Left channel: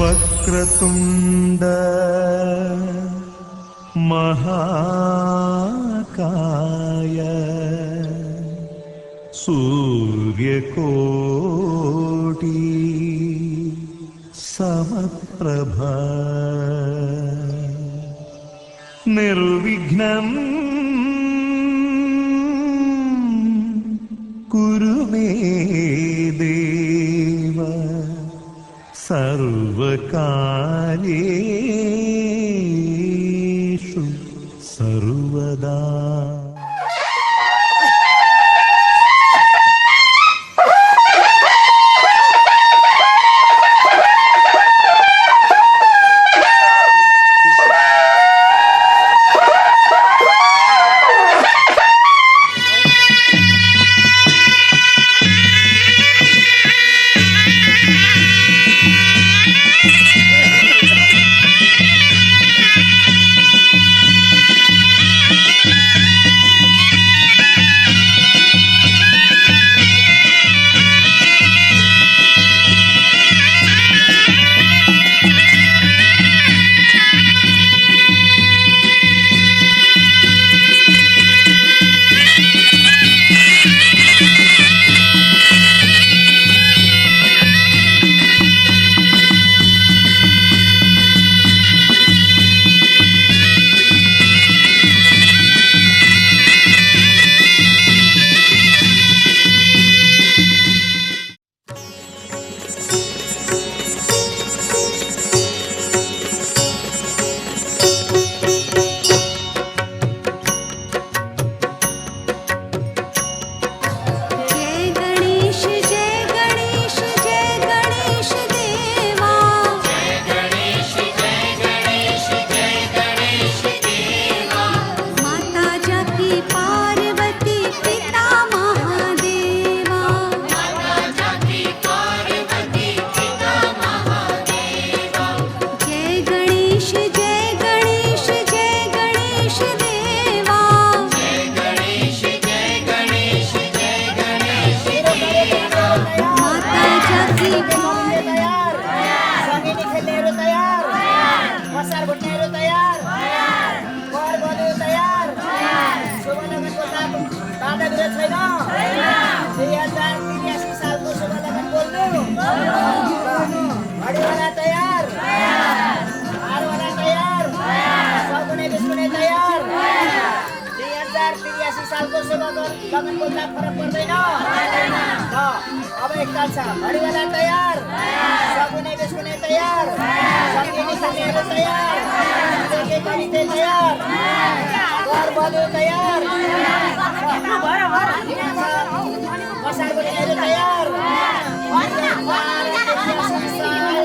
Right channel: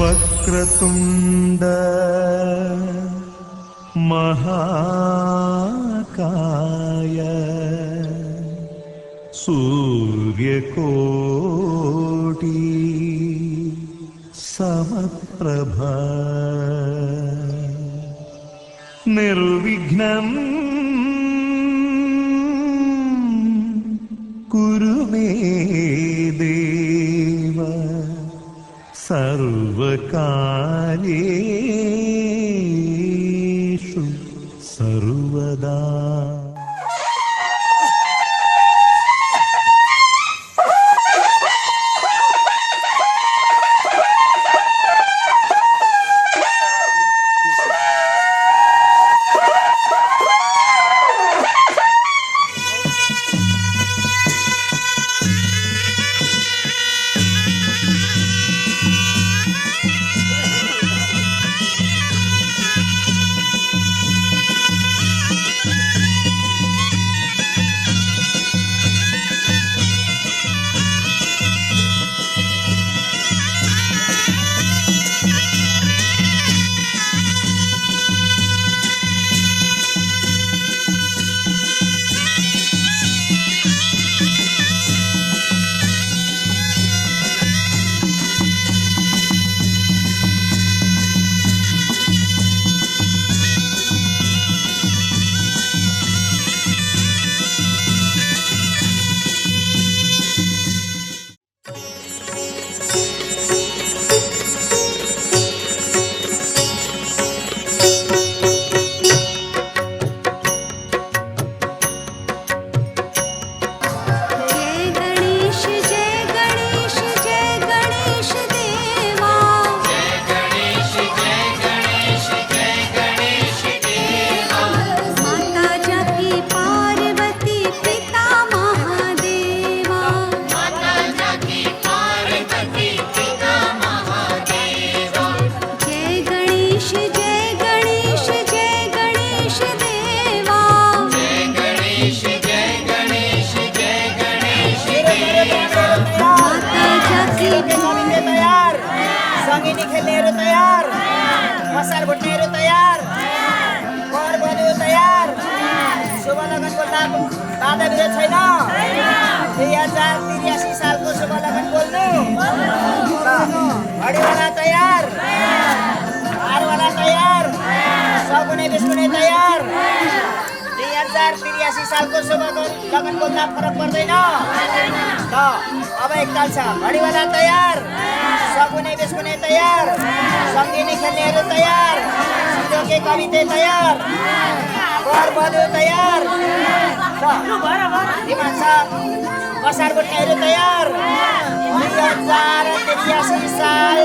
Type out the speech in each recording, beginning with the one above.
वक्रतुण्ड महाकाय सूर्यकोटि समप्रभा निर्विघ्नं कुरु मे देव सर्वकार्येषु सर्वदा। अब एकताल छ घडीवाला तयार, सगुने बिस्कुने तयार, संगिनी खेल्नेहरू तयार, जोके कविते तयार, घर बलु तयार, बसार बुट्नेहरू तयार। 2083 साल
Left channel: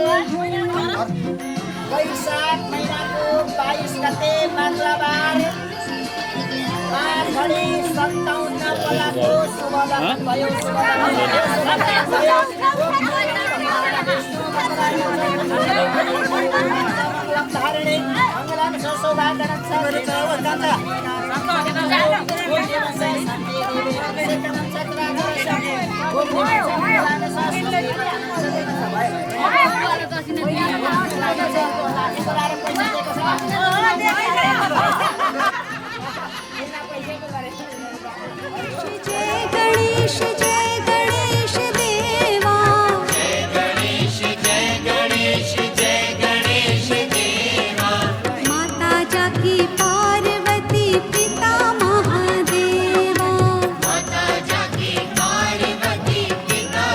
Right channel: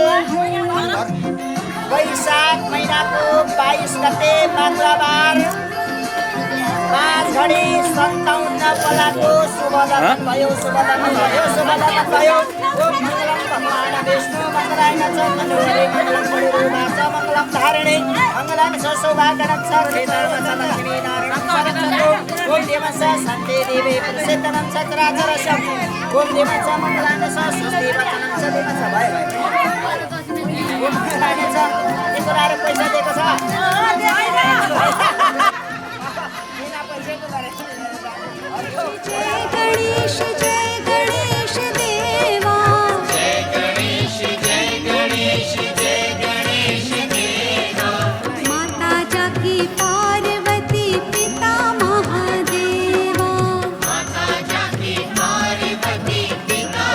वैशाख महिनाको 22 गते मङ्गलबार 5 घडी 57 पलाको शुभ लगन भयो। शुभ लगन भयो। विष्णु मङ्गलाय मङ्गलम धारिणे मङ्गलम सौभाग्यम शान्ति देवी सेकनं चक्राचरशं ओम देवं मङ्गलाय सरस्वती वचनं सदैव सभय ईश्वरले पैसा दिएको छ। जय गणेश देवा, जय गणेश देवा, माता जाकी पार्वती पिता महादेवा, माता जाकी पार्वती पिता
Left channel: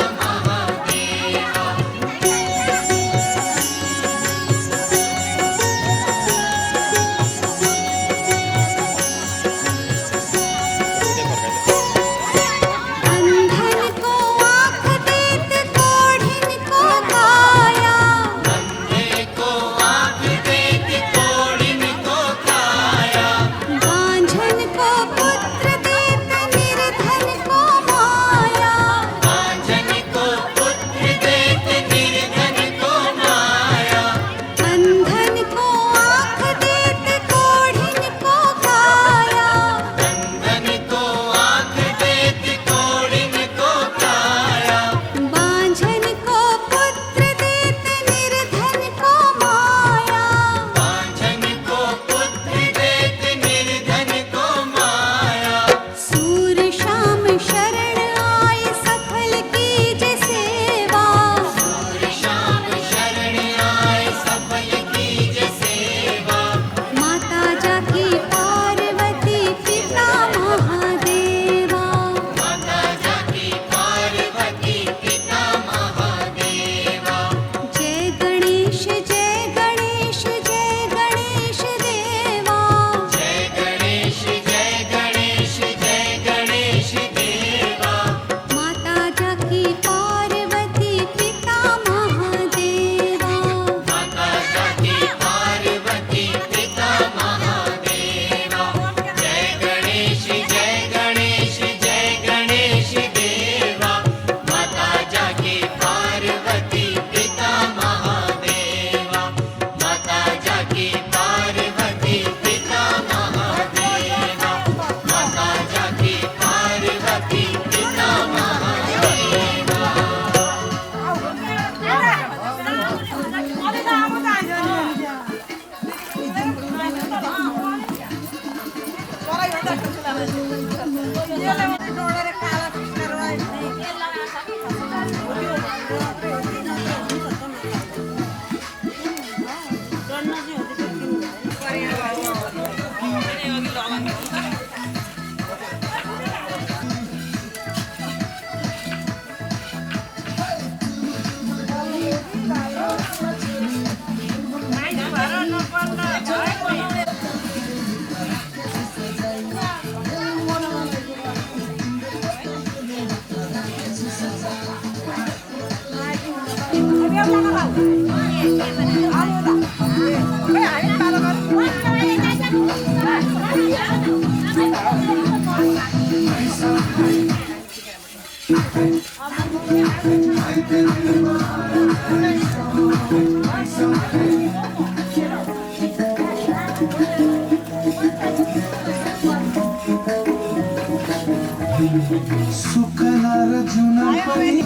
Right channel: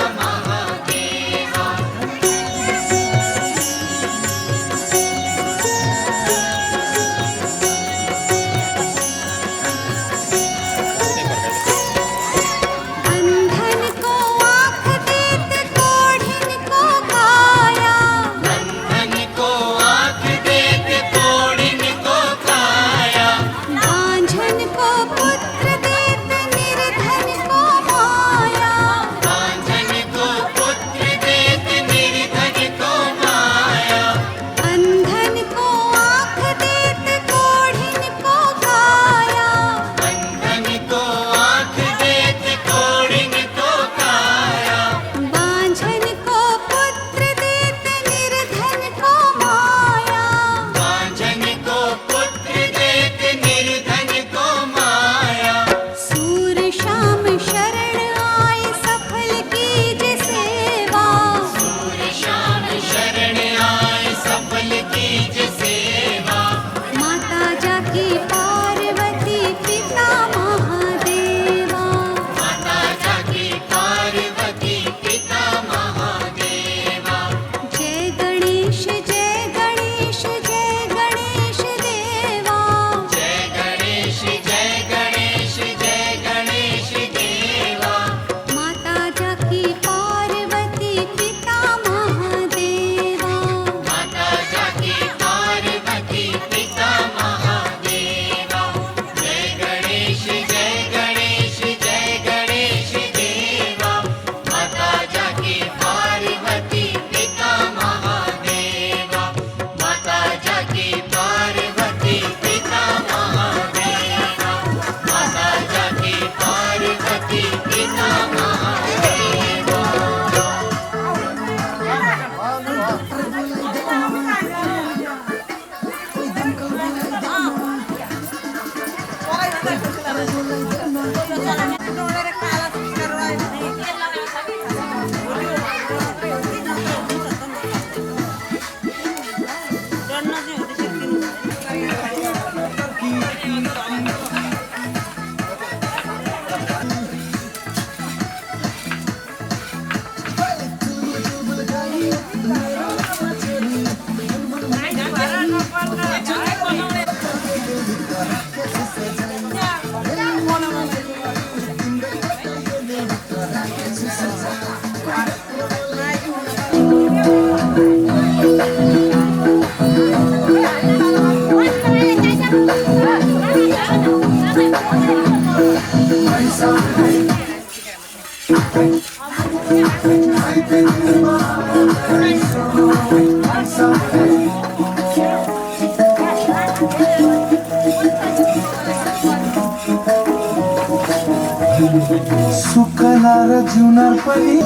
सुख लाएर जिउन पनि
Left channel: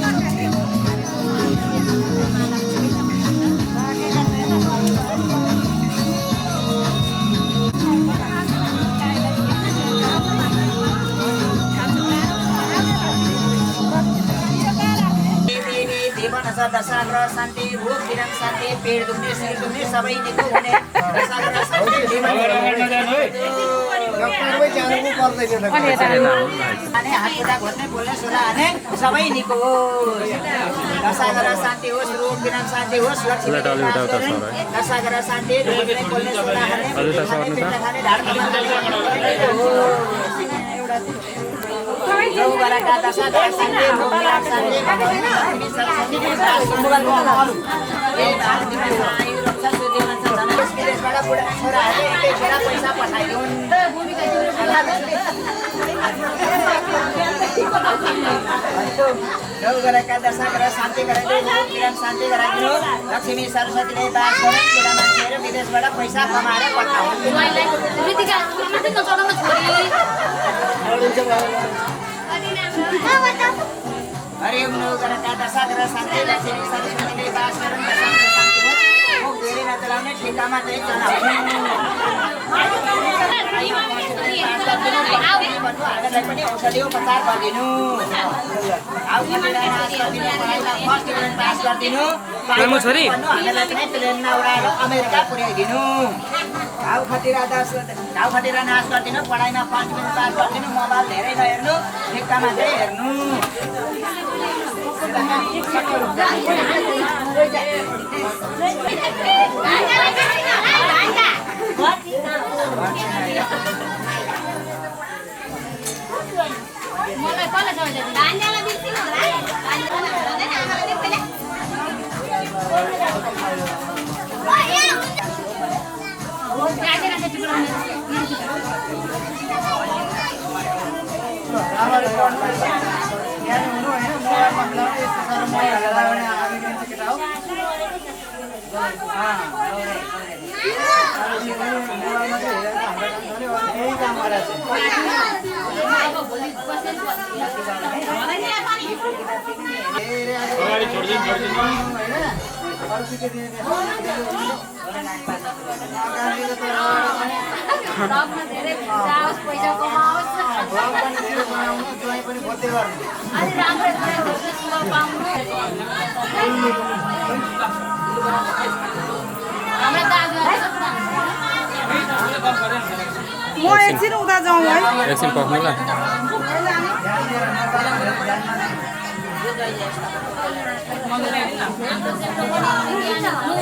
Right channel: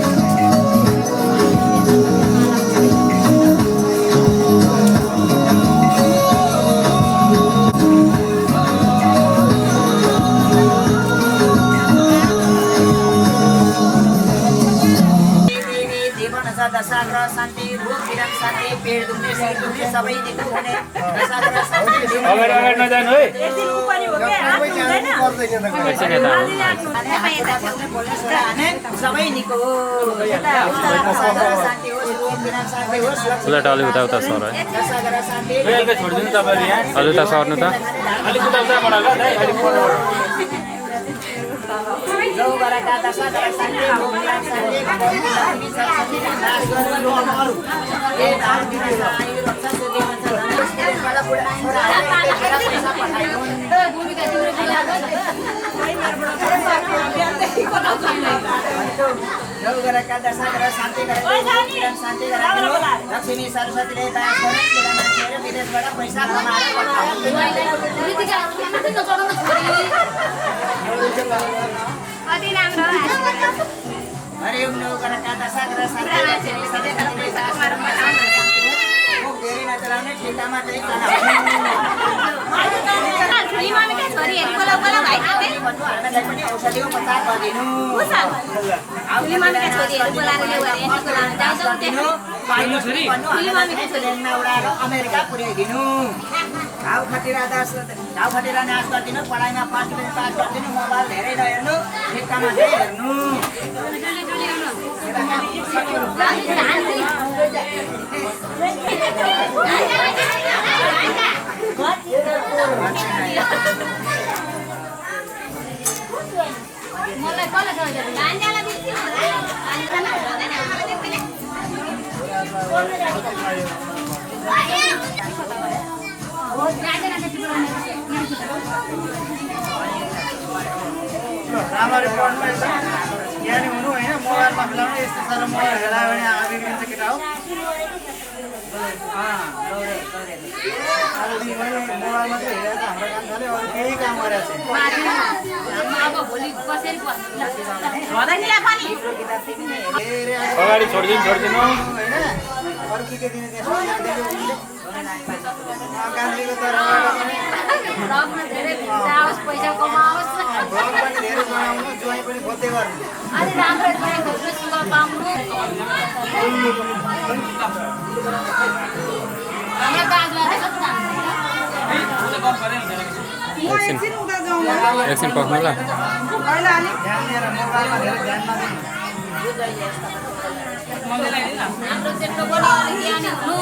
दशाग्रह शान्ति रोग विराम शान्ति पेट दुख्ने शरीर दुख्ने सबै निको हुने दशाग्रह शान्ति सबै निको दशाग्रह शान्ति होस् रोग विराम शान्ति होस् दशाग्रह शान्ति गौबराका दशाग्रह शान्ति रोग विराम शान्ति गौबराका दशाग्रह शान्ति शान्ति गराइदिनु लक्ष्मी सरस्वतीले दास गरौँ बुढा मान्छेहरू विदेशबाट पैसा कमाएर हरिओम नौगरका दशाग्रह शान्ति लक्ष्मी सरस्वतीले दास गरौँ शान्ति मुख धेरै नचलाउने ठेकामा चाहिँ हामीलाई पनि औषधि उपचार गरिदिनु अमेरिका पुर्याइदिनु घाउ खटिरा नाश गरिदिनु पढाइमा 5 मिनट पास गरिदिनु मोबाइल धेरै नहेर्नु ठेक्कामा चाहिँ हेर्नु राम्ररी पढ्नु ज्ञानी हुनु होइन मोबाइलमा खेलाउने यस्तो साह्रो मोबाइल खेलायो भने आगे दिन्छ केटा हो मोबाइलमा चाहिँ हेरेर हाम्रो काम गऱ्यो अरू केही काम गरेर अगाडि छोडिदिनु होइन अरू के दिने पैसा कमाओस् ज्वाइँ पनि खोज्दै गर्नु अनि राम्रो ज्वाइँ खोज्नु सुगा पाउनु हाम्रो दाजुभाइ एकछिन पक्नु ल हाम्रो सेटो पनि ज्ञानी हुनु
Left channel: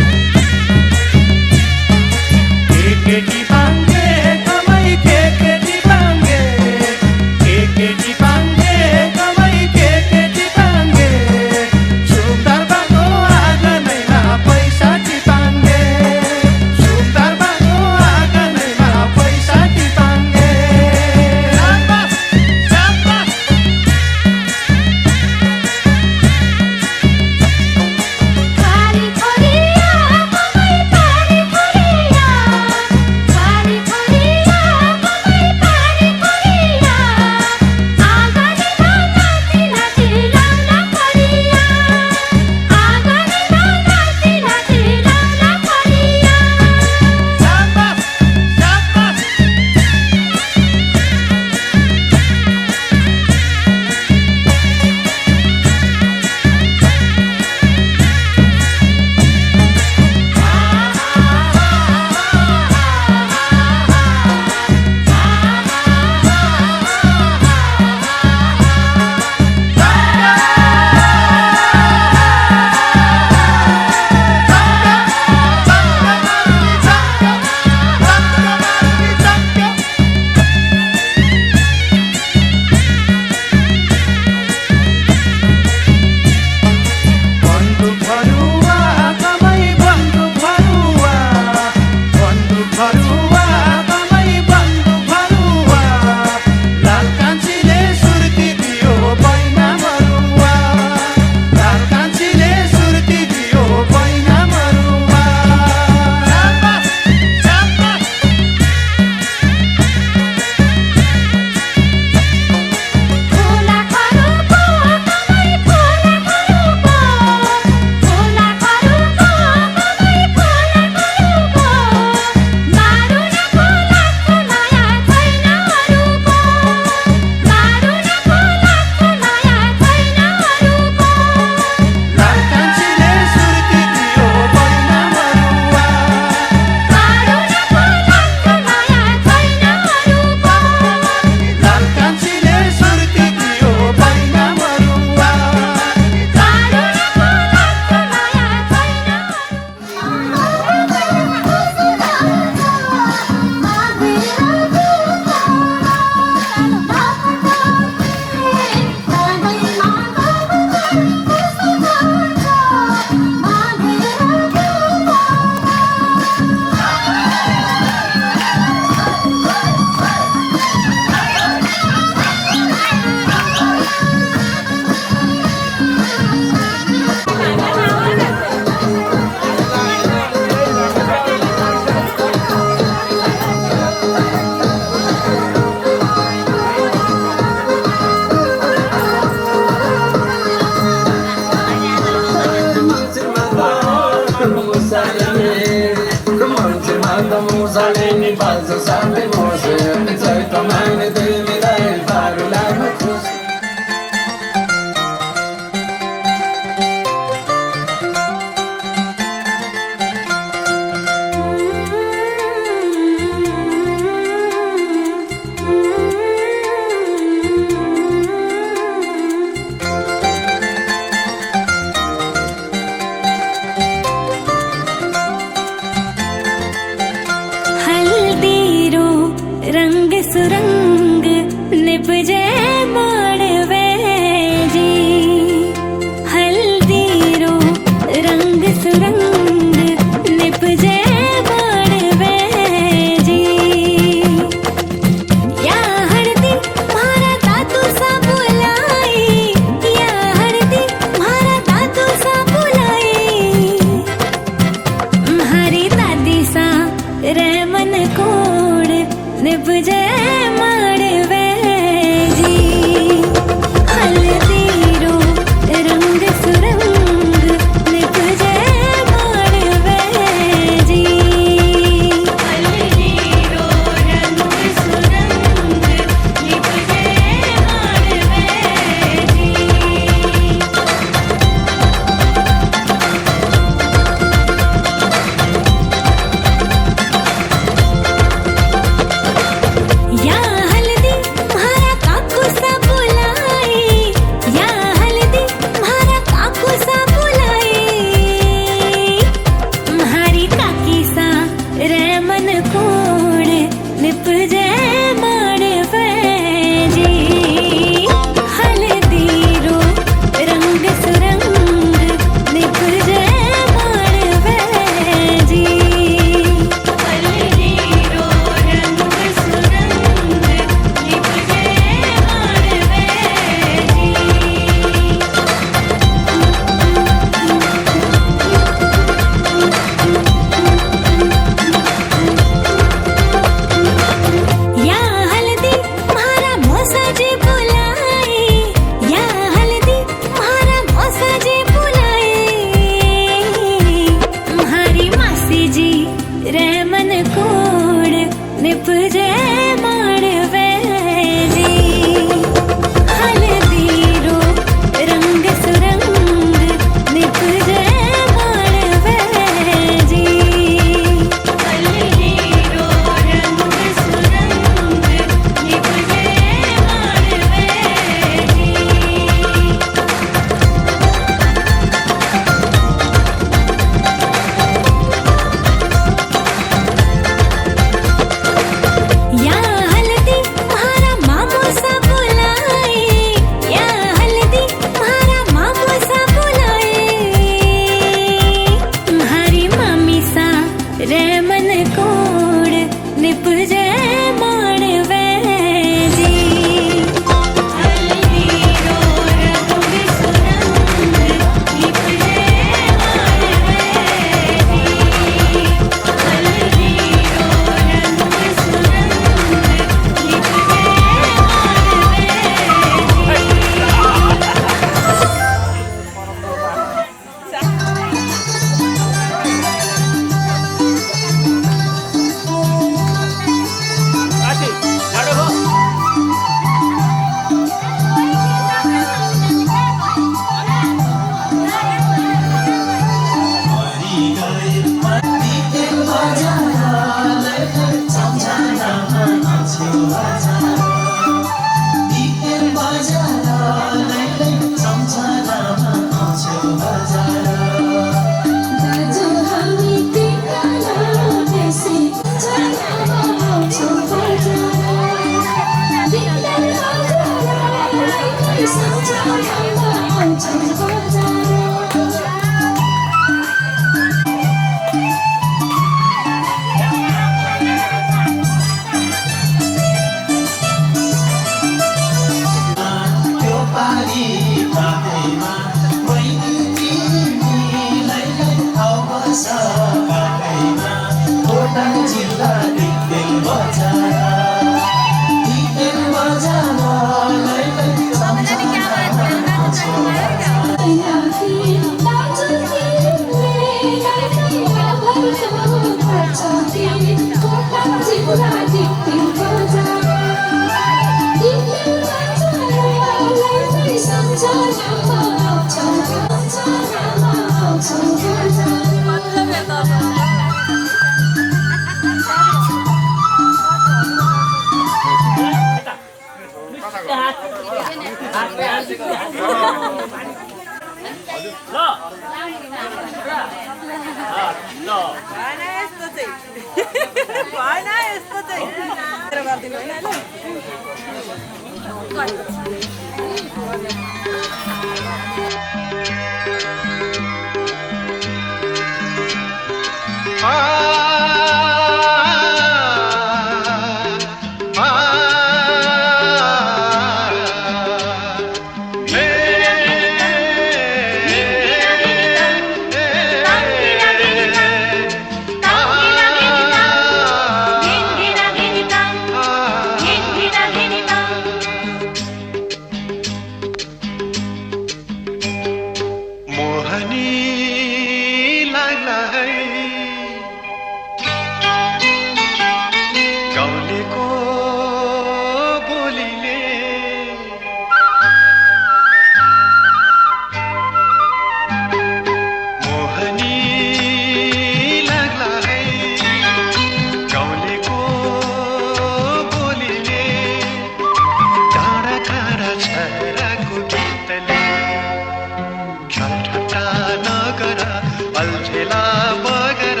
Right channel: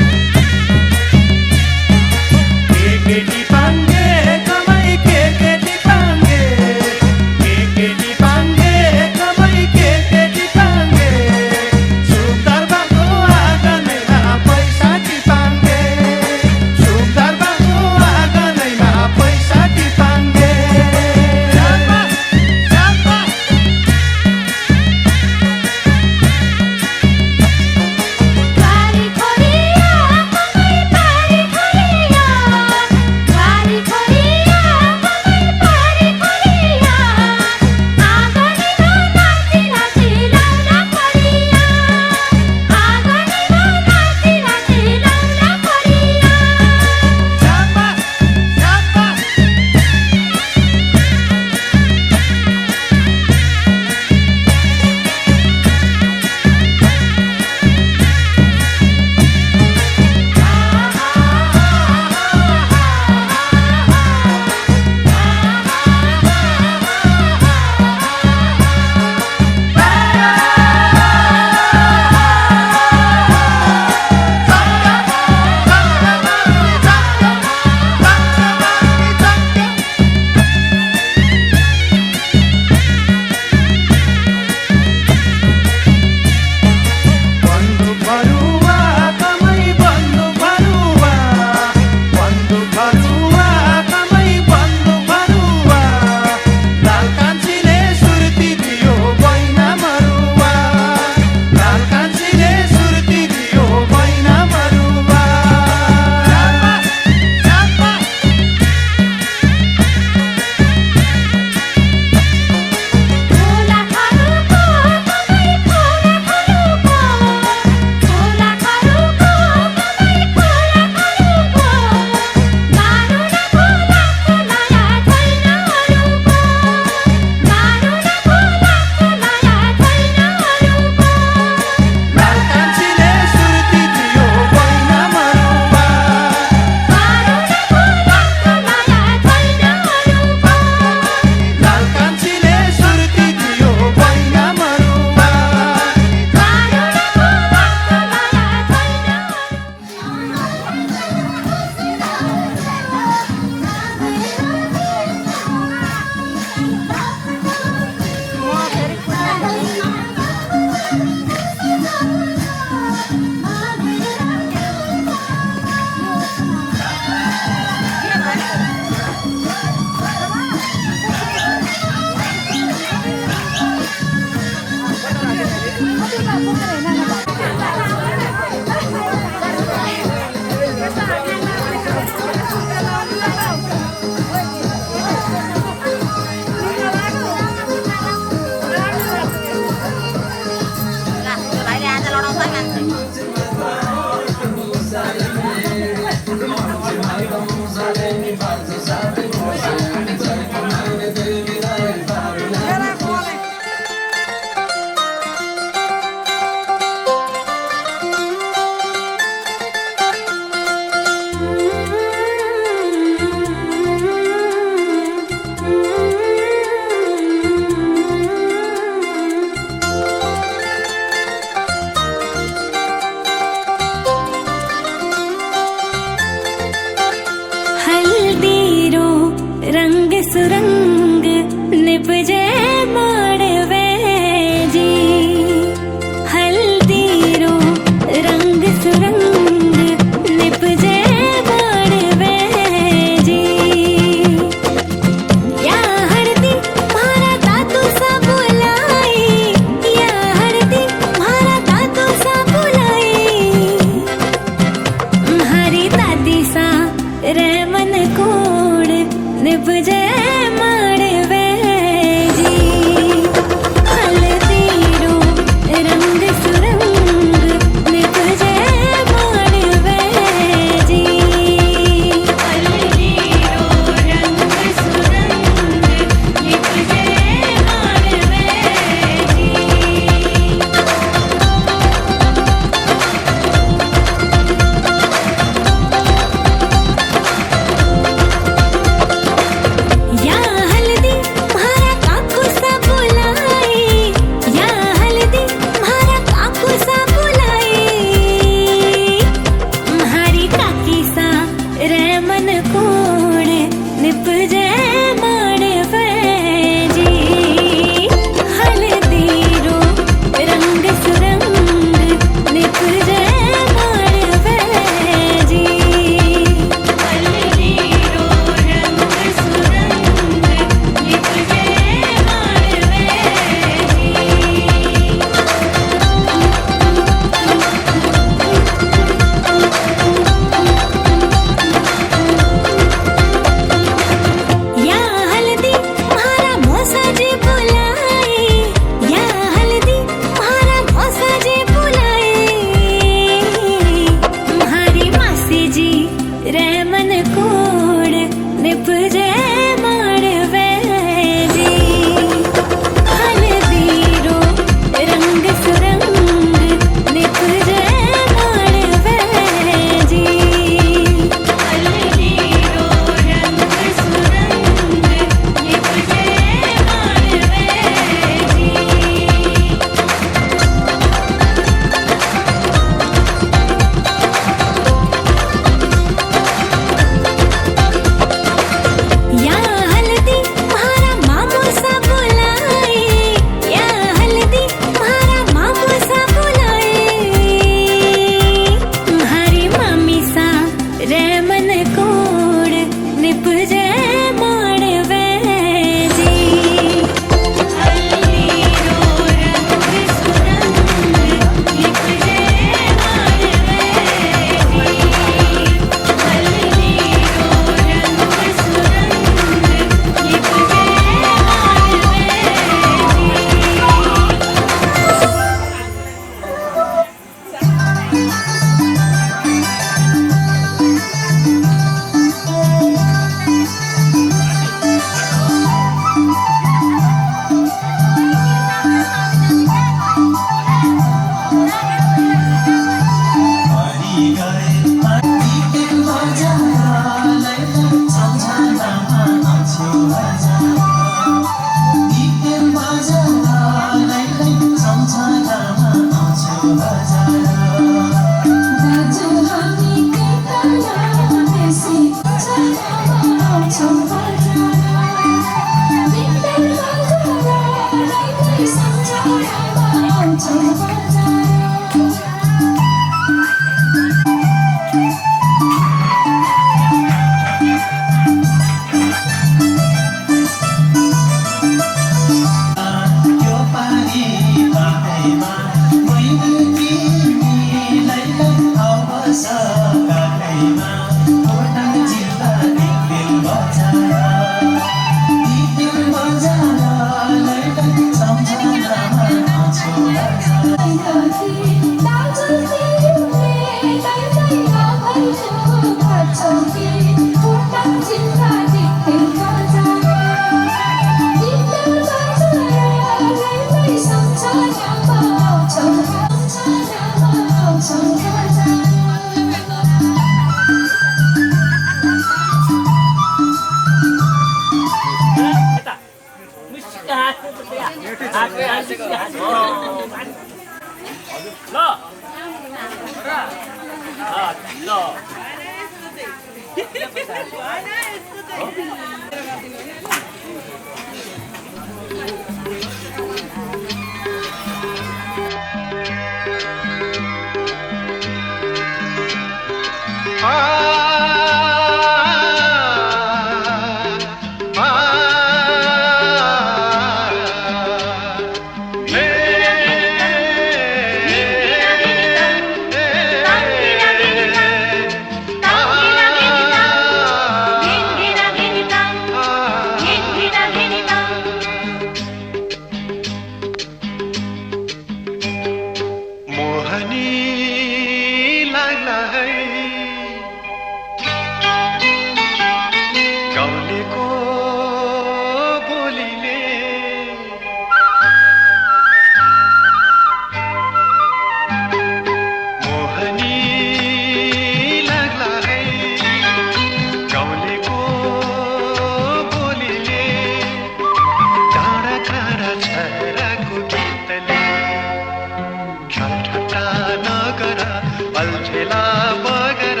अल्झेला बगर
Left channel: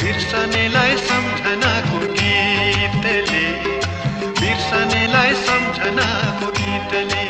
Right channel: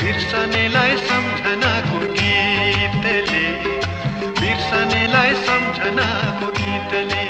बिर्सनेलाई सम्झनाको गीतले बिर्सनेलाई सम्झनाको गीतले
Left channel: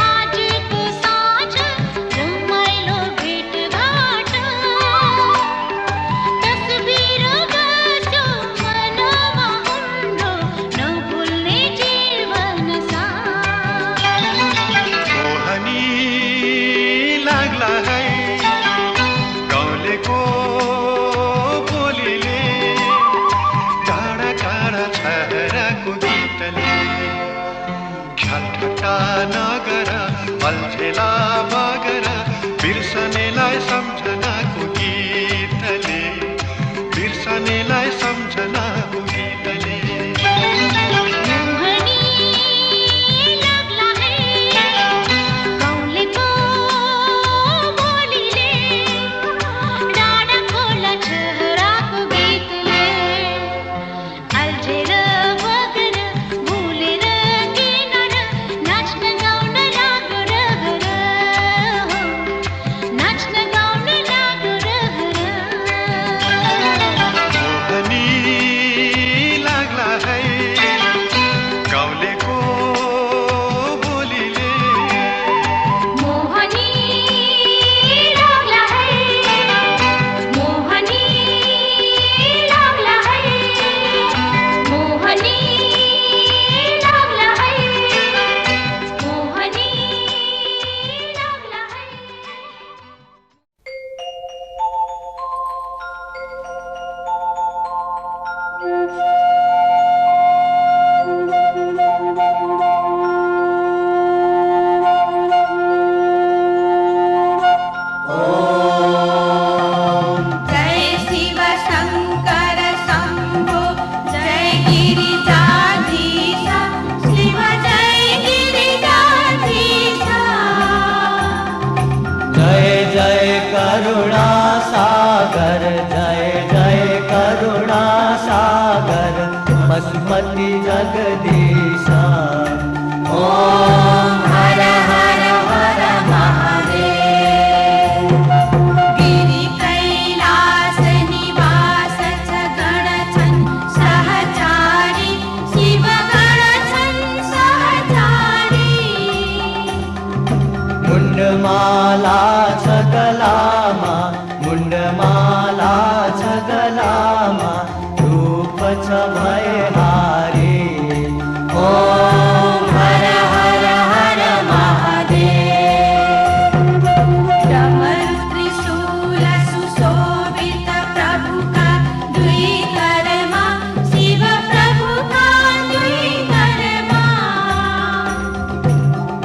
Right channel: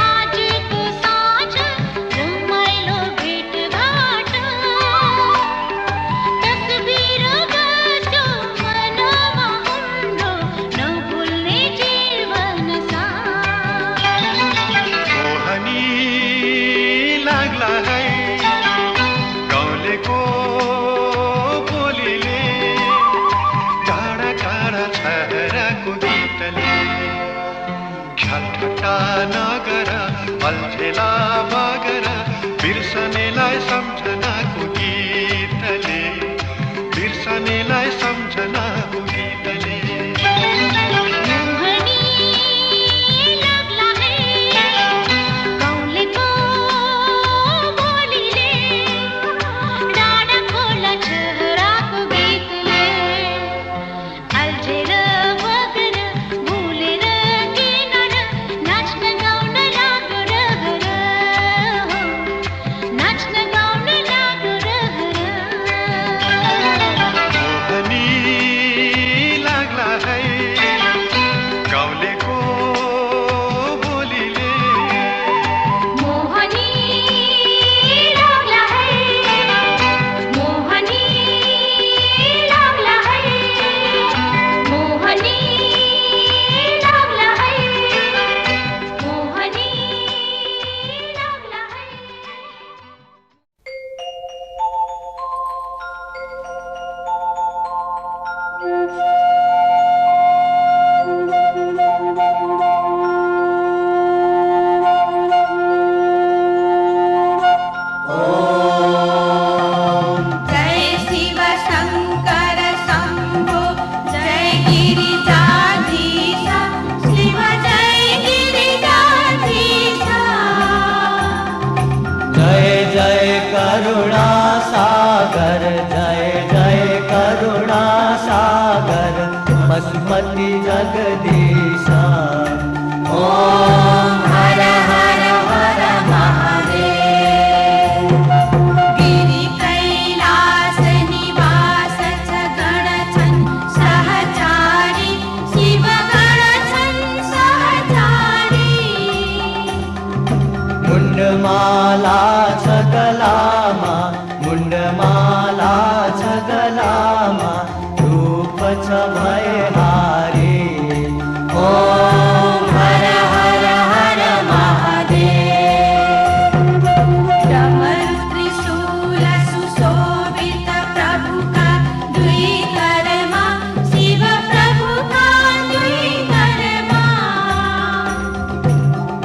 आज है गाउँलेको बोलीले टाढा टाढा छहराको गीतले ख्यालठट्टा नगर अल्झेला बगर बिर्सनेलाई सम्झनाको गीतले बिर्सनेलाई सम्झनाको गीतले पशुपति जगदीशा ओम हर हर हर महादेव। गिरि कैलास निवास गण छन् सहचारी शिव गण छन् सहचारी। मुंडमाला छगलामा मुंडमाला छगलामा रूप छ भयहारी ओम हर हर हर महादेव। डमरु त्रिशूल सुशोभित प्रभु का दुई करमा शिव प्रभु का दुई करमा।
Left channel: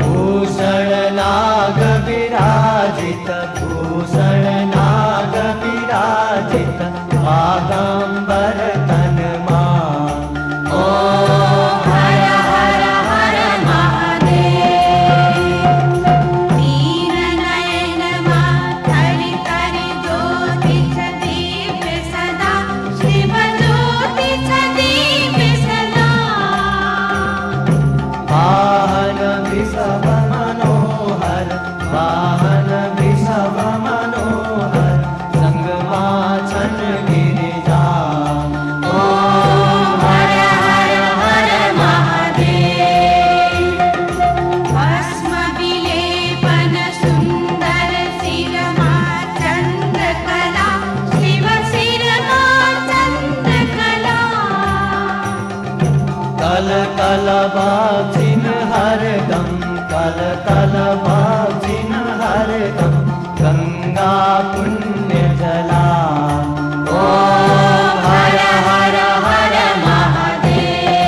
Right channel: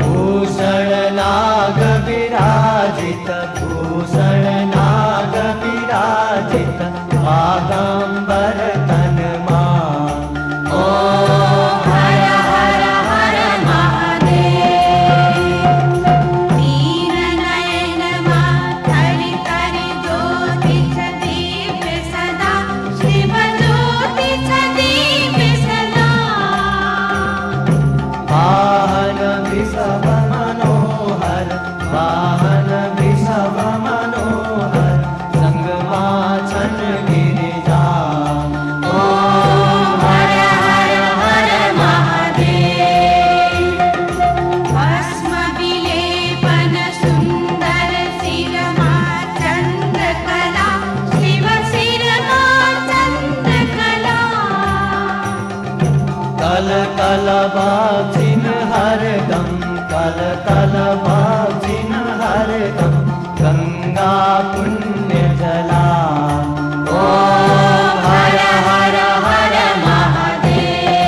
भूषण नाग विराजित भूषण नाग विराजित बागंबर तनमा ओम हर हर हर महादेव। दीन नयन माधरि करि ज्योति छ दीप सदा शिव ज्योति छ दीप सदा। वाहन विषभ मनोहर वाहन विषभ मनोहर संगमा छन गिरिजा ओम हर हर हर महादेव। भस्म विलेपन सुंदर शिरमा चंद्रकला शिव शिरमा चंद्रकला। कल कल बाजिन हरदम कल कल बाजिन हरदम गंगा पुण्य जला ओम हर हर हर महादेव।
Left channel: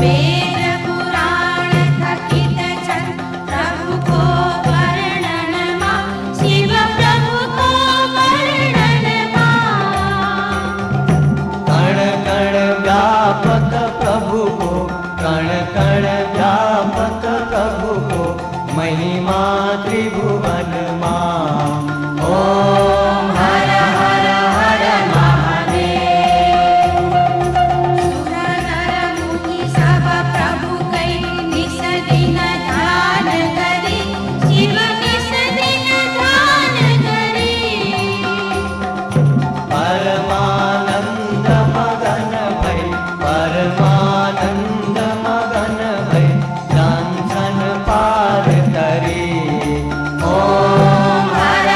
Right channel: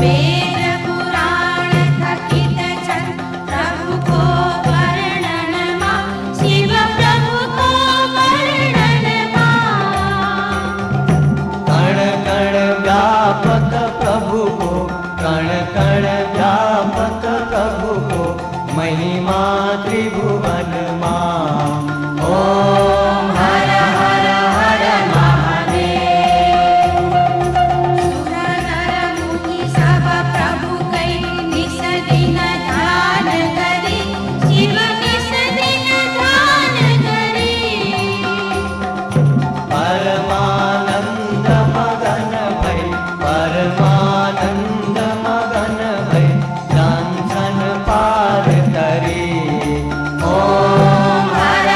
वेद पुराण थकित छन् प्रभु को वर्णन मा शिव प्रभु को वर्णन मा। कण कण व्यापक प्रभु को कण कण व्यापक प्रभु को महिमा त्रिभुवन मां ओम हर हर हर महादेव। सुर नर मुनि सब प्रभु कै निस दिन ध्यान करी शिव निस दिन ध्यान करी। परमानंद मगन भई परमानंद मगन भई जान छन पार तरी ओम हर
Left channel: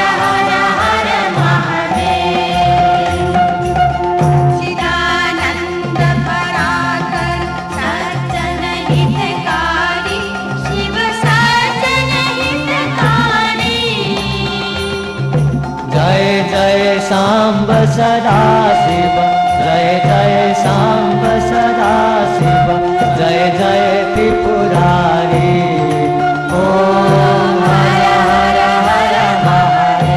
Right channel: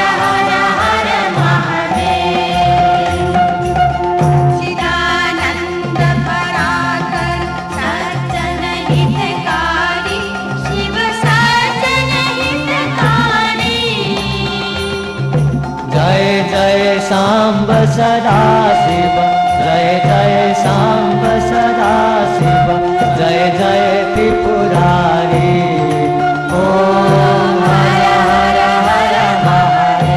साम्ब सदा शिव, जय जय साम्ब सदा शिव, जय जय त्रिपुरारी। ओम हर हर हर महादेव।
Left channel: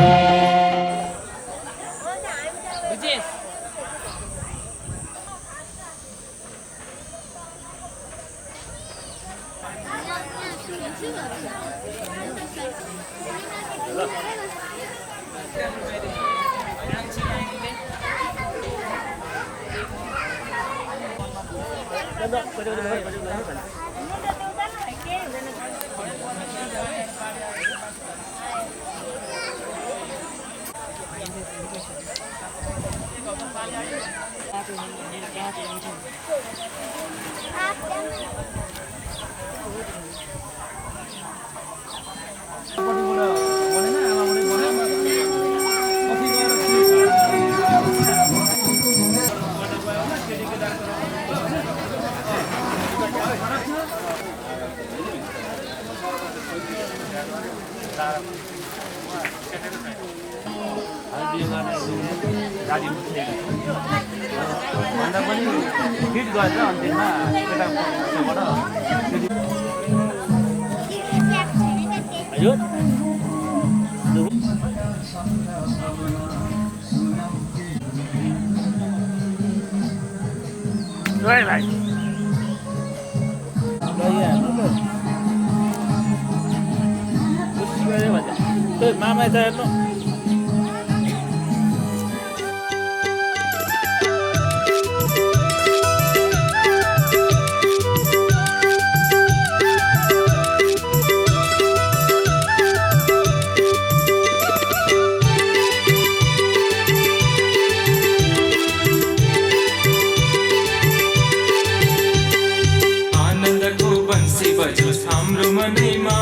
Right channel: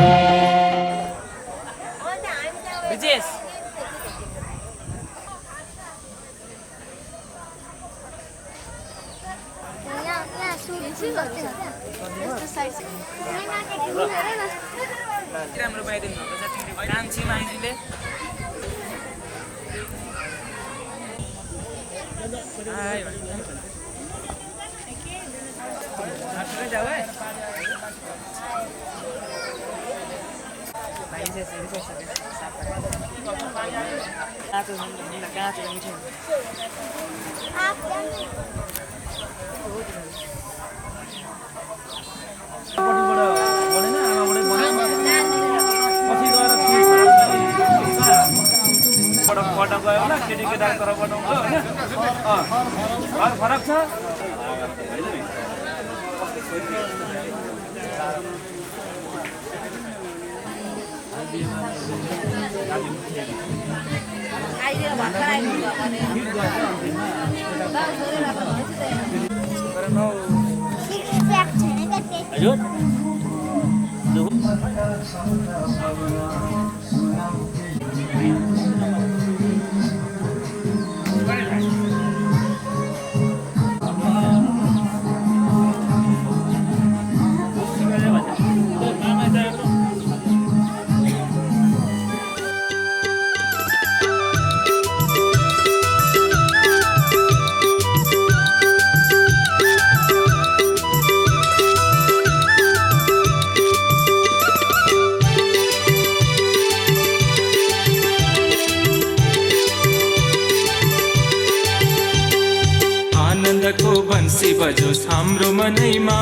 आनन्दको बन्सी बजोस् हाम्रो मनैमा,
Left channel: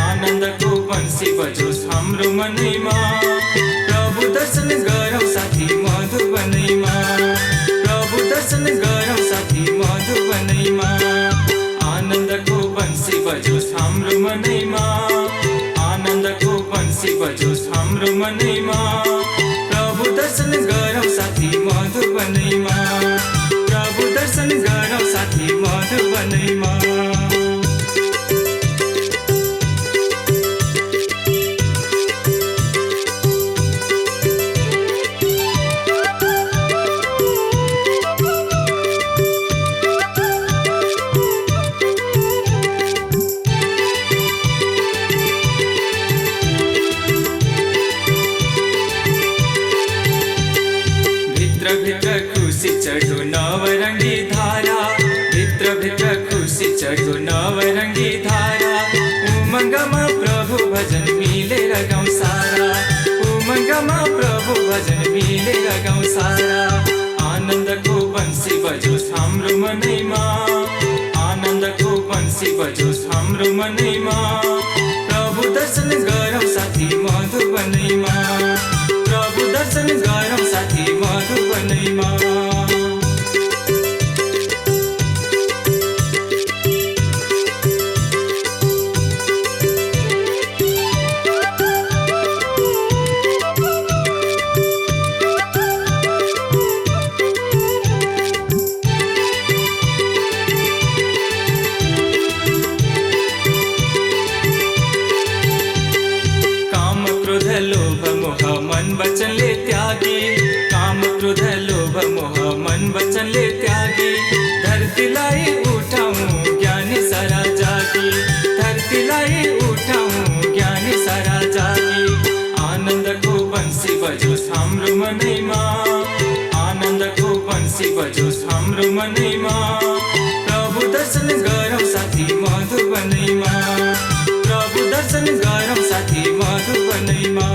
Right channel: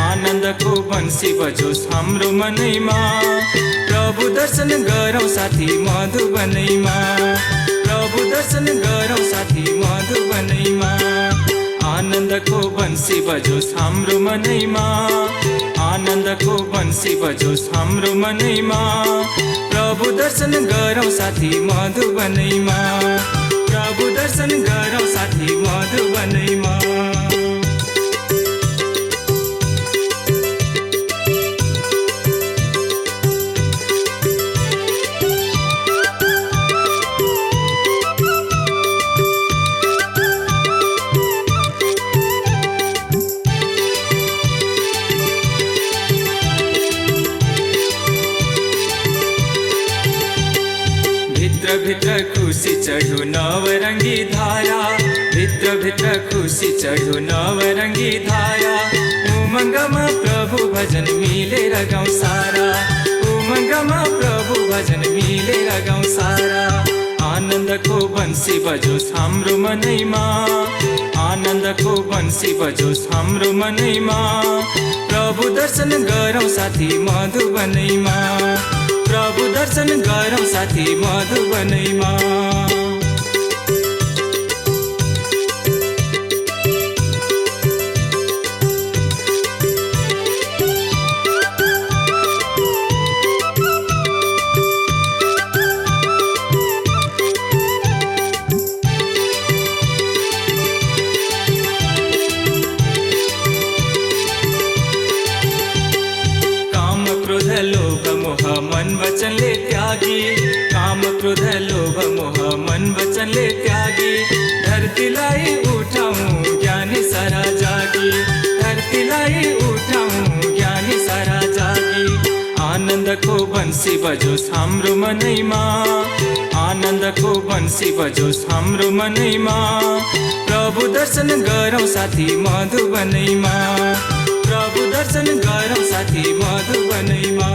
आनन्दको बन्सी बजोस् हाम्रो मनैमा। प्रभु दर्शन गरौँ साथी मधुबनैमा, प्रभु दर्शन गरौँ साथी मधुबनैमा। आनन्दको बन्सी बजोस् हाम्रो मनैमा, आनन्दको बन्सी बजोस् हाम्रो मनैमा। प्रभु दर्शन गरौँ साथी मधुबनैमा, प्रभु दर्शन गरौँ साथी मधुबनैमा। भित्र खुसी चढ्यो नवरङ्गी धारा, भित्र भित्र खुसी चढ्यो नवरङ्गी धारा। उमङ्गमा प्रभु भजन मिलेर गाउँ सारा, उमङ्गमा प्रभु भजन मिलेर गाउँ सारा। आनन्दको बन्सी बजोस् हाम्रो मनैमा, आनन्दको बन्सी बजोस् हाम्रो मनैमा। प्रभु दर्शन गरौँ साथी मधुबनैमा, प्रभु दर्शन गरौँ साथी मधुबनैमा। काम क्रोध लोभ मोह मन वचनले त्यागी, काम क्रोध लोभ मोह मन वचनले त्यागी। धरतीलाई उठाउँ ज्ञानी सारा जागी, धरतीलाई उठाउँ ज्ञानी सारा जागी। आनन्दको बन्सी बजोस् हाम्रो मनैमा, आनन्दको बन्सी बजोस् हाम्रो मनैमा। प्रभु दर्शन गरौँ साथी मधुबनैमा, प्रभु दर्शन गरौँ साथी मधुबनैमा।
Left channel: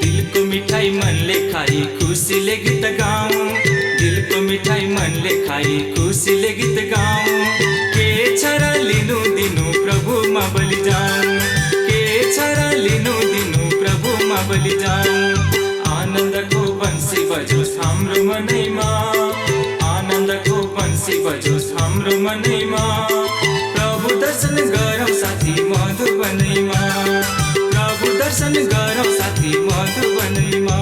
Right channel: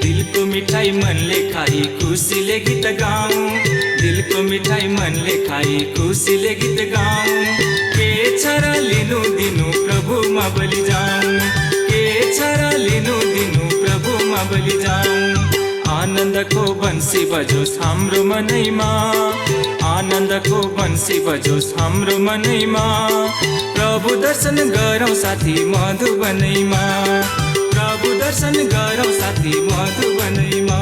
दिलको मिठाई मनले खाई खुसीले गीत गाऊँ, दिलको मिठाई मनले खाई खुसीले गीत गाऊं के छ र लिनु दिनु प्रभुमा बलि जाऊं के छ र लिनु दिनु प्रभुमा बलि जाऊं आनन्दको बन्सी बजोस् हाम्रो मनैमा आनन्दको बन्सी बजोस् हाम्रो मनैमा प्रभु दर्शन गरौँ साथी मधुबनैमा प्रभु दर्शन गरौँ साथी मधुबनैमा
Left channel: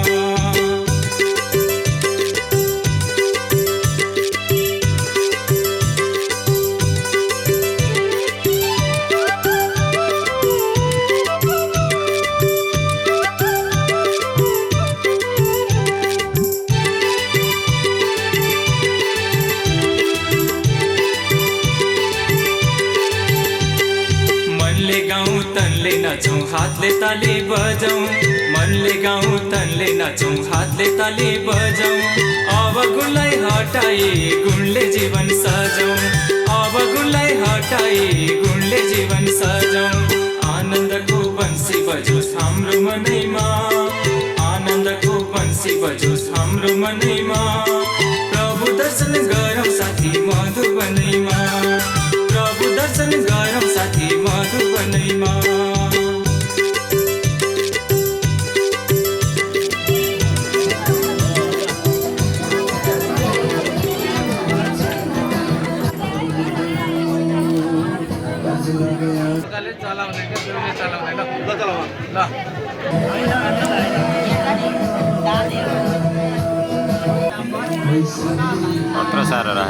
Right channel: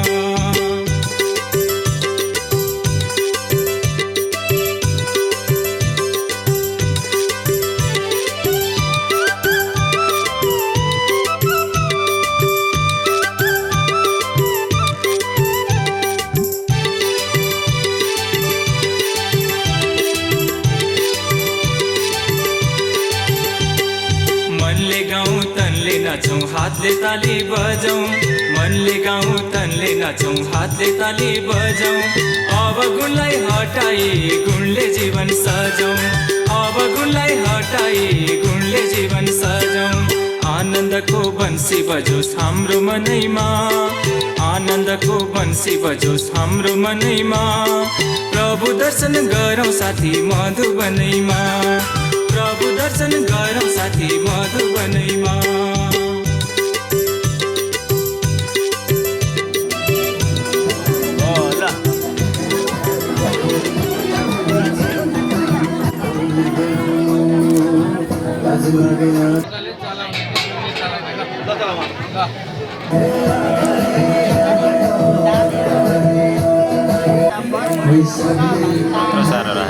नाचौं हातले ताली बजाऊं मनले गाउँ तनले नाचौं हातले ताली बजाऊं अब गुणलाई हटाई गुणले जीवन सजाऊं अब गुणलाई हटाई गुणले जीवन सजाऊं आनन्दको बन्सी बजोस् हाम्रो मनैमा आनन्दको बन्सी बजोस् हाम्रो मनैमा प्रभु दर्शन गरौँ साथी मधुबनैमा प्रभु दर्शन गरौँ साथी मधुबनैमा पत्र सारा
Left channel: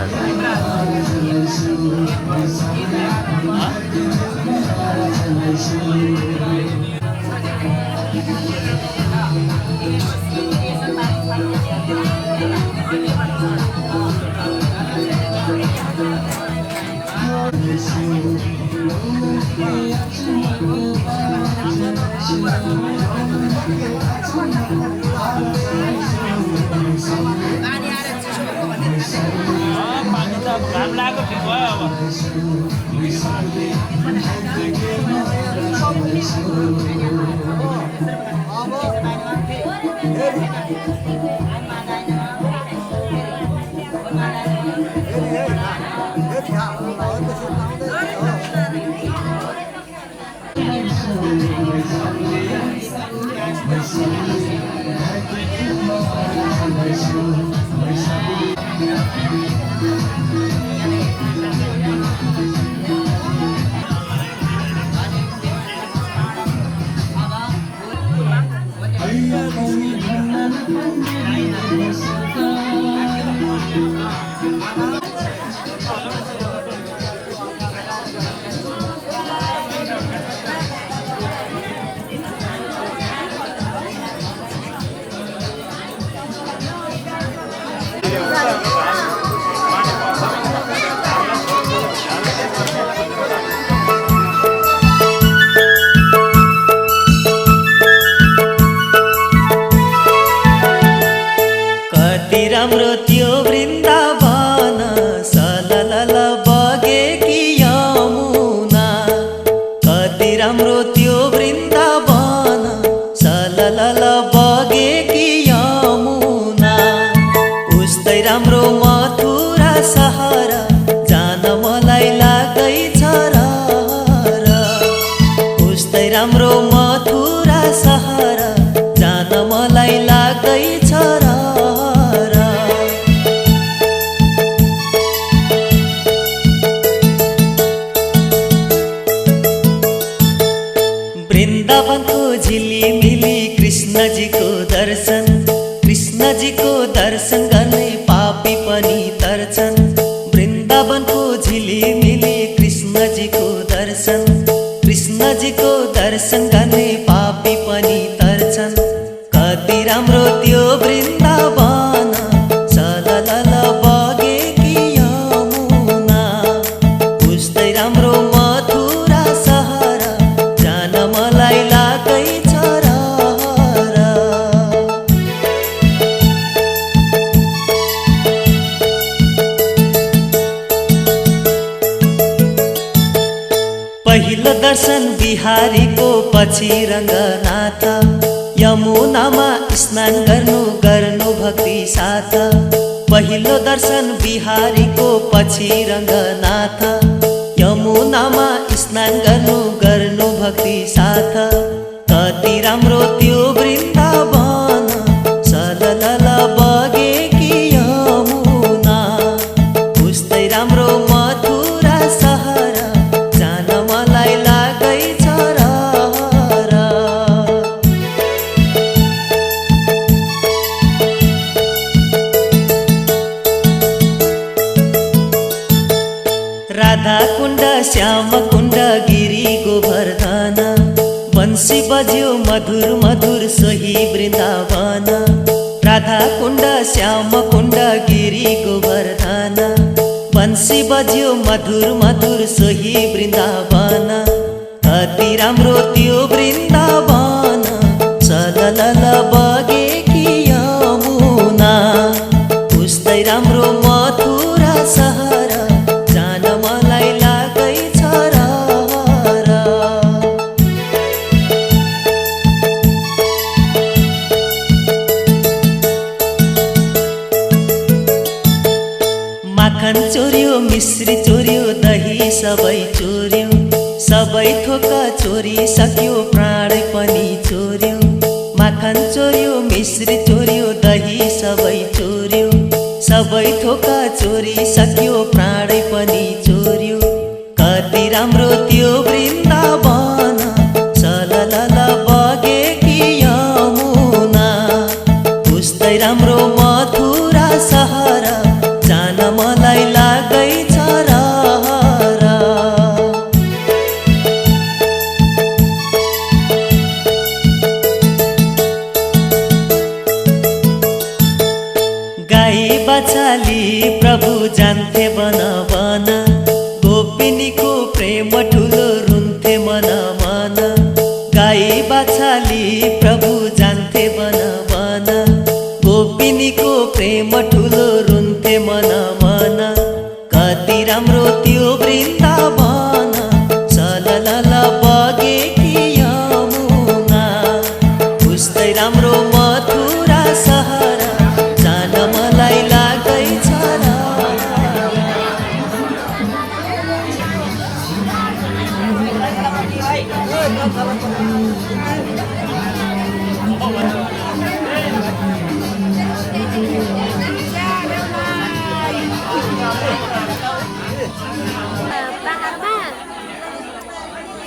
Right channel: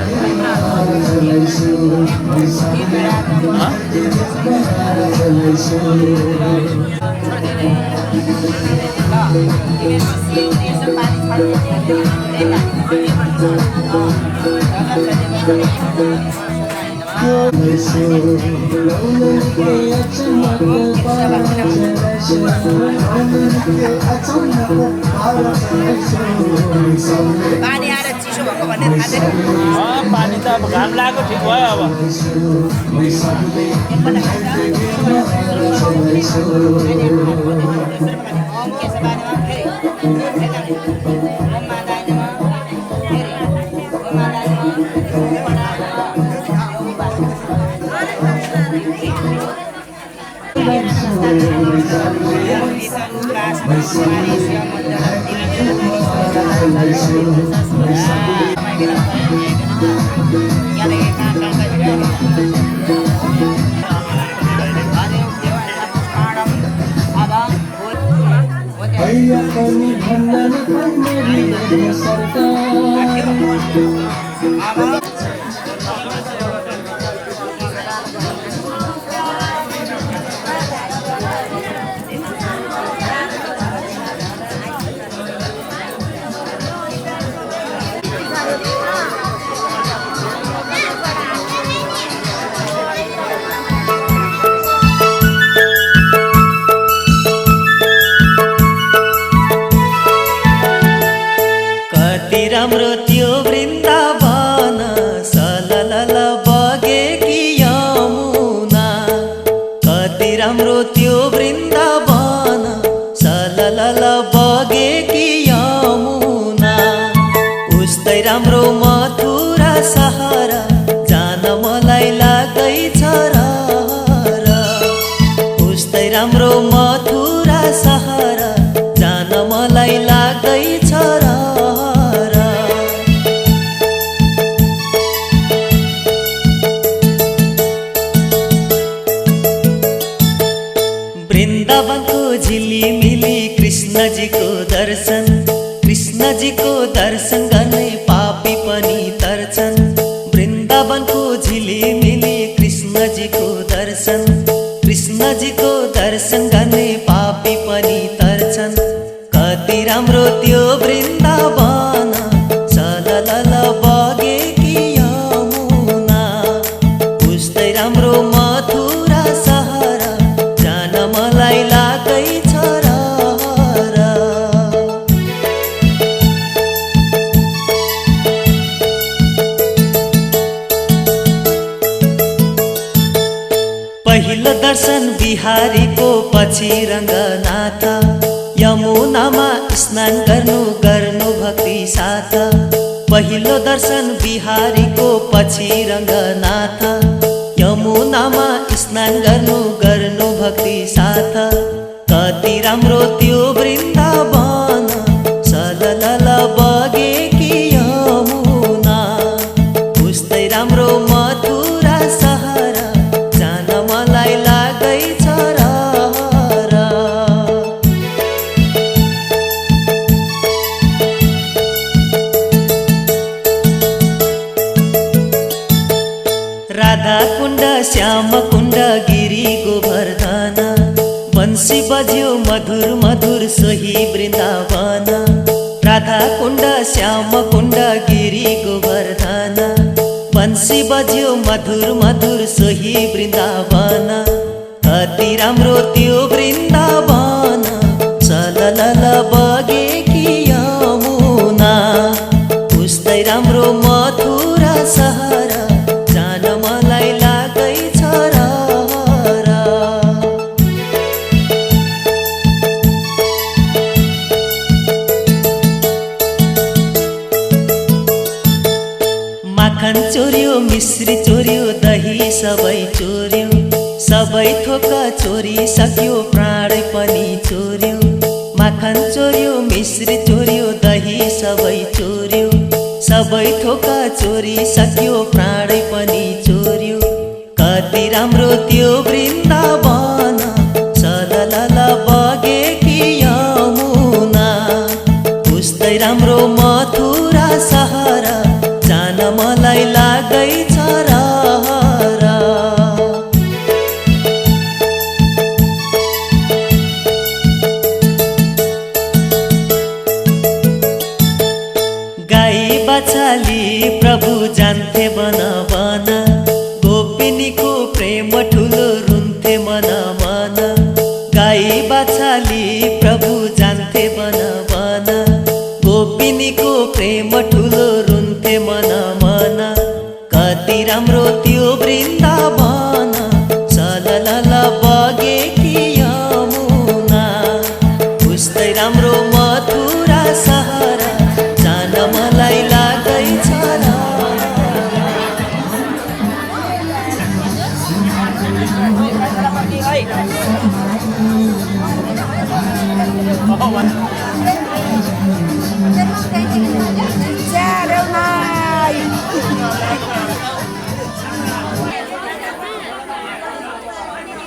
पानी त अब घाम लागेको ठिक भयो राम्रो त्यो वृन्दावन सललल बगेकी यमुना कति राम्रो त्यो वृन्दावन सललल बगेकी यमुना उस्तै राम्रो मथुरा सहर जान मलाई लाग्दैछ र उस्तै राम्रो मथुरा सहर जान मलाई लाग्दैछ र वृन्दावनको झिलिमिली कृष्णजीको दर्शन गर्ने पापी पनि तर्छन् वृन्दावनको झिलिमिली कृष्णजीको दर्शन गर्ने पापी पनि तर्छन् कति राम्रो त्यो वृन्दावन सललल बगेकी यमुना उस्तै राम्रो मथुरा सहर जान मलाई लाग्दैछ र पहिलो दर्शन बिहारीको पछि रङ्गनाथ यमुनामा स्नान गर्नु भक्ति साथ पहिलो दर्शन बिहारीको पछि रङ्गनाथ यमुनामा स्नान गर्नु भक्ति साथ कति राम्रो त्यो वृन्दावन सललल बगेकी यमुना उस्तै राम्रो मथुरा सहर जान मलाई लागैछ रहर। राधा कुण्ड श्याम कुण्ड गिरी गोवर्धन बंसी बज्यो मधुर मधुर सोही वृन्दावन। राधा कुण्ड श्याम कुण्ड गिरी गोवर्धन बंसी बज्यो मधुर मधुर सोही वृन्दावन कति राम्रो त्यो वृन्दावन सललल बगेकी यमुना उस्तै राम्रो मथुरा सहर जान मलाई लागैछ रहर। माखन चोर्यो मिश्री चोर्यो दही सबै चोर्यो सबै थोक चोरी सक्यो प्राण पनि चोर्यो। माखन चोर्यो मिश्री चोर्यो दही सबै चोर्यो सबै थोक चोरी सक्यो प्राण पनि चोर्यो कति राम्रो त्यो वृन्दावन सललल बगेकी यमुना उस्तै राम्रो मथुरा सहर जान मलाई लागैछ रहर। गाई बछाली प्रभु जान्थे बन बन गोपिनीको प्रेम ठुलो रुन्थे मन मन। गाई बछाली प्रभु जान्थे बन बन गोपिनीको प्रेम ठुलो रुन्थे मन मन कति राम्रो त्यो वृन्दावन सललल बगेकी यमुना उस्तै राम्रो मथुरा सहर जान मलाई लागैछ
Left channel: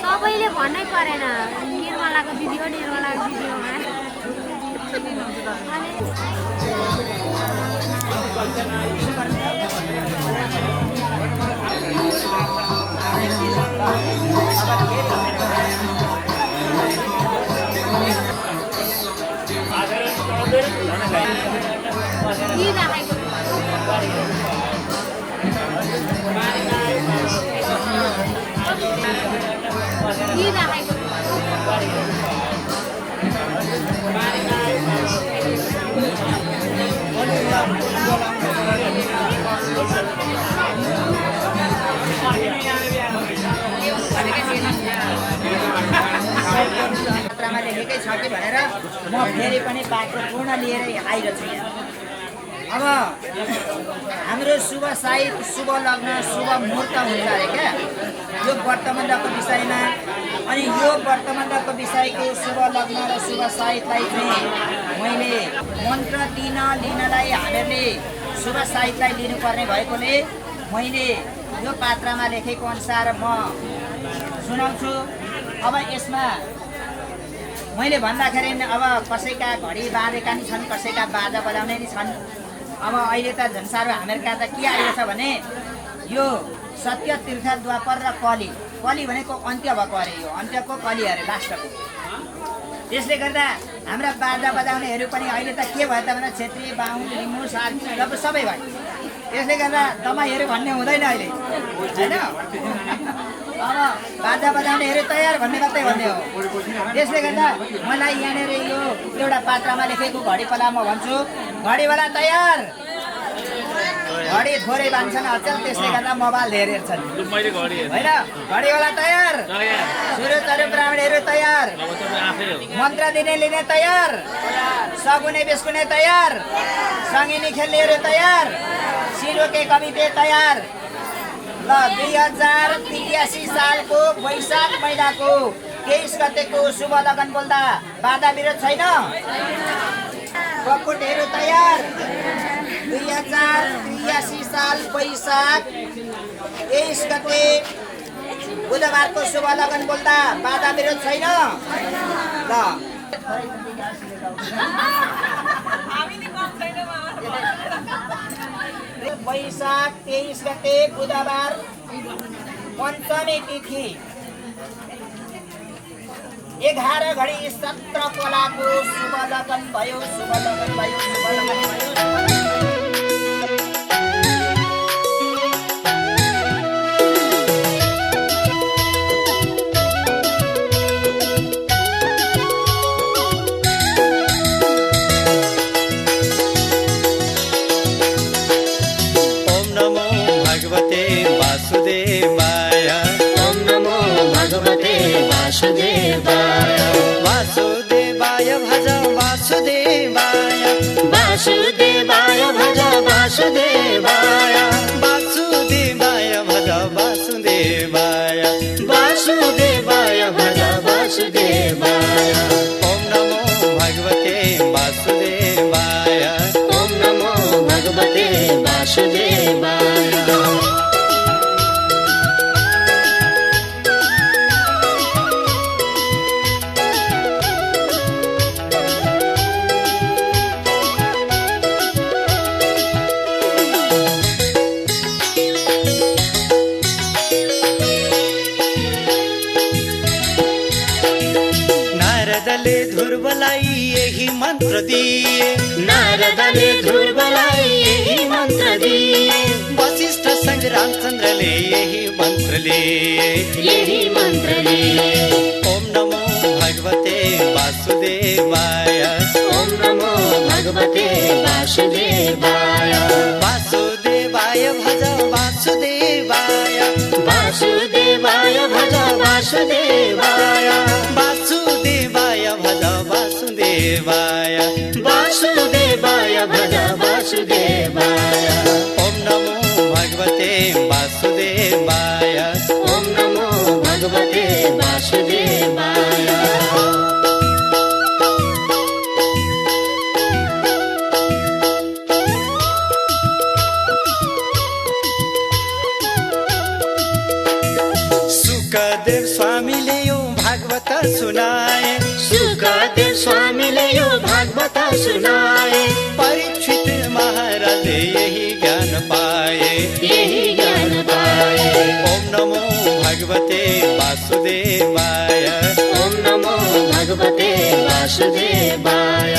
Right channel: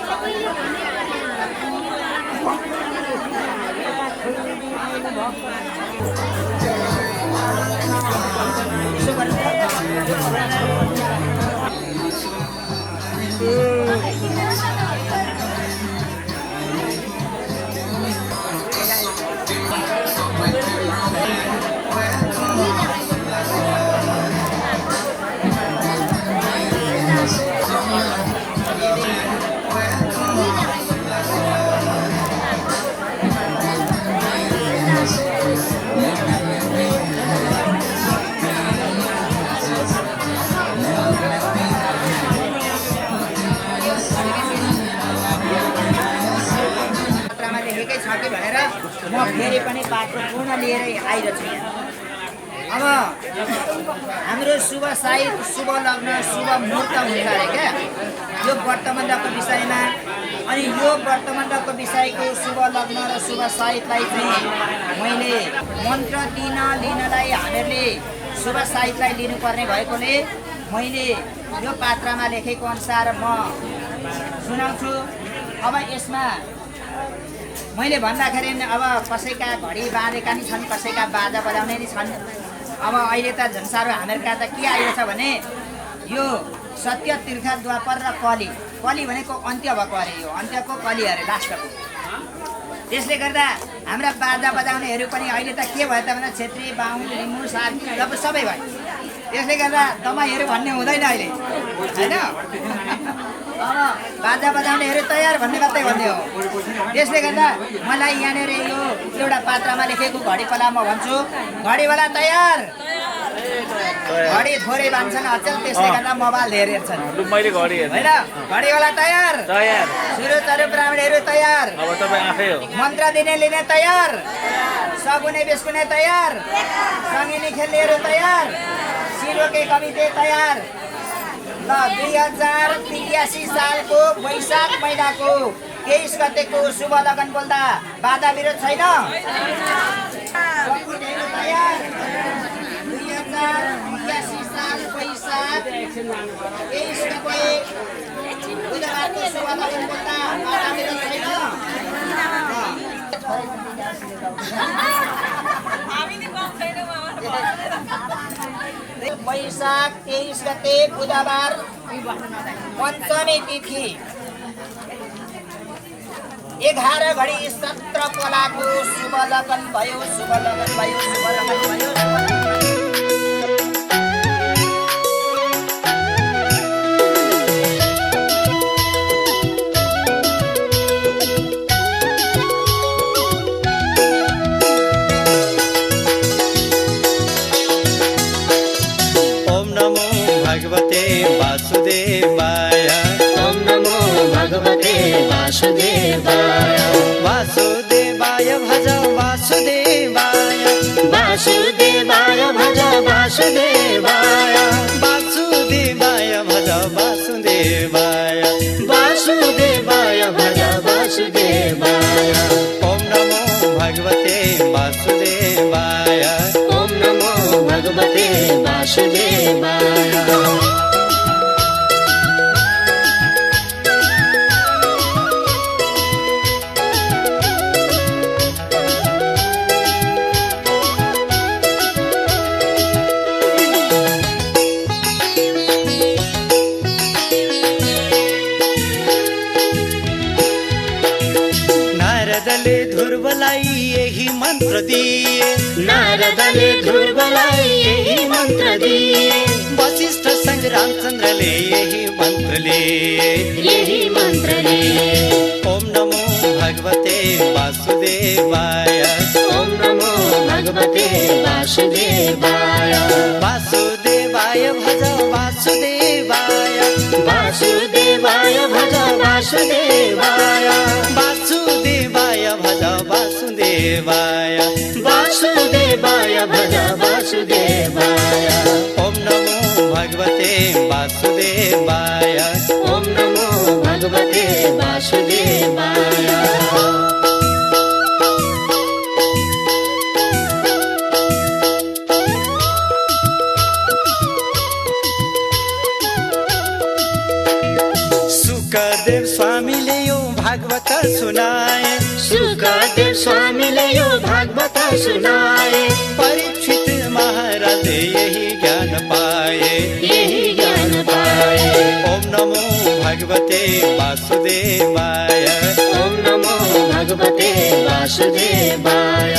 सबैले भन्नै परेन लेखेकै छ कि भनेर म फेरि पनि पात्र पूर्ण लिएर आइरहेको छु यहाँ। अब हाम्रो शुभ साहित्य शुभ लग्न शुभ मुहूर्त हुन्छ अरे क्या यो व्रतमण्डपको विषयमा। अनि यो व्रतमण्डपको विषयको शुभ लग्न र शुभ साहित्यलाई चाहिँ मैले मन्त्र लिनलाई हामीहरूले शुभ साहित्यलाई लिनुपर्ने भएकोले मैले यो पात्रमा लेखेको अनुसार म सुनाउँछु। अब यसमा मैले भन्दाखेरि अब कसैका घडी बाँधेका नि छन् कसैका बाजा बजाउने नि छन्। अब अहिले त झन् साह्रो हामीहरूका त के आइरहेछ भने यो सत्य तीर्थ द्वापर र कली कली भनेको अन्त्य भएको अरे यो अन्त्यको कली अरे लास्टको। त्यसले गर्दा हाम्रा बाजा बजाउनेहरू पनि अहिले त के भयो त भने छेत्री बाहुन लिम्बू सार्की अब सबै भयो। त्यसले गर्दा दमाईहरू भन्ने हुँदैन अहिले होइन। अब बाजा बजाउनेहरू तयार भन्ने मात्रै भन्ने हो। त्यसले गर्दा मलाई यहाँनिर यो एउटा पात्रमा लेखेको घडी पला म भन्छु घडीवाला तयार। घडी थोरै बान्छन् अचल त्यसले गर्दा मोबाइल धेर हेर्छन् होइन। घडीवाला तयार सुरु चरु ब्राह्मणहरू तयार मन्त्र दिने लिने तयार सगुने बिस्कुने तयार, सङ्गिनी खेल्नेहरू तयार, सिरोके कविते तयार। ल 2083 सालको वैशाख महिनाको 23 गतेको शुभ लगन बोल्दा बाधा विरोध छैन? पपुटेहरू तयार। 2083 साल वैशाख 23 गते बुधबारको शुभ लगन बोल्दा बाधा विरोध छैन? ल वैशाख 23 गते बुधबार पञ्चमी तिथि 11:17 कोलाको शुभ लगन भयो, शुभ लगन भयो, शुभ लगन भयो। भगवते वासुदेवाय। ओम नमो भगवते वासुदेवाय। वासुदेवाय भज वासुदेवाय, वासुदेवाय भज वासुदेवाय। वासुदेवाय भज वासुदेवाय, वासुदेवाय भज वासुदेवाय। ओम नमो भगवते वासुदेवाय। ओम नमो भगवते वासुदेवाय। नारदले ध्रुवलाई यही मन्त्र दिए, नारदले ध्रुवलाई यही मन्त्र दिए। वशिष्ठ सँग रामचन्द्रले यही मन्त्र लिए, यही मन्त्र लिए। ओम नमो भगवते वासुदेवाय। ओम नमो भगवते वासुदेवाय। वासुदेवाय भज वासुदेवाय, वासुदेवाय भज वासुदेवाय। वासुदेवाय भज वासुदेवाय, वासुदेवाय भज वासुदेवाय। ओम नमो भगवते वासुदेवाय। ओम नमो भगवते वासुदेवाय। सुखदेव स्वामीले यो भागवत सुनाए, सुखदेव स्वामीले यो भागवत सुनाए। परीक्षित महाराजले यही ज्ञान पाए, यही ज्ञान पाए। ओम नमो भगवते वासुदेवाय। ओम नमो भगवते वासुदेवाय।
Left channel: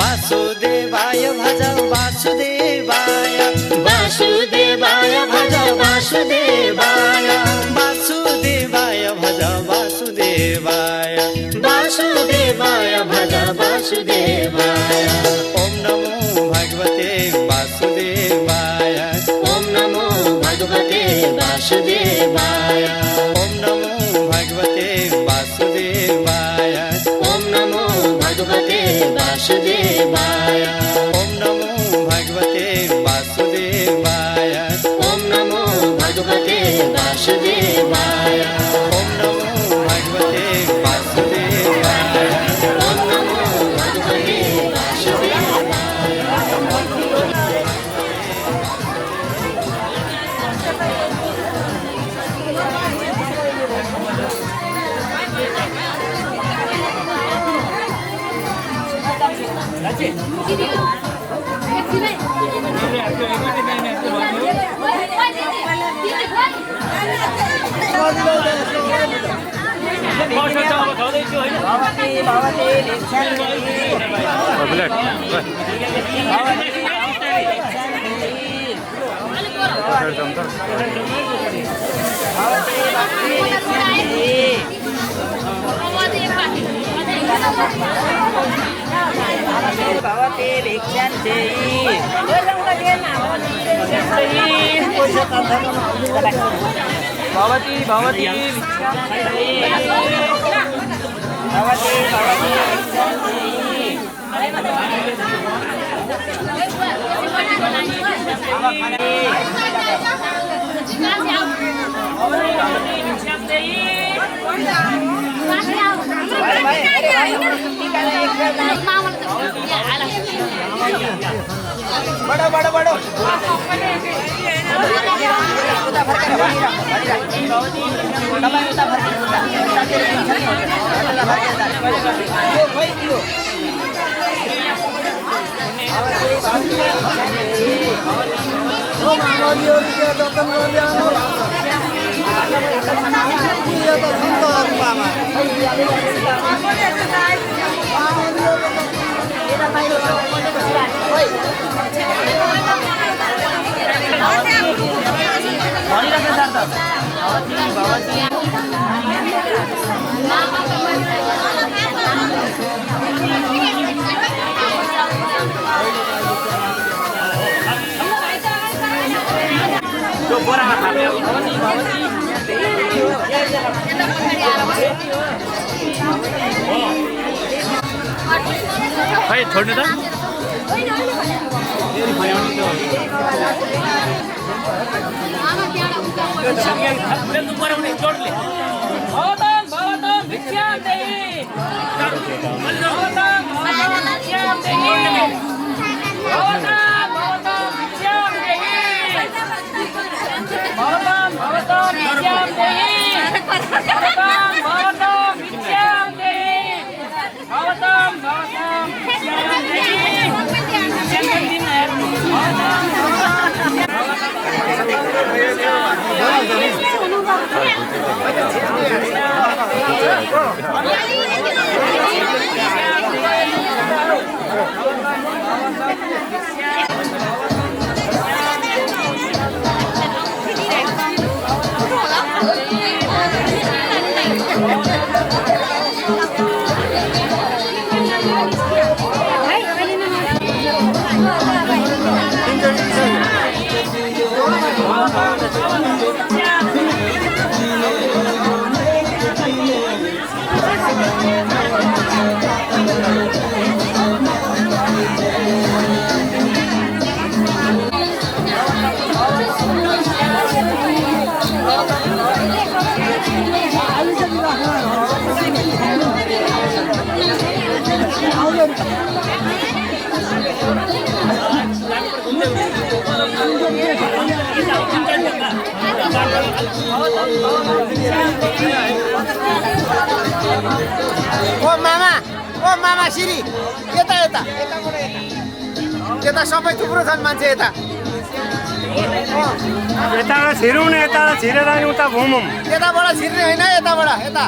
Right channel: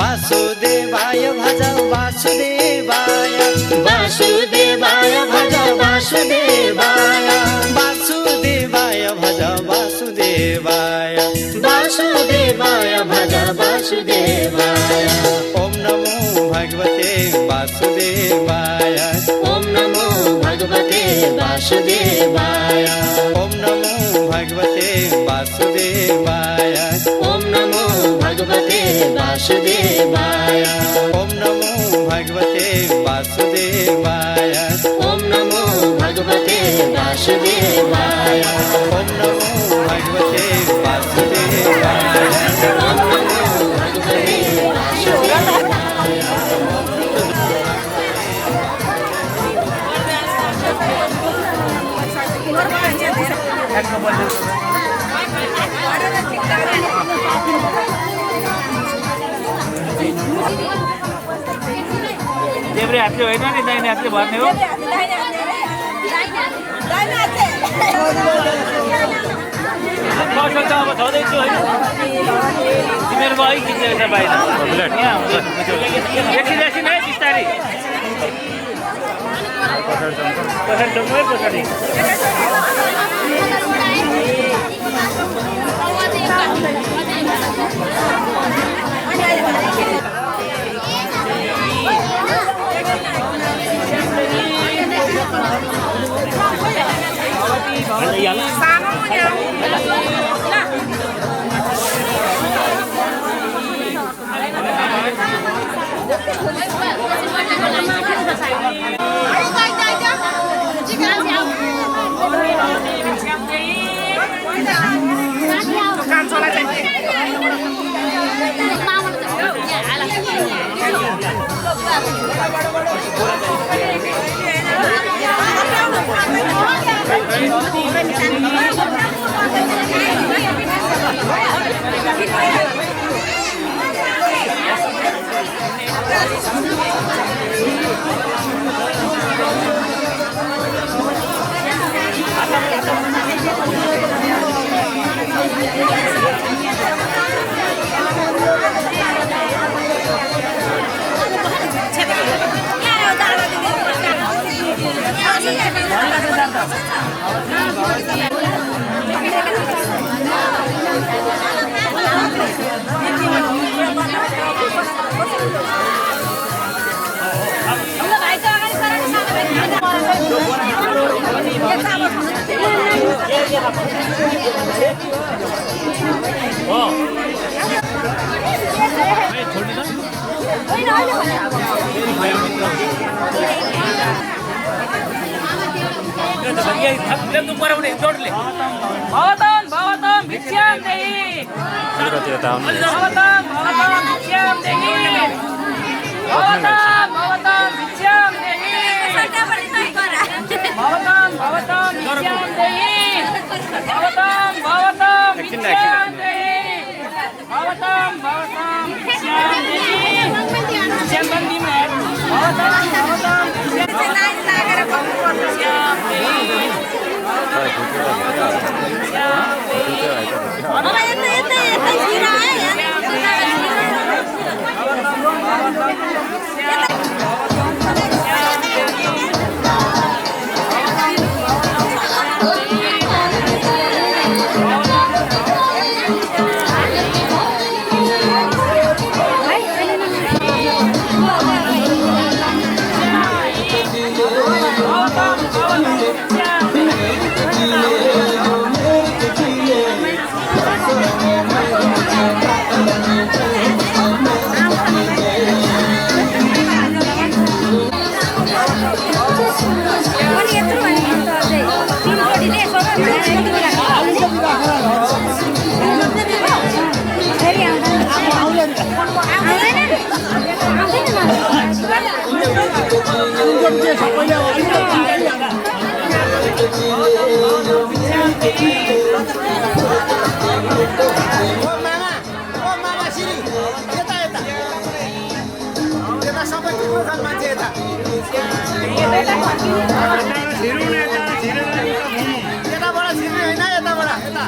वासुदेवाय भज वासुदेवाय, वासुदेवाय भज वासुदेवाय। वासुदेवाय भज वासुदेवाय, वासुदेवाय भज वासुदेवाय। ओम नमो भगवते वासुदेवाय। ओम नमो भगवते वासुदेवाय। ओम नमो भगवते वासुदेवाय। ओम नमो भगवते वासुदेवाय। ओम नमो भगवते वासुदेवाय। ओम नमो भगवते वासुदेवाय। ओम नमो भगवते वासुदेवाय। ओम नमो भगवते वासुदेवाय। भवती भवती सबै थुप्रो छन् मान्छे यता यताबाट छिर्ने होइन यताबाट यता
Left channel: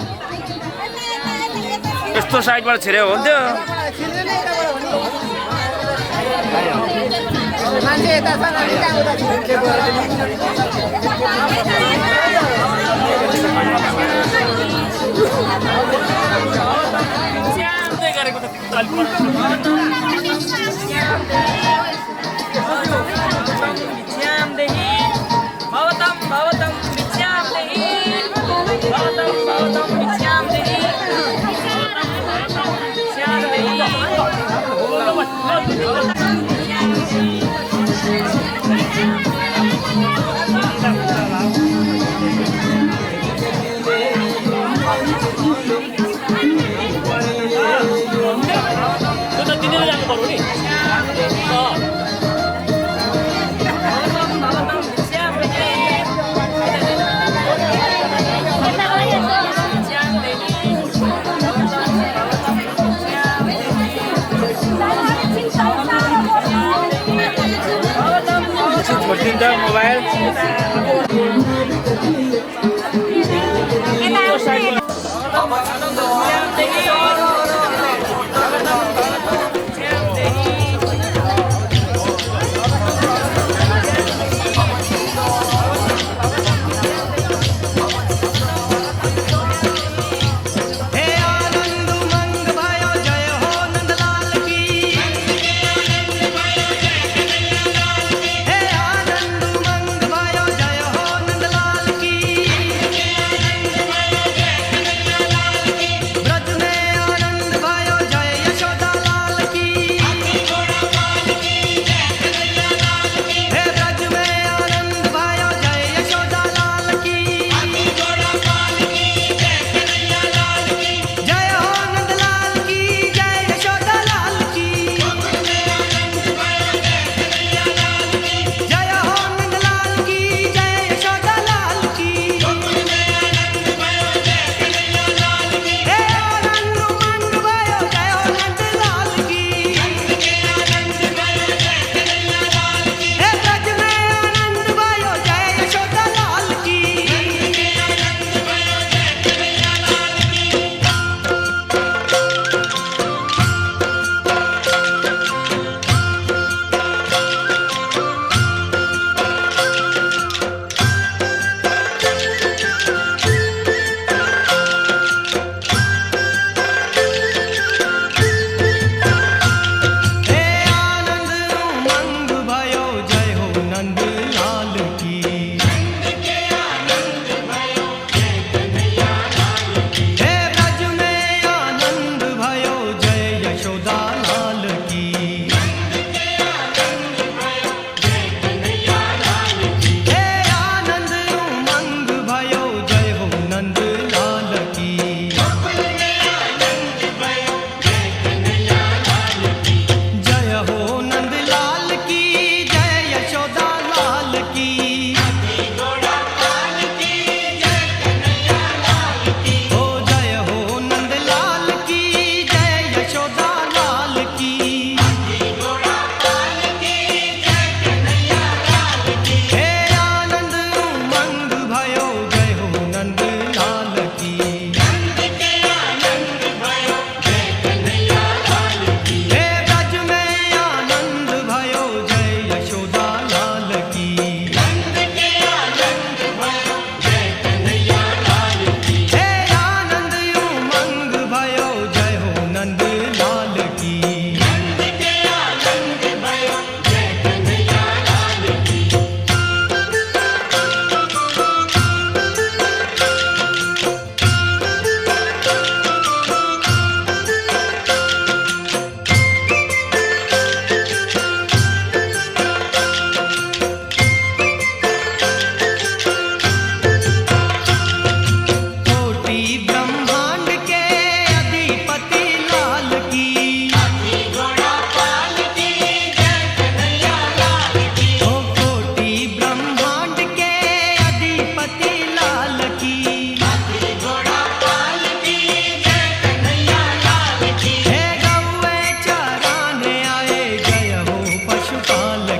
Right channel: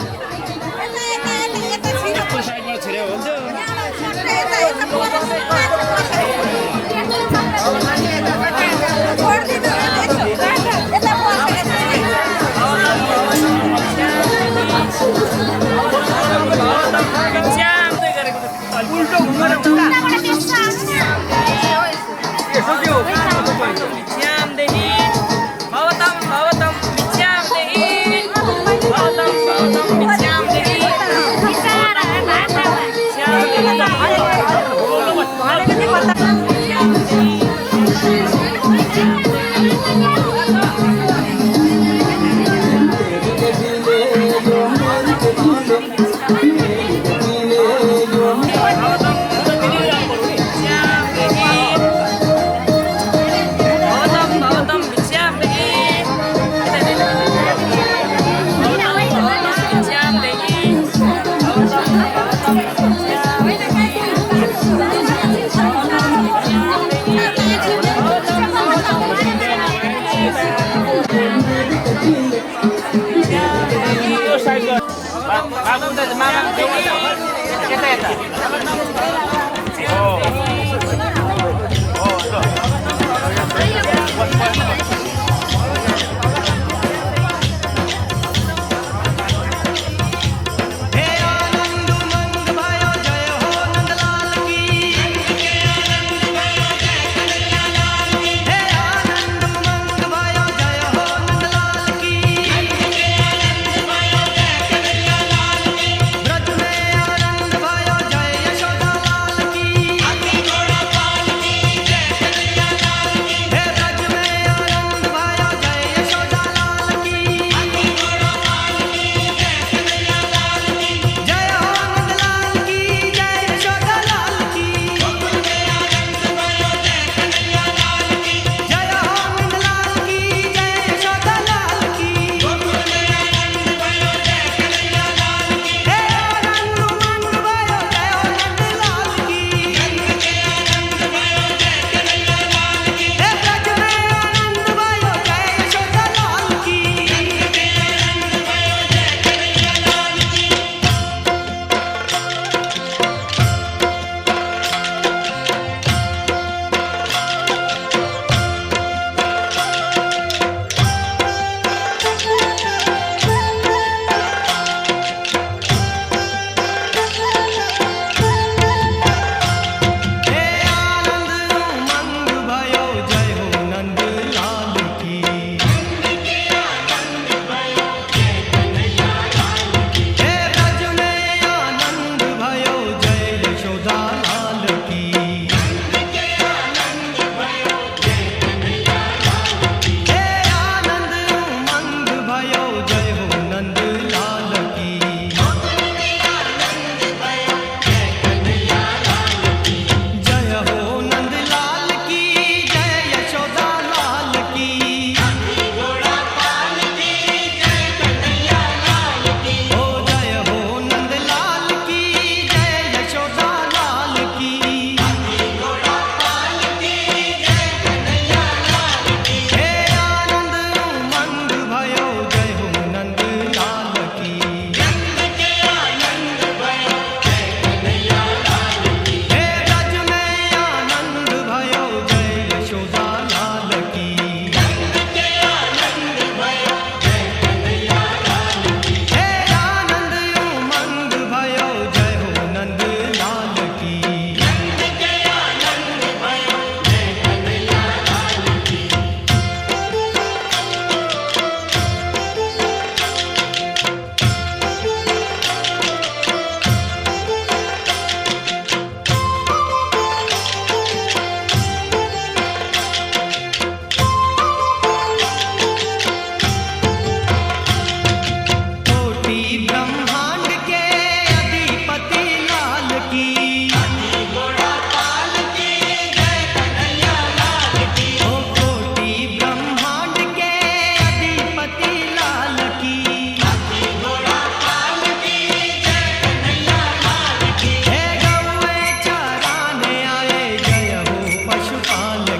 यस्तो साइडबाट छिर्यो हुन्थ्यो मान्छे यता Thank you.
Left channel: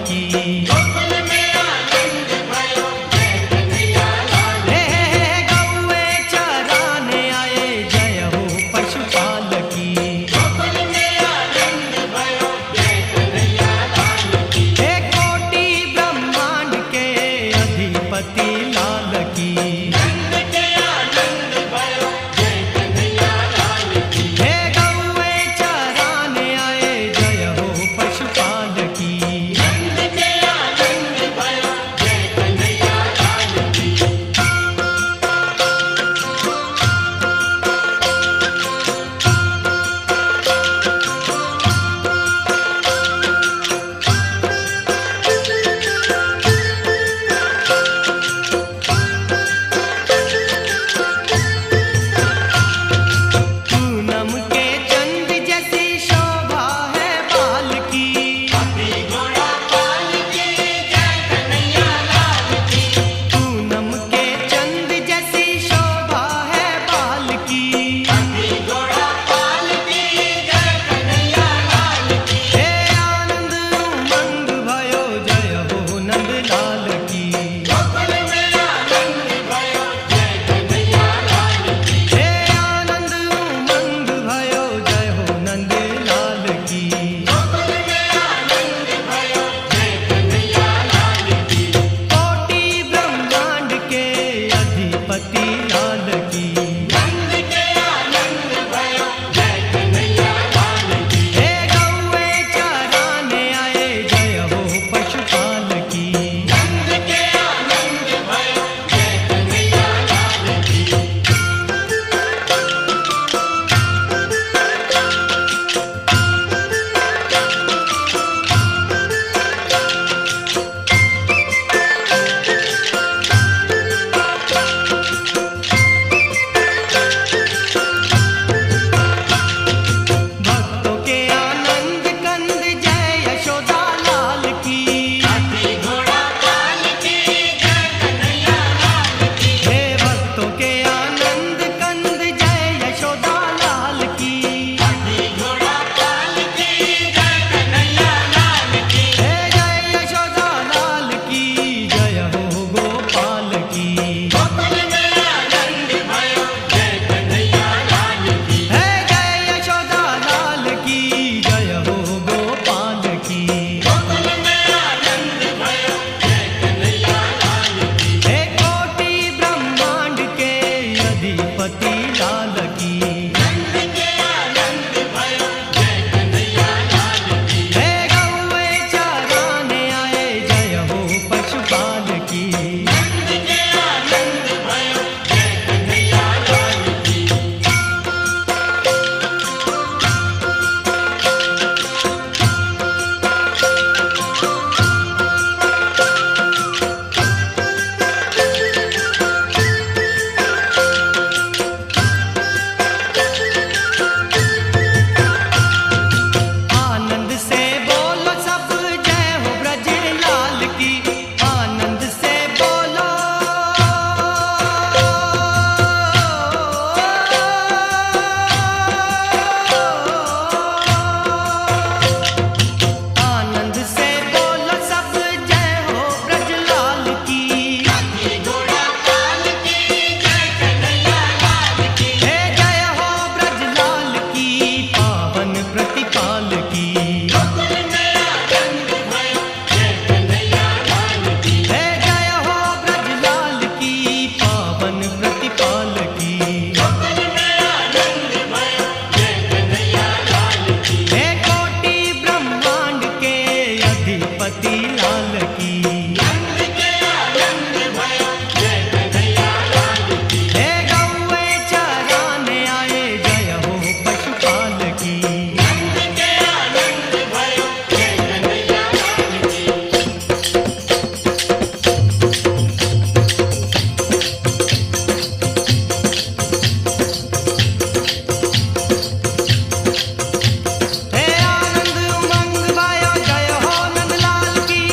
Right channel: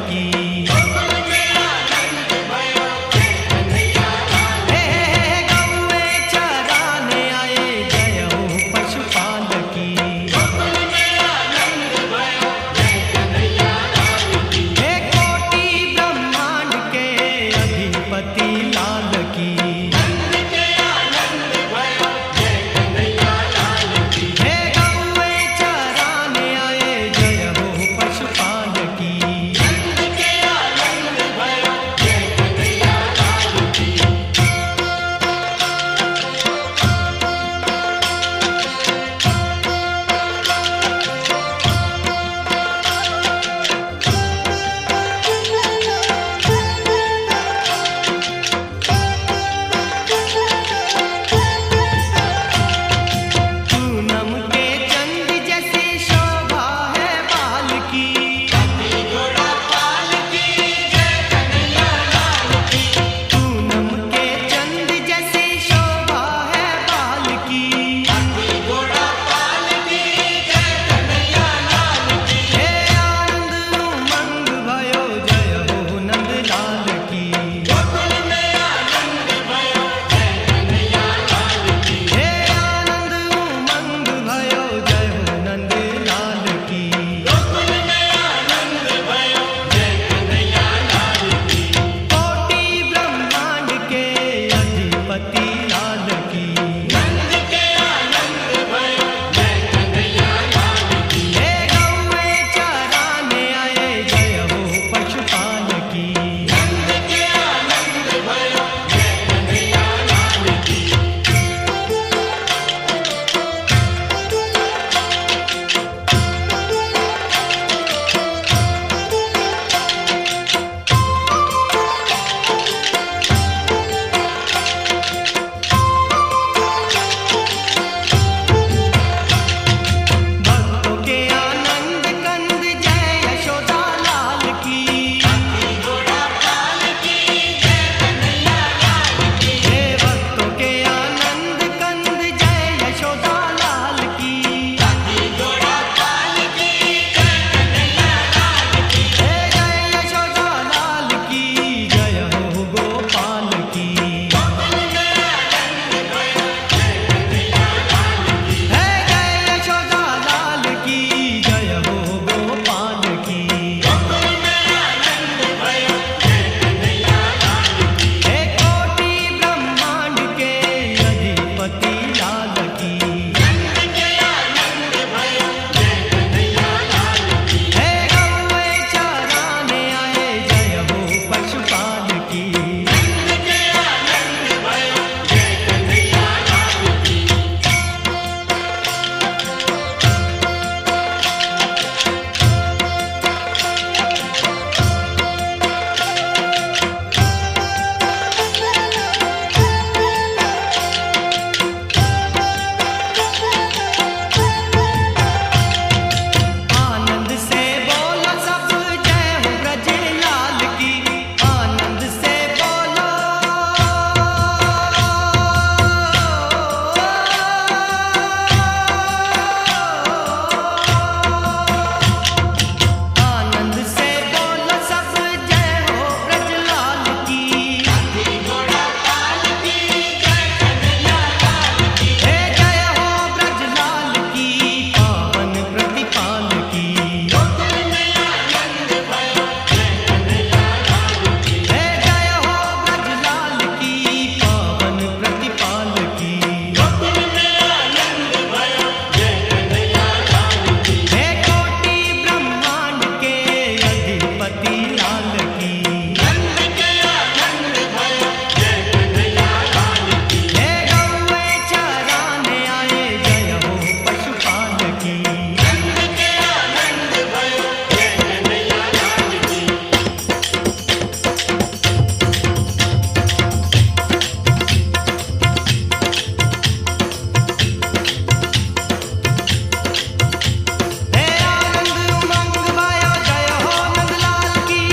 की। गौए चराने आए जय हो पशुपाल की। हे कोटि ब्रह्मांड के अधिपति लाल की। हे गौए चराने आए जय हो पशुपाल की। पूनम के चंद जैसी शोभा है बाल की। पूनम के चंद जैसी शोभा है बाल की। हे आनंद उमंग भयो जय हो नंदलाल की। हे आनंद उमंग भयो जय हो नंदलाल की। कोटि ब्रह्मांड के अधिपति लाल की। हे गौए चराने आए जय हो पशुपाल की। भक्तों के आनंद कंद जय यशोदा लाल की। हे भक्तों के आनंद कंद जय यशोदा लाल की। हे जय यशोदा लाल की जय हो गोपाल की। हे जय यशोदा लाल की जय हो गोपाल की। हे कोटि ब्रह्मांड के अधिपति लाल की। हे गौए चराने आए जय हो पशुपाल की। आनंद से बोलो सब जय हो ब्रज लाल की। आनंद से बोलो। आनंद से बोलो सब जय हो ब्रज लाल की। हे जय हो ब्रज लाल की पावन प्रतिपाल की। हे जय हो ब्रज लाल की पावन प्रतिपाल की। हे कोटि ब्रह्मांड के अधिपति लाल की। हे गौए चराने आए जय हो पशुपाल की। हे आनंद उमंग भयो जय हो नंदलाल की।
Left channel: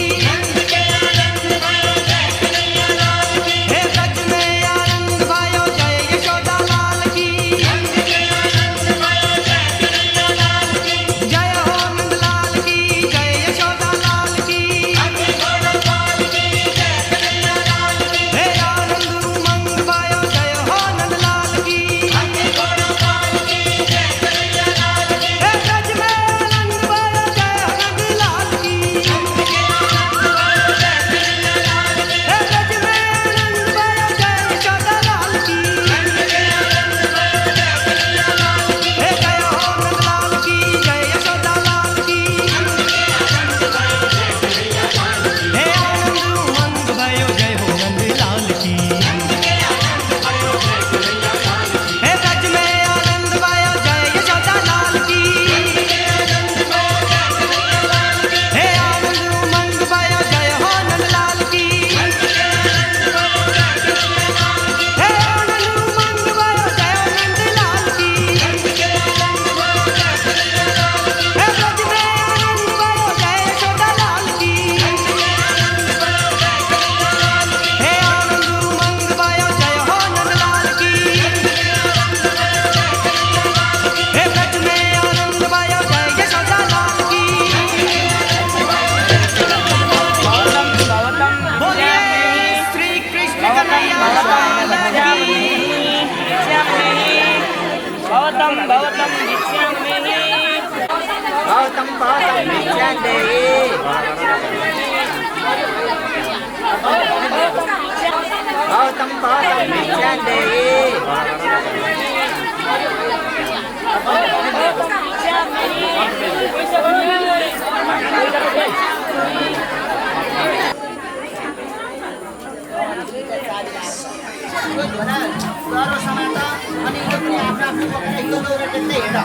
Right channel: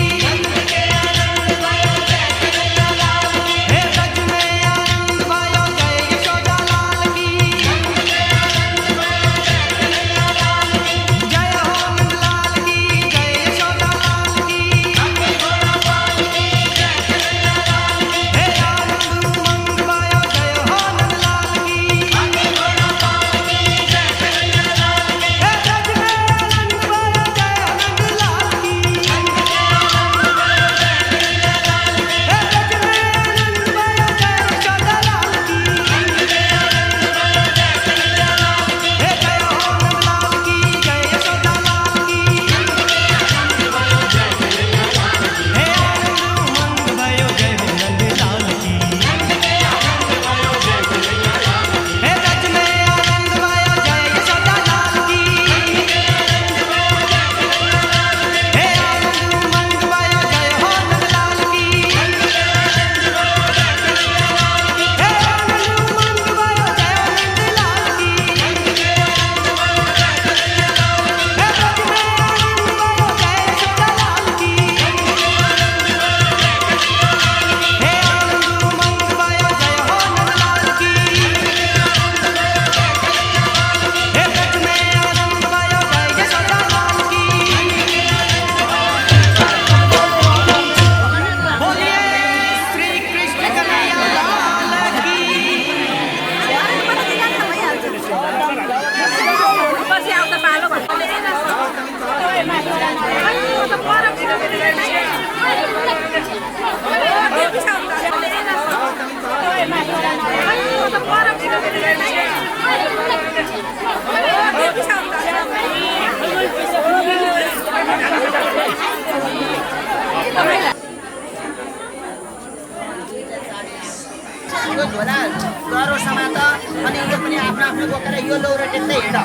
भन्दै हिँड।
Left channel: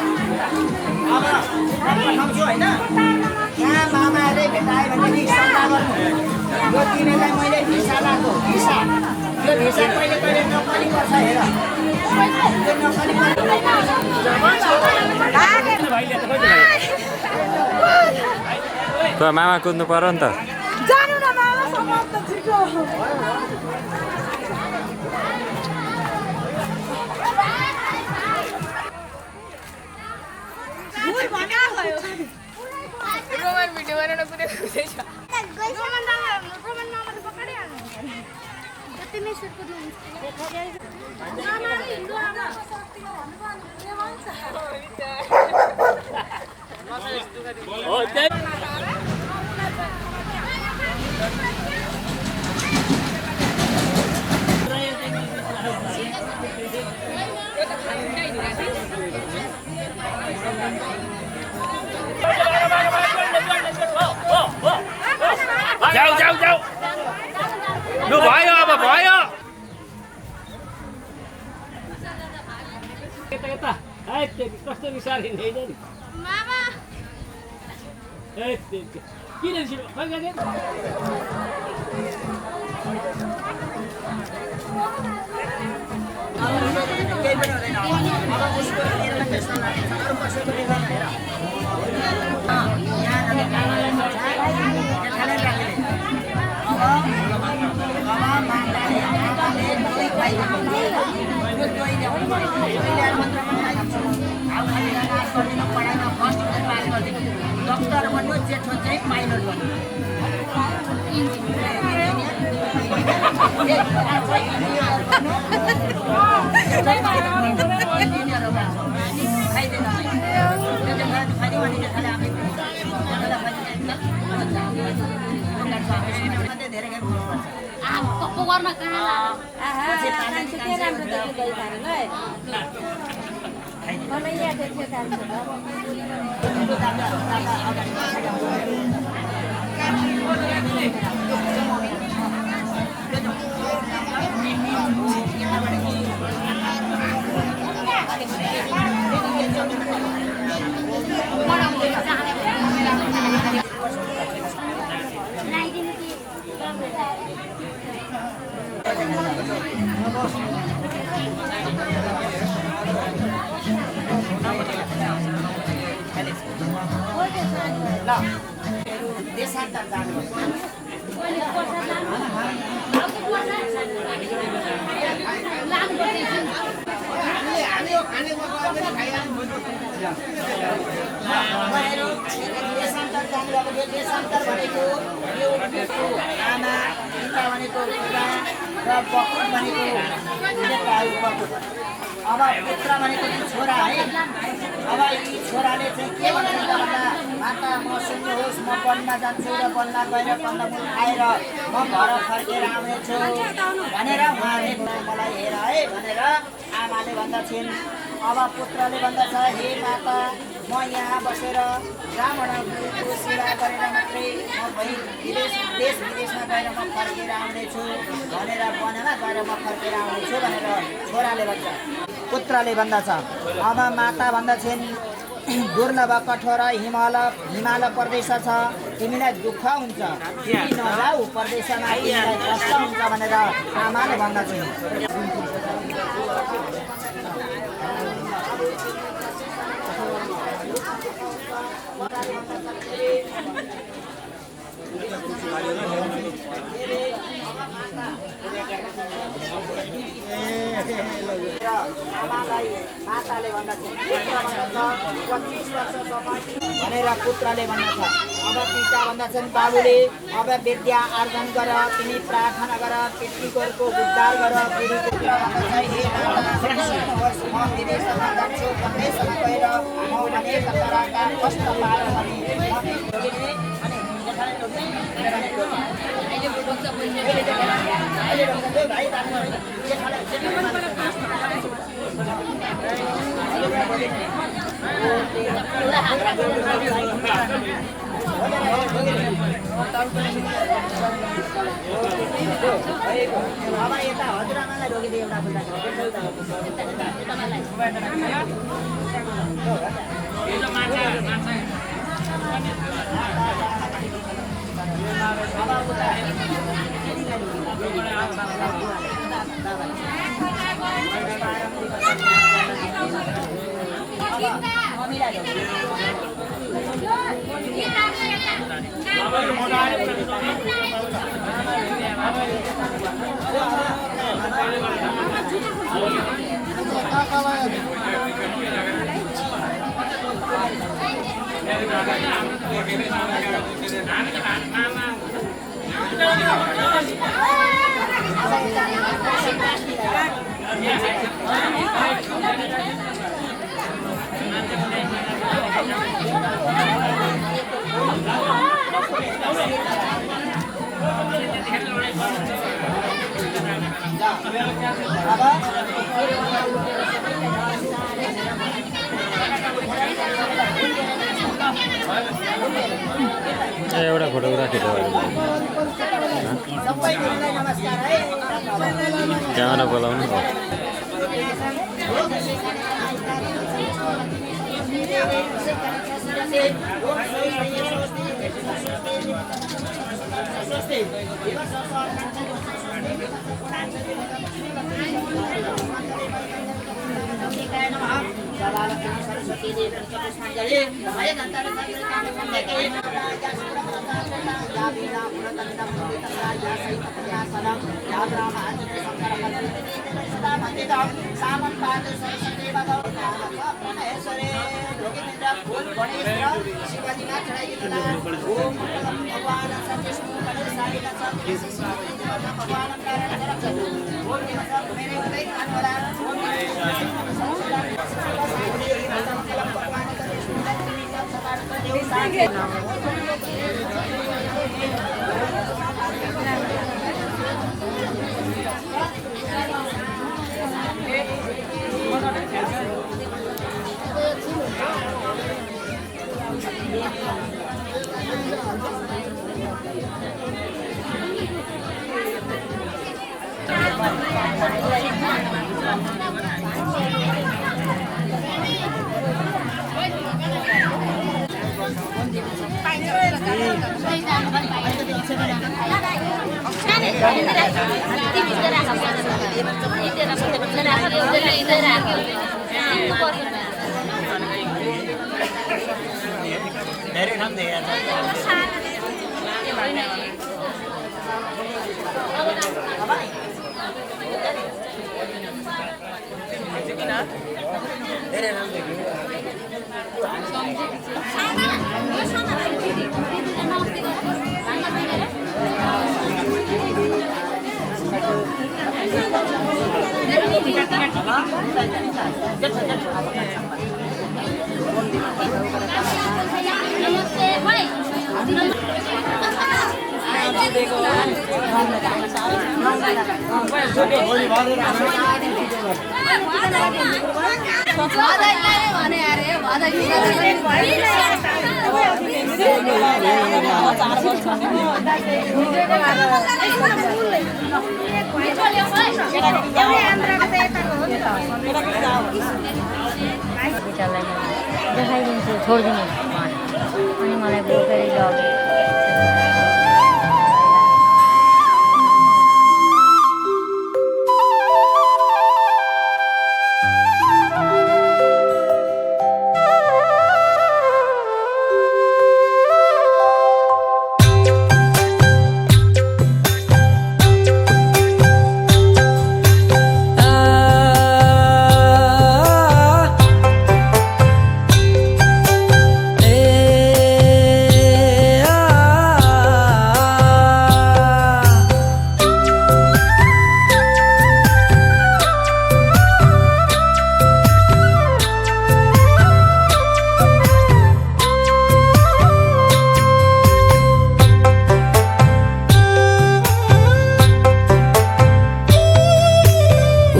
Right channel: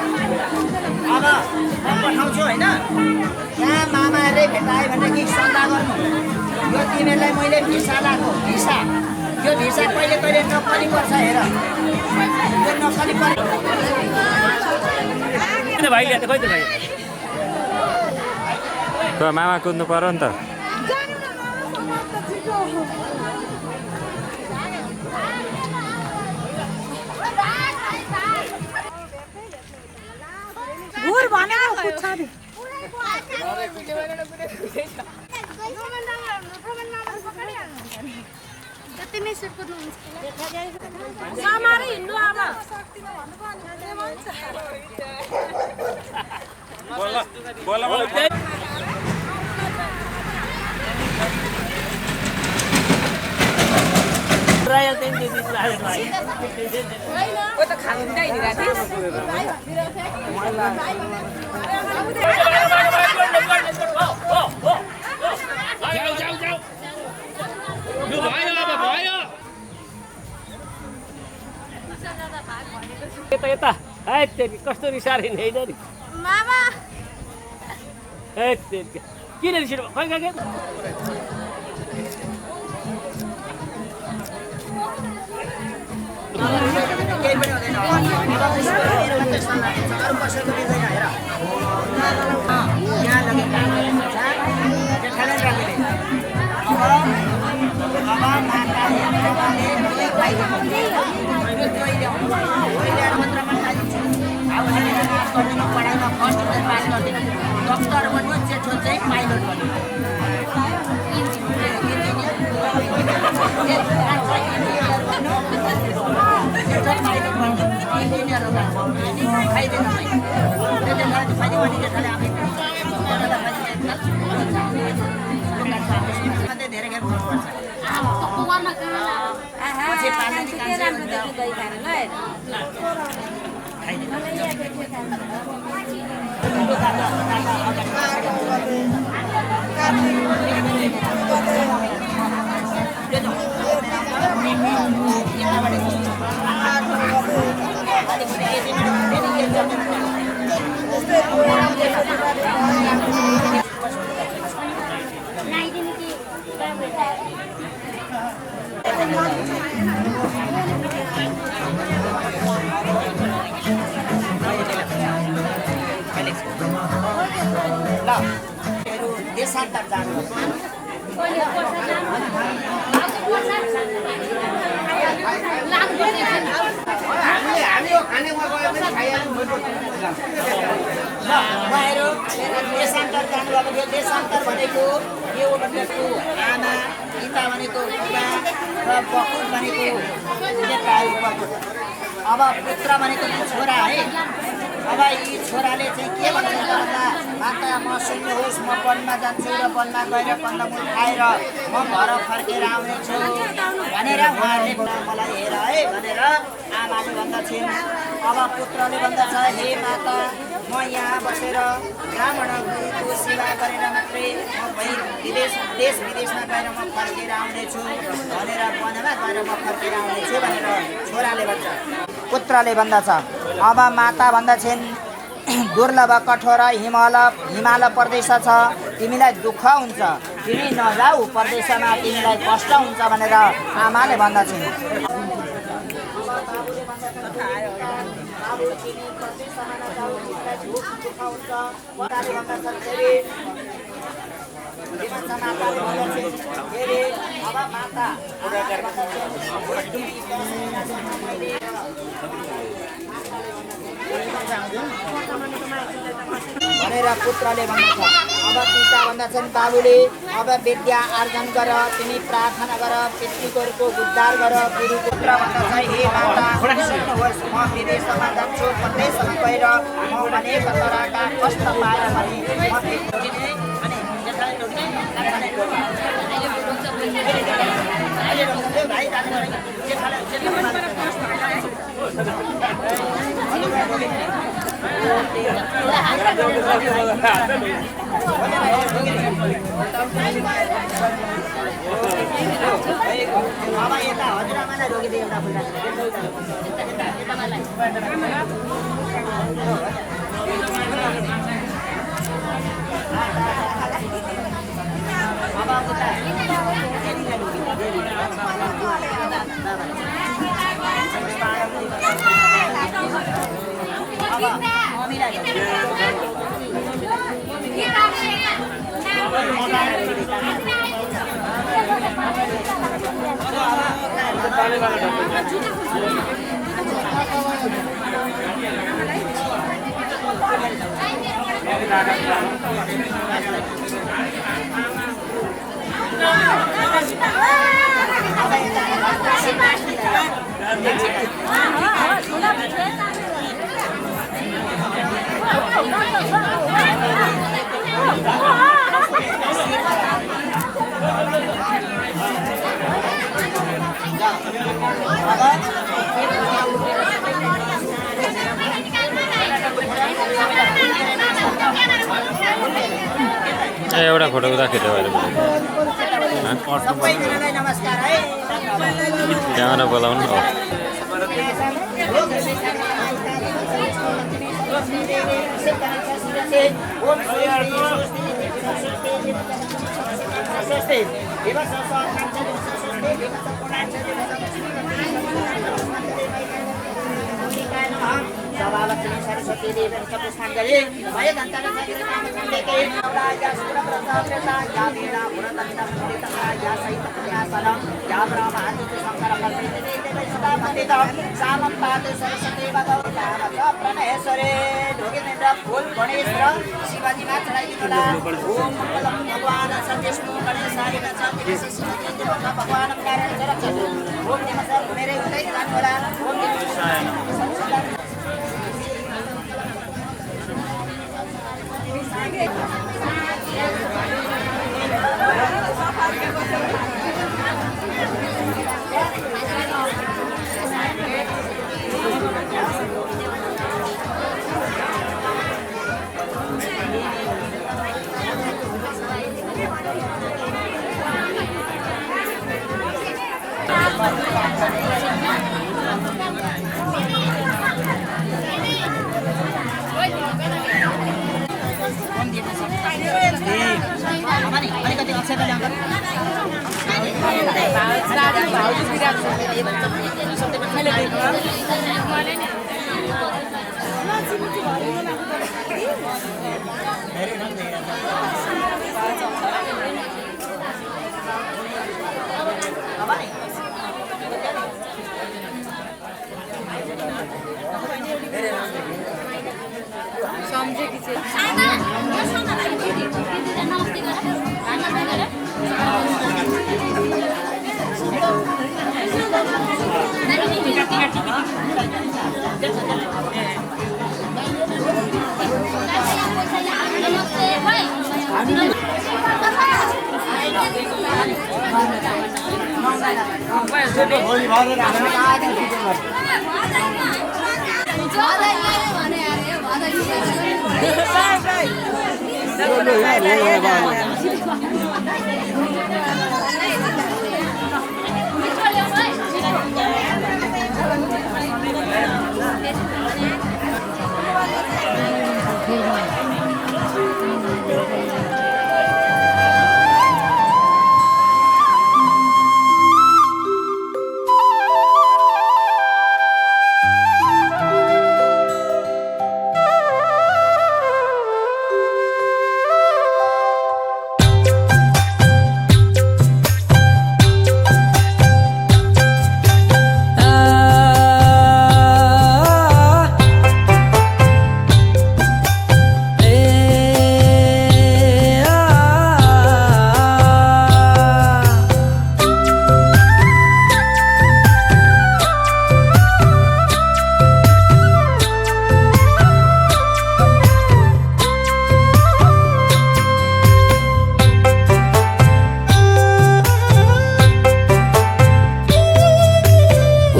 अब म पठाउँछु होइन, यहाँ मामाहरूले भेटायो भनेदेखि सल्लाह गर्नु। यो तिमीहरूलाई मैले भिसा लगाएको भिसा, यो भिसा कहिले कहिले नक्कली पर्छ हेर, यो नक्कली पर्छ। मामा कुद्नु पर्यो नि त। जाऊ लु भयो, अब भयो। यता कस्तो रिसारे नि किन रिसिनु केही पनि हुँदैन। अब उसको मेरो मात्रै सल्लाह दिन्छ, अरू कसैको दिँदैन हेर। यहाँ लगेर जेठाले राख्ने। अब माताले आमाले दही खुवाइदिनु। यो दही ल्याउनु, दही ल्याएर मात्रमा खुवाइदिन्छु। घाउ खनेर माफ गरिदिनु, पढाइमा फर्स्ट डिभिजन पास गरिदिनु। डक्टर बन्नु, जेठो चाहिँ पाइलट बन्नु। देशान्तर जानु देशान्तर भनेको यो आमा, पिता भनेको बुबा र बकुल भनेको अब पुत्र भनेको छोरा है। अब यी छोराले चाहिँ के भन्नु पर्ला, माता म सुन्नुहोस्, म वनमा जान्छु र वनमा गएर कन्दमूल खाएर म घर फर्केर आउनेछु भनेर उहाँले मलाई हेर है भनेर आमाले भन्दछन्। अब पुत्रले भन्दछ, हे माता म यहाँ बसेर ब्राह्मणहरूको सेवा गरेर मात्रै म देश विदेशमा गएर म फर्केर आउनेछु भनेर वनमा गएर म फर्केर आउनेछु भनेर छोराले भन्छ। पुत्रले भन्दछ, अब माता भन्दछन्, दुर्लभ कठोर हिमाल प्रदेश छ, तिमीलाई दुःख हुन्छ, तिमी नजाऊ प्रदेशमा, तिमीलाई कष्ट हुन्छ भनेर आमाले भन्दछन्। भनेर पुत्रले भन्दछ। अब पिता भन्दछन्, बाबुले अब विद्या आर्जन गर, तिमी प्रार्थना गर, पितृको उद्धार गर। गुरु पुत्र भन्दछ, हे माता सुन्नुहोस्, म विदेशमा जान्छु, प्रदेशमा गएर म अनेक तरहका कष्ट पाएर पनि म अब यता हजुरआमालाई रोकिदिए एउटा फुल एउटा फोटो उता खिच्यो भने सबैजनालाई नमस्कार है क्यामेरा बोलाउनु हो सरस्वती देवी पुष्पाञ्जलि भय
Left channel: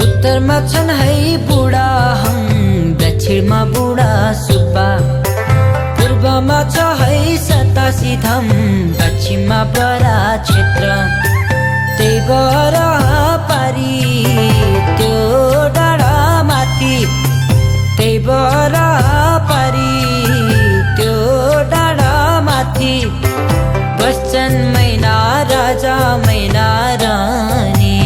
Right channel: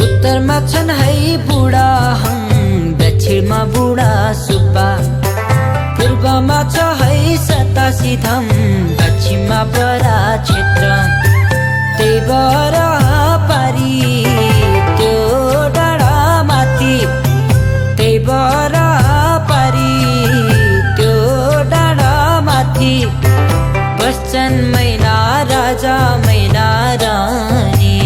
उत्तरमा छन् है बुढा हङ, दक्षिणमा बुढा सुब्बा, पूर्व पूर्वमा छ है 87 धाम, पश्चिममा बरा क्षेत्र, त्यही बर पारी त्यो डाँडा माथि, त्यही बर पारी त्यो डाँडा माथि बस्छन् मैना राजा मैना रानी।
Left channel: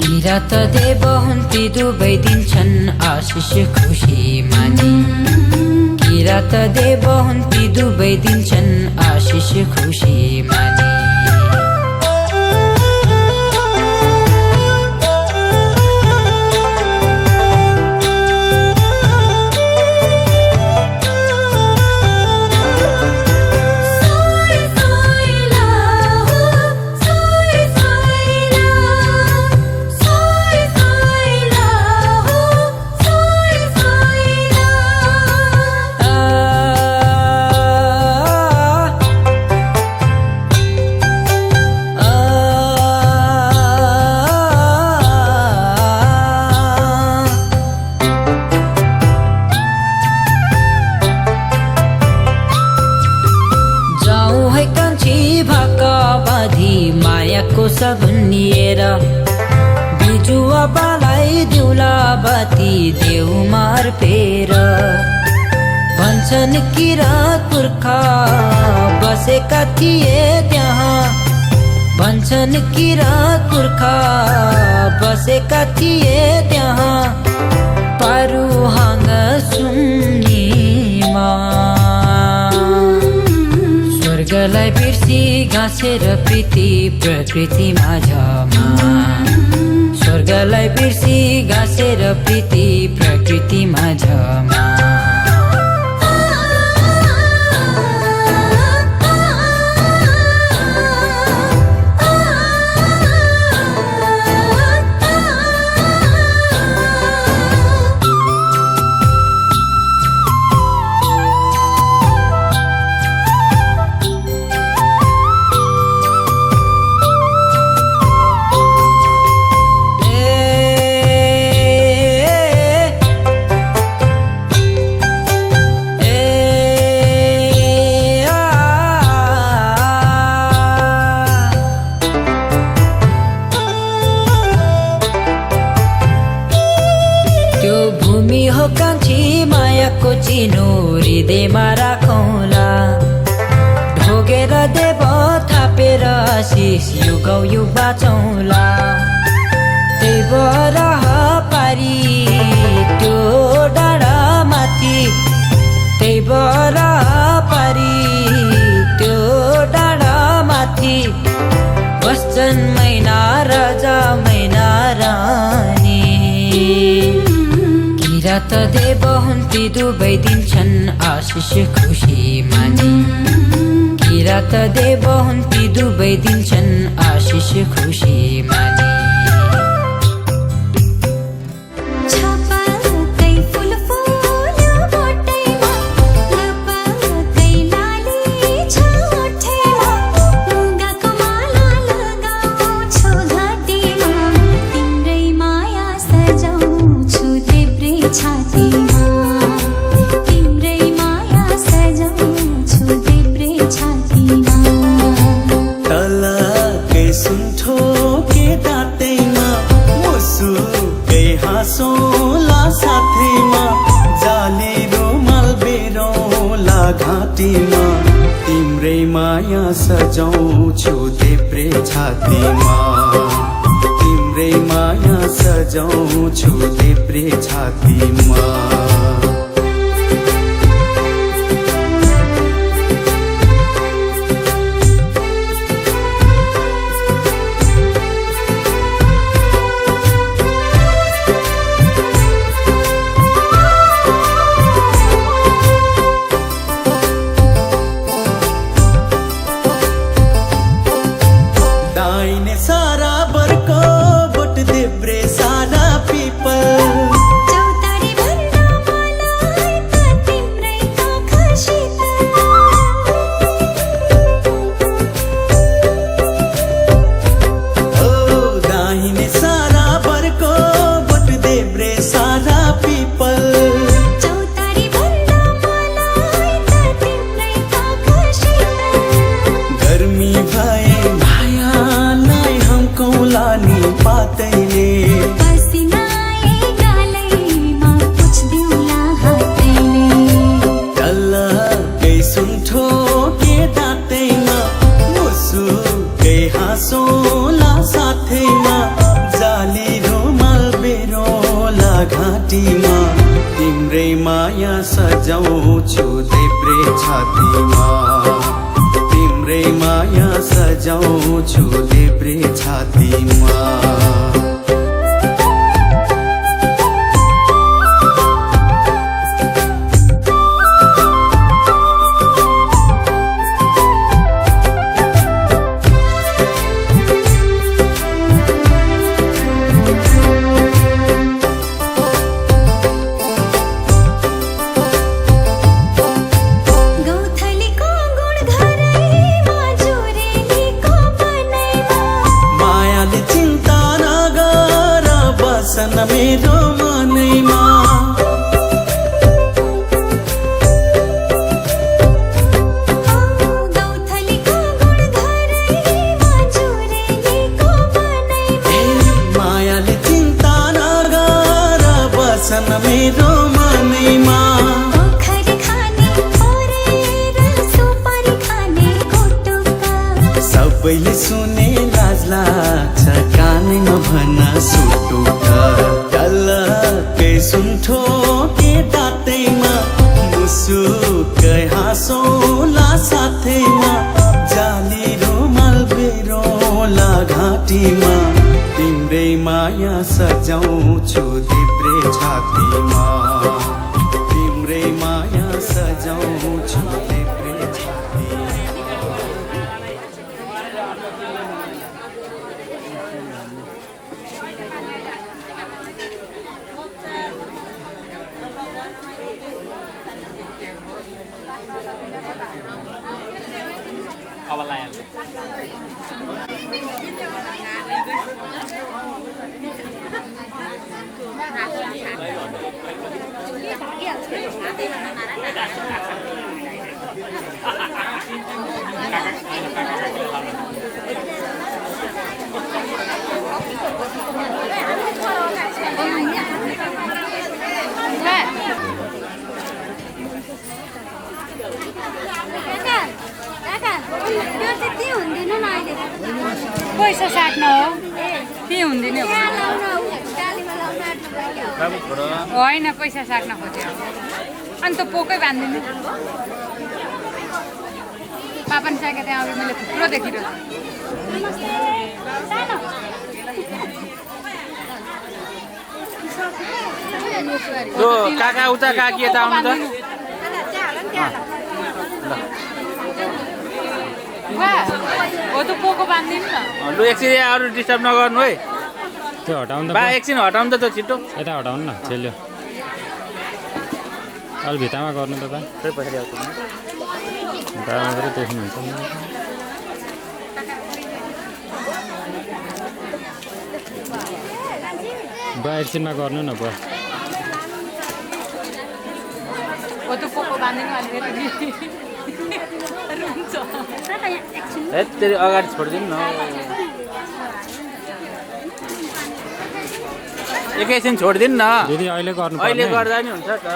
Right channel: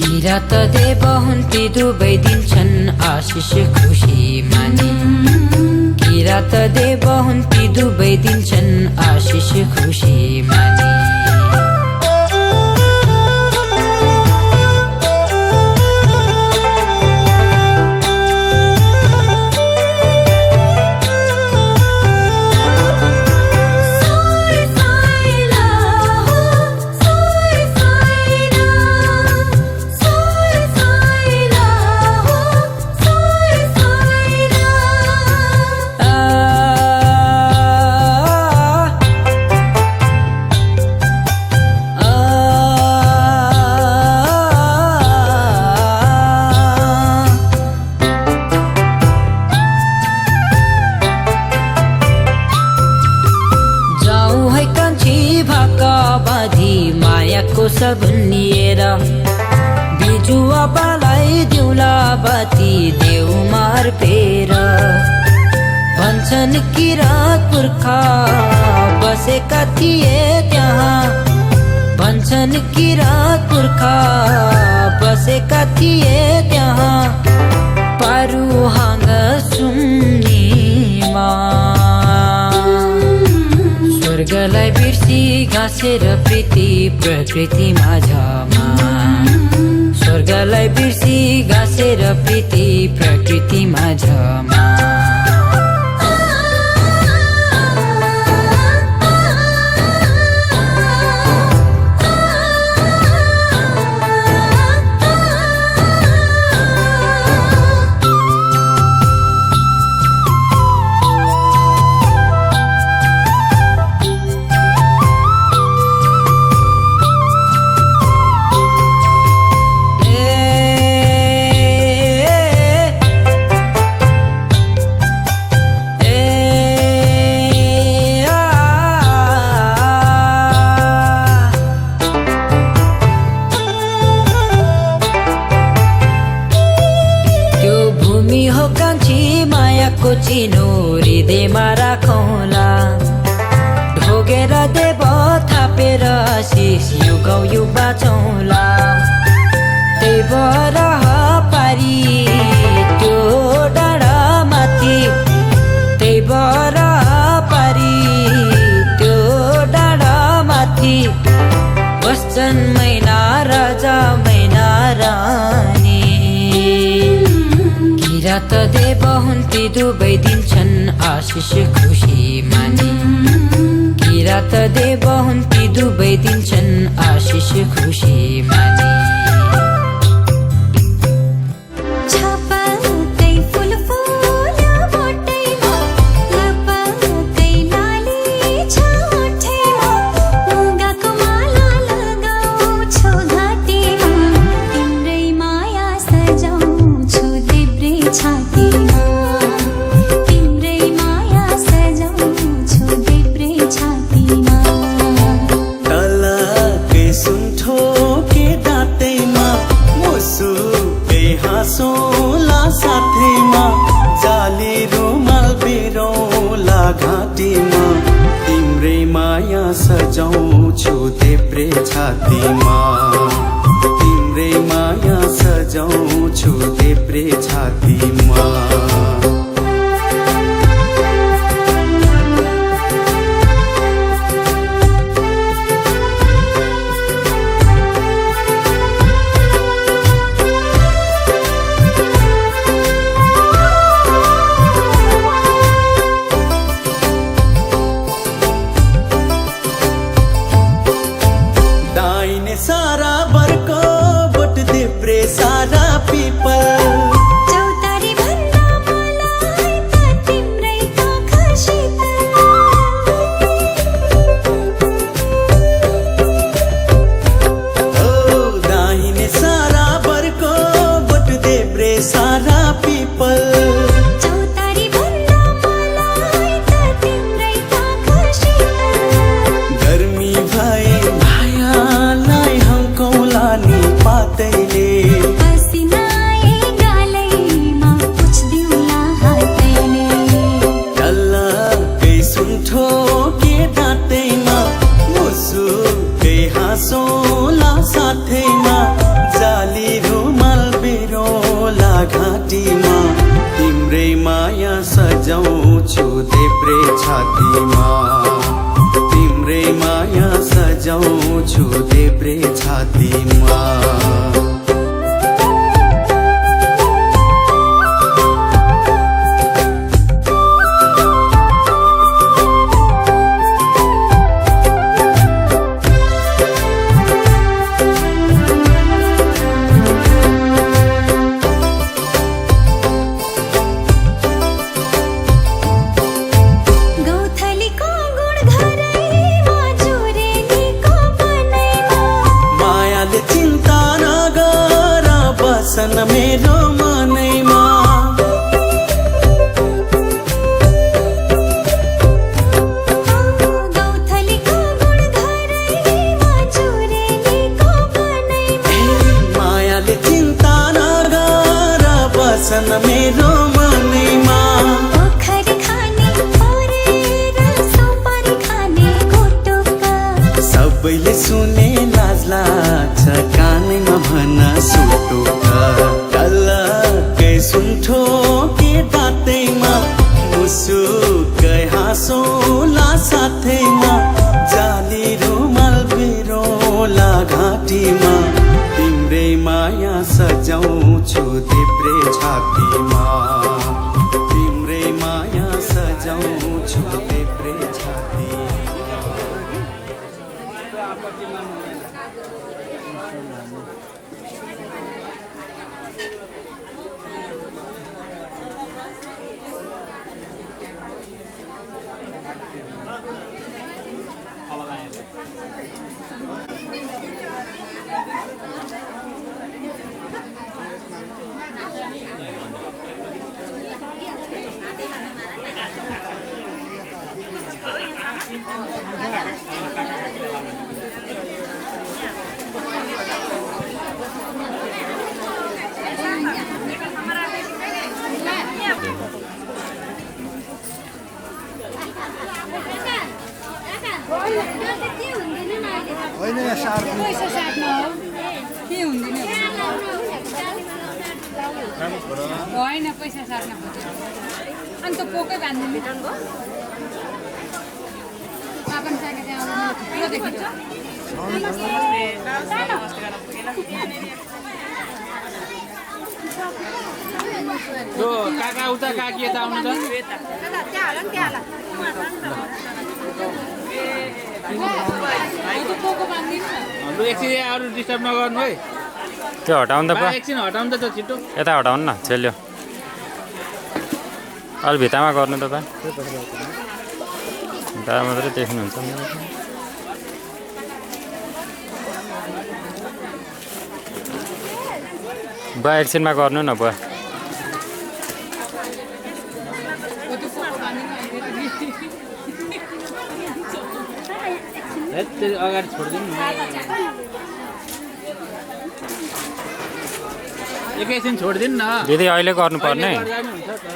किरात देव हुन् ती दुवै दिन्छन् आशिष खुसी मानी, किरात देव हुन् ती दुवै दिन्छन् आशिष खुसी मानी। मायाको सगुन लिएर बिजुवा बालाई दिउला बाती देउमा अर्पेर, भन्छन् किरात पुर्खा बसेका थिए त्यहाँ, भन्छन् किरात पुर्खा बसेका थिए त्यहाँ पारुहाङ सुम्नीमा। स्वर्गलाई बिर्सी घाँसेर प्रीति प्रकृति माझमा, स्वर्गलाई बिर्सी घाँसेर प्रीति प्रकृति माझमा। मायाको चिनो हृदयमा राखौँला, ढोगेर देव थापेर आशिष युगौ युग बाँचौँला। त्यही बर पारी त्यो डाँडा माथि, त्यही बर पारी त्यो डाँडा माथि बस्छन् मैना राजा मैना रानी। किरात देव हुन् ती दुवै दिन्छन् आशिष खुसी मानी, किरात देव हुन् ती दुवै दिन्छन् आशिष खुसी मानी। हाँसौँला साथैमा जाली रुमाल बेरौँला घाँटीमा, तिम्रै माया सजाउँछु देब्रे छातीमा, तिम्रै माया सजाउँछु देब्रे छातीमा। सारा बर्को बोट देब्रे सारा पिपल, चौतारी भन्दा मलाई त तिम्रै आँखा शीतल। ओ दाहिने सारा बर्को बोट देब्रे सारा पिपल, चौतारी भन्दा मलाई पातैले पसिनाए गालैमा पुछ्दिउँला हातैले डल्लकै सुन्ठो के दाँतैमा मुसुकै हाँसोला साथैमा जाली रुमाल बेरोला घाँटीमा तिम्रै माया सजाउँछु देब्रे छातीमा तिम्रै माया सजाउँछु देब्रे छातीमा गौथलीको गुण घरैमा जुरेलीको बनैमा मायाले चिन्ता नगर बसन मेरो मनैमा गौथलीको गुण घरैमा जुरेलीको बनैमा मायाले चिन्ता नगर बसन मेरो मनैमा ओखरी खाने फोरेर सुपारी खाने कुटुका सबैले सुने लाज लाग्छ कानैमा भन सुटुक डल्लकै सुन्ठो के दाँतैमा मुसुकै हाँसोला साथैमा जाली रुमाल बेरोला घाँटीमा तिम्रै माया सजाउँछु देब्रे छातीमा तिम्रै माया सजाउँछु देब्रे छातीमा पैसा साट्न हो के हुँदैन होइन पैसा साट्न खोज्यो अनि त पोकै बाँधिदिनु पापन साइका त्यहाँ आउँदैन त्यो देखिन्छ काका उता काकी यता आउनु त हो त पोको बाँधिदिनु न लु एकछिन अरू डिस्टर्ब नगर्नु है त्यो हटाउनु त बा एकछिन हटाउनु त छिटो यता हटाउनु न चेल्यो अलि भित्तामा गर्नु त भित्तामा मात्रै देख्नुहुन्छ बुवा एकछिनमा गर्नु न बुवा त्यसरी अगाडि छोडिदिनु न एकैछिन छोडिदिनु न दिदी अहिले गर्नुपर्ने गर्दा नि हुन्छ त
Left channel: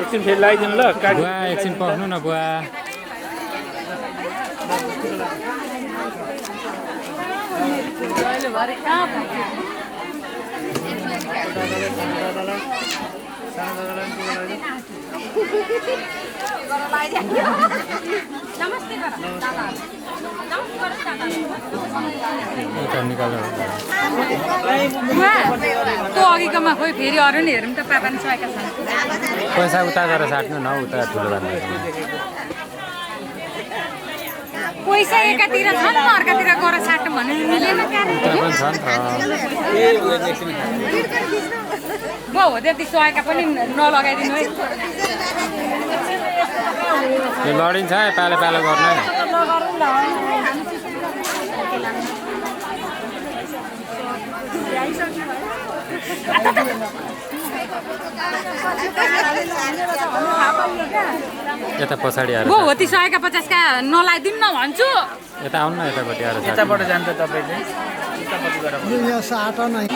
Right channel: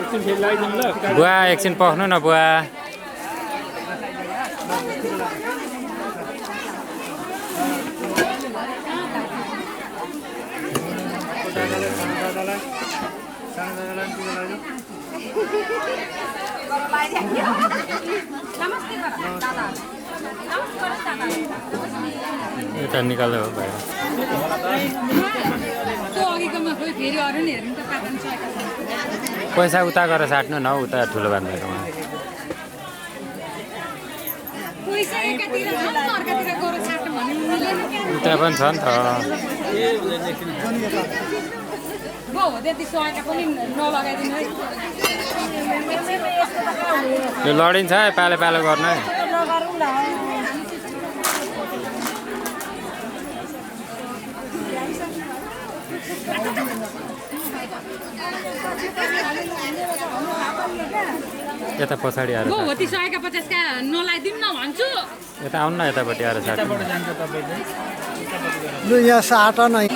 एकछिन फेरि लगाइदिनु ल बुवा एकछिन पख्नु न बुवा एउटा निकाल्यो त्यो अघिकोमा खोइ फेरि अरू नि हेरौँ त पापन साइका छ पैसा उता गरेर साट्नु न उता ठुलो बाँध्दैकोमा पैसा एकातिर छ नि अर्कातिर गएर साट्नु भने मिलेन उता पनि छ नि त हो त्यति सुहाएका पनि नलगाइदिनु है यो लडिन्छ है पालो पालो गर्नु है यता पछाडि आएर वो होतिसकेका 50 का नलाइदिउँ न भन्छु। यता आउनु न यतापट्टि आएर साट्नु। यताबाट जान्छ तपाईँले यहाँ साटा नै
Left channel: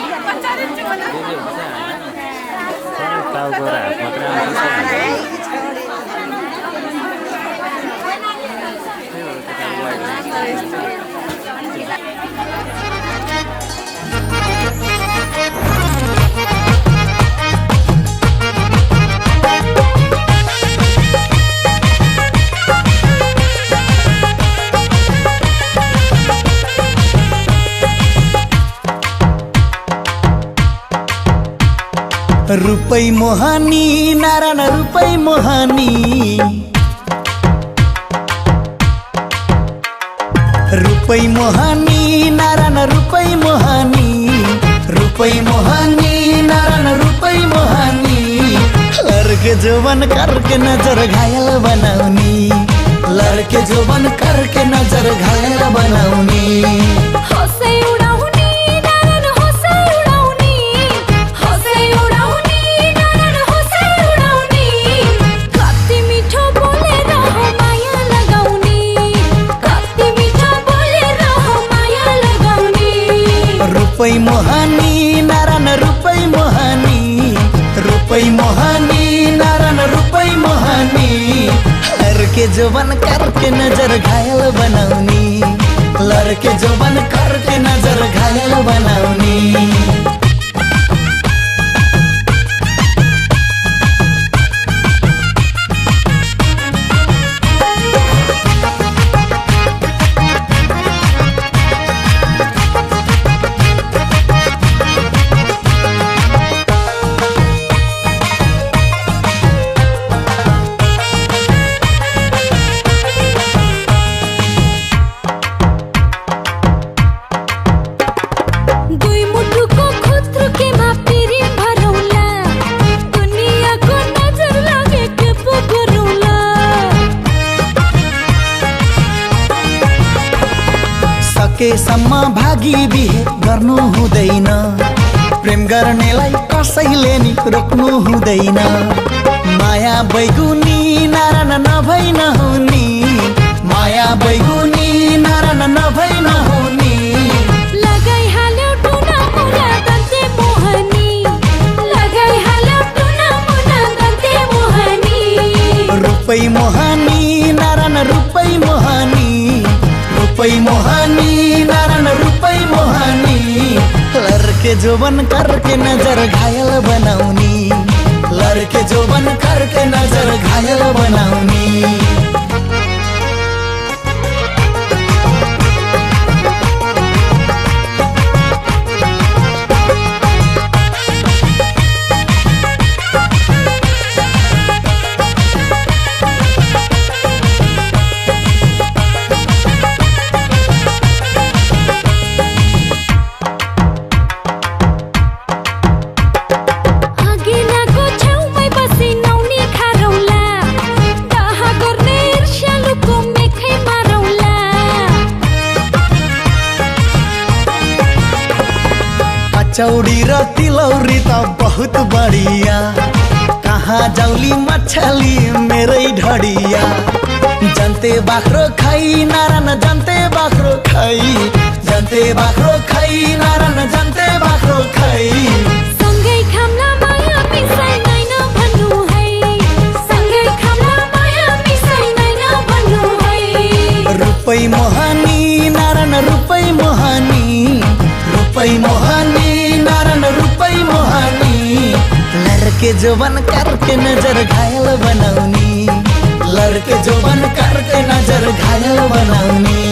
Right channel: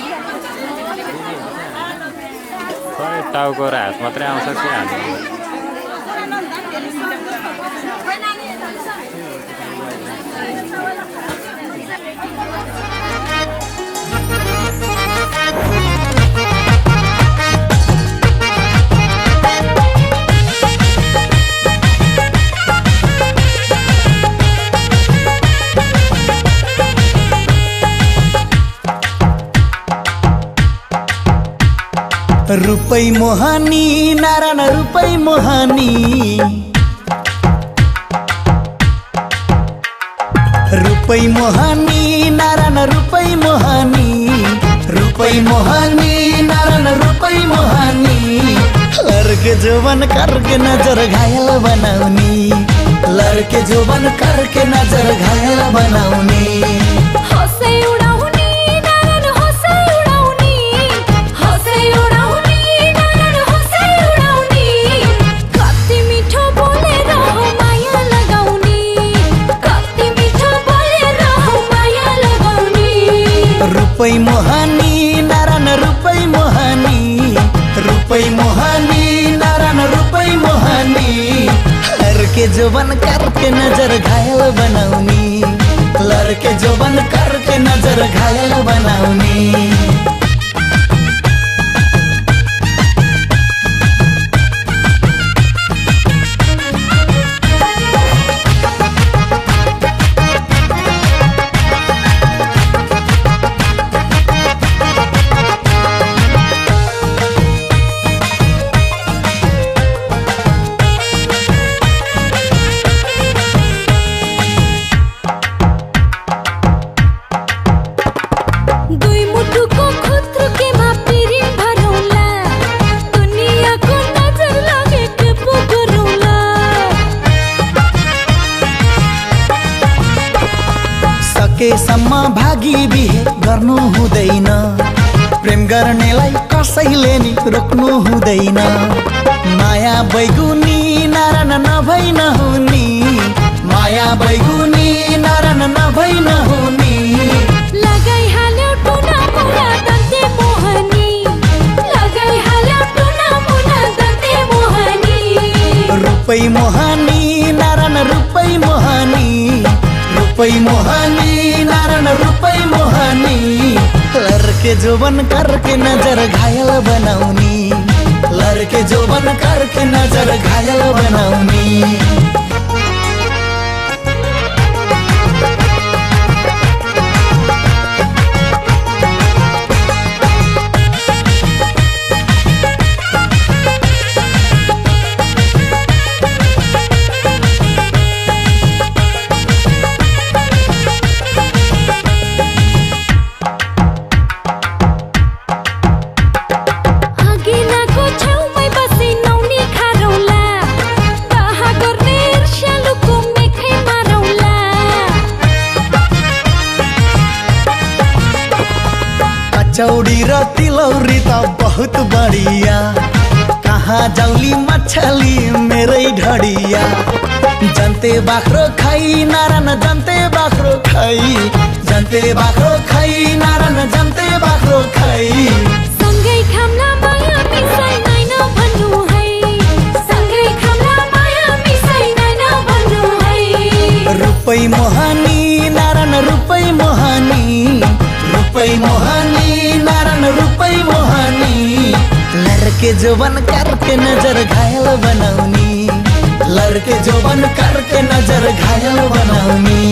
टाउको र हात मात्रै आउँछ जस्तो लाग्छ। रुपै मोहानी नारायण रुपै मोहानी रुपै मोहानी नारायण रुपै मोहानी रुपै मोहानी नारायण रुपै मोहानी लड़के जोबन करके नजर घायल बनाउनी लड़के जोबन करके नजर घायल बनाउनी हँसै उडाउने नारायण हँसै उडाउने हँसै उडाउने नारायण हँसै उडाउने कति मिठो बोलेर हो माया लगाउने कति मिठो बोलेर हो माया लगाउने रुपै मोहानी नारायण रुपै मोहानी रुपै मोहानी नारायण रुपै मोहानी लड़के जोबन करके नजर घायल बनाउनी लड़के जोबन करके नजर घायल बनाउनी दुई मुठुको खुत्रुकेमा पिरी भरौला दुनियाँको नजर लागेको पो गरौला सकेसम्म भागी बिहे गर्नु हुँदैन प्रेम गर्नेलाई कसैले नि रोक्नु हुँदैन माया बैगुनी नारायण नभई नहुनी माया बैगुनी नारायण नभई नहुनी लगाइहाल्यो टुना मुना दन्ते मोहनी लगाइहाल्यो टुना मुना दन्ते मोहनी रुपै मोहानी नारायण रुपै मोहानी रुपै मोहानी नारायण रुपै मोहानी लड़के जोबन करके नजर घायल बनाउनी लड़के जोबन करके नजर घायल बनाउनी आगेनाको छेउमै बसी नौनी खारौला दाहा गर्ने ईर्ष्यालुको मेखै मारौला कचौड़ी र तिलौरी त बहुत बढिया कहाँ जाउली मछली मेरै ढडिया जन्ते बाख्रो खाई नारायण जन्ते बाख्रो खाई जन्ते बाख्रो खाई नारायण जन्ते बाख्रो खाई सँगै खाम्ला माया मिसाइ नाइन भन्नु है सँगै खाम्ला माया मिसाइ नाइन भन्नु है रुपै मोहानी नारायण रुपै मोहानी रुपै मोहानी नारायण रुपै मोहानी लड़के जोबन करके नजर घायल बनाउनी लड़के जोबन करके नजर घायल बनाउनी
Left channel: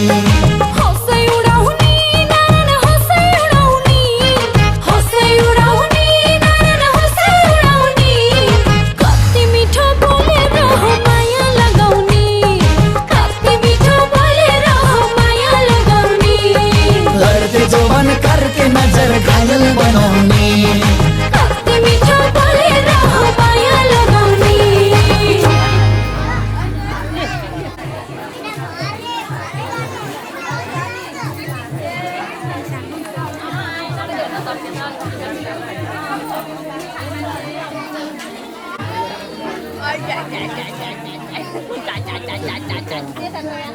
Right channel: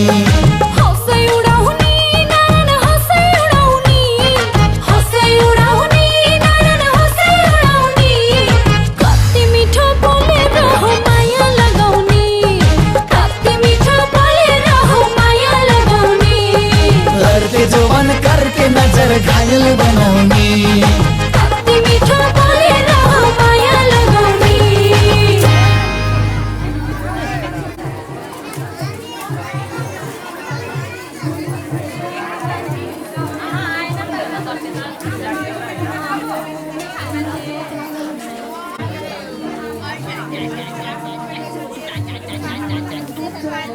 हँसै उडाउने नारायण हँसै उडाउने हँसै उडाउने नारायण हँसै उडाउने कति मिठो बोलेर हो माया लगाउने कति मिठो बोलेर हो माया लगाउने लड़के जोबन करके नजर घायल बनाउनी कति मिठो बोलेर हो माया लगाउने अलि उता जानु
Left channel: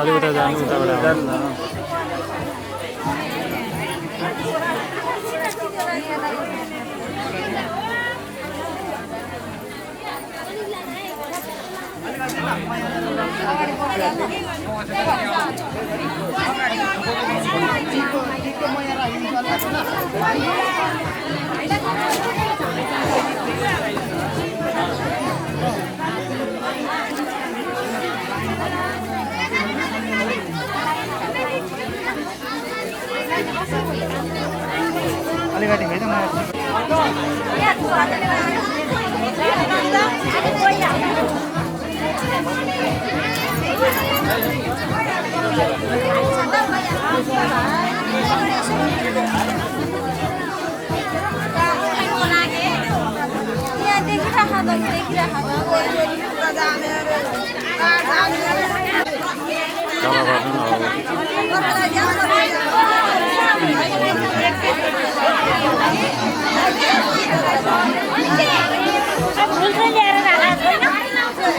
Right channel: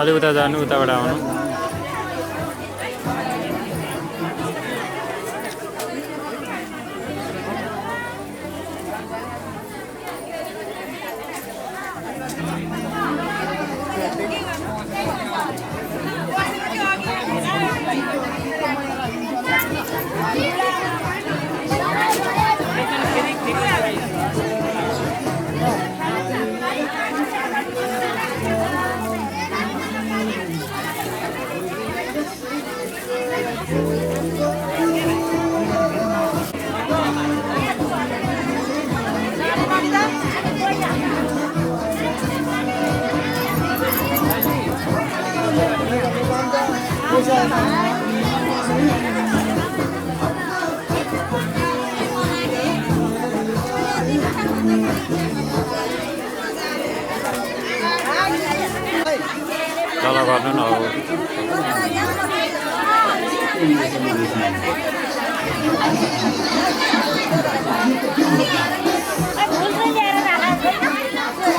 अलि उता जानु उताबाट आउनु तल गर्नु न हो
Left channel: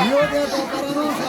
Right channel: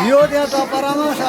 यो त्यहाँ त परामर्श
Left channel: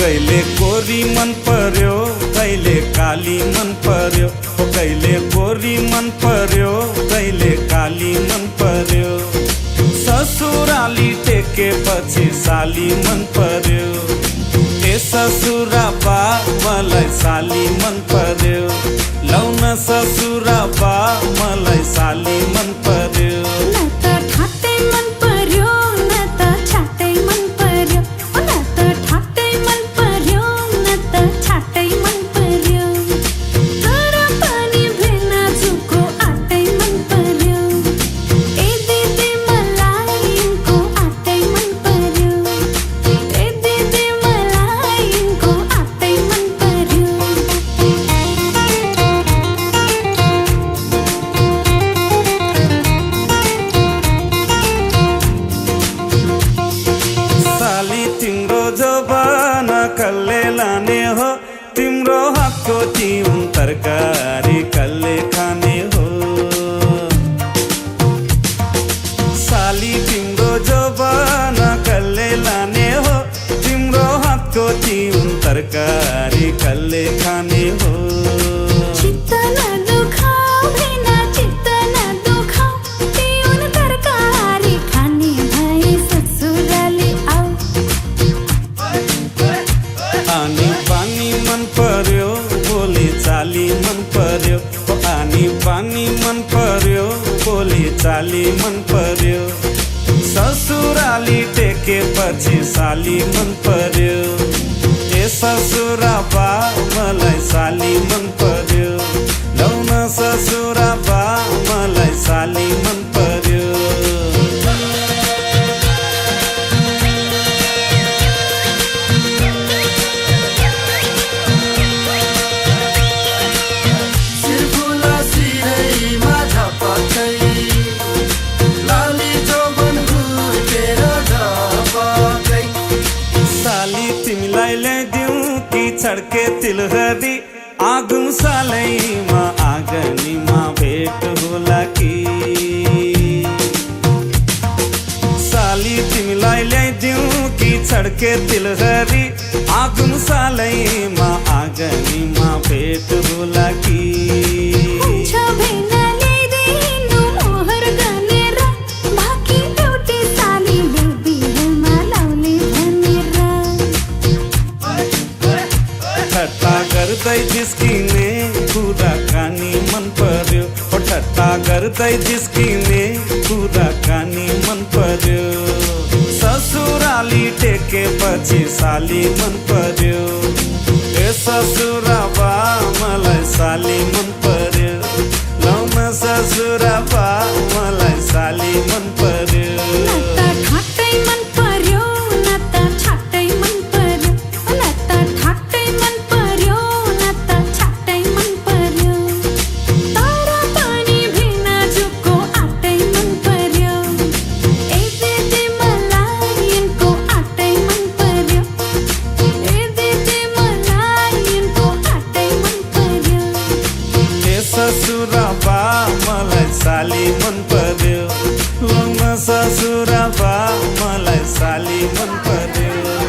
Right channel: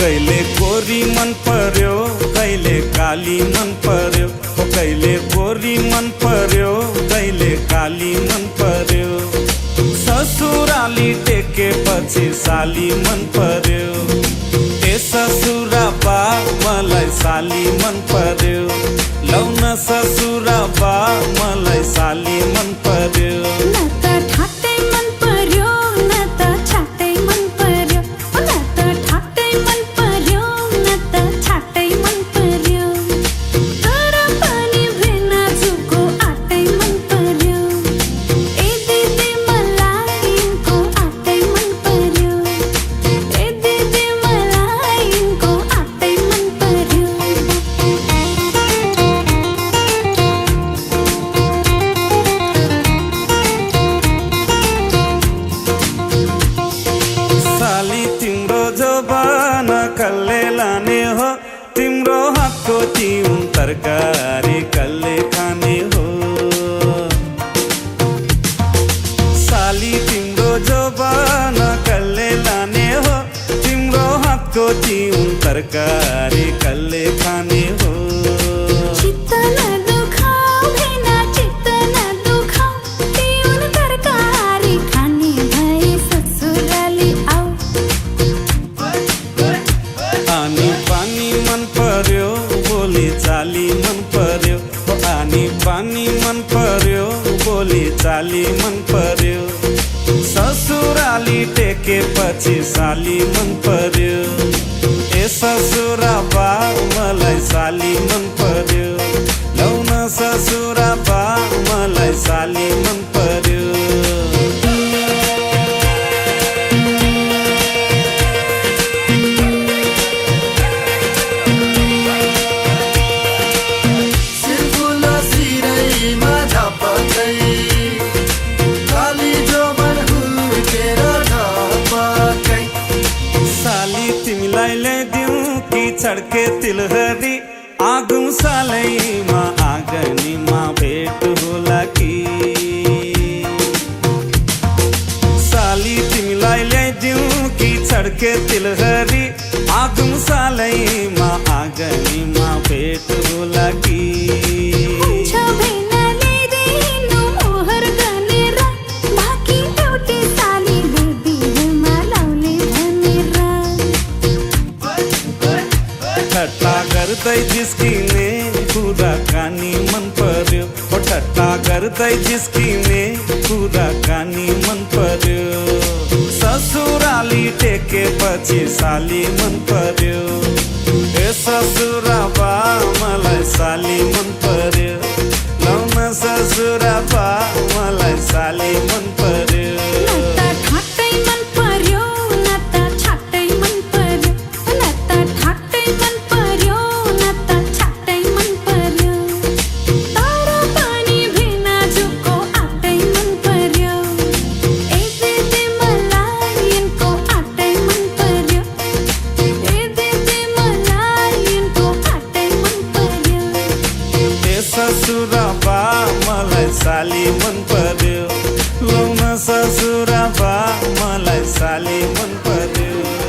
कहिले गोरी मन पर्यो कहिले काली मन पर्यो हो कहिले गोरी मन पर्यो कहिले काली मन पर्यो ससुराली टेकेपछि साली मन पर्यो ए ससुरा बा मलाई साली मन पर्यो लौन ससुरा बा मलाई साली मन पर्यो न त ठाट्टै मन पर्यो न त छाट्टै मन पर्यो न त ठाट्टै मन पर्यो न त छाट्टै मन पर्यो तर पनि भेना जुको आटै मन पर्यो ए दिदी मलाई यिनको आटै मन पर्यो ए दिदी मलाई यिनको आटै मन पर्यो साली तिम्रो जबाना कसले लाने हो तिम्रो हातको तिउन तरकारी कसले खाने हो साली तिम्रो जबाना कसले लाने हो तिम्रो हातको तिउन तरकारी कसले खाने हो चित्त नदुखाऊ भेना चित्त नदुखाऊ तिउन तरकारी खाने भए ससुराली आऊ आनी पानी मन पर्यो बोली चाली मन पर्यो हो आनी पानी मन पर्यो बोली चाली मन पर्यो ससुराली टेकेपछि साली मन पर्यो ए ससुरा बा मलाई साली मन पर्यो लौ न ससुरा बा मलाई साली मन पर्यो तिमीलाई ल्याइदिउँ कि छड्के तिलहरी आगुम सालैमा आँगनीमा भेट होला कि साली तिमीलाई ल्याइदिउँ कि छड्के तिलहरी आगुम सालैमा आँगनीमा भेट होला कि ठट्टा गर्दै जिस्किने कुराकानी मन पर्यो ओ ठट्टा गर्दै जिस्किने कुराकानी मन पर्यो ससुराली टेकेपछि साली मन पर्यो ए ससुरा बा मलाई साली मन पर्यो लौ न ससुरा बा मलाई साली मन पर्यो ससुरा बा मलाई साली मन पर्यो लौ न ससुरा बा मलाई साली मन पर्यो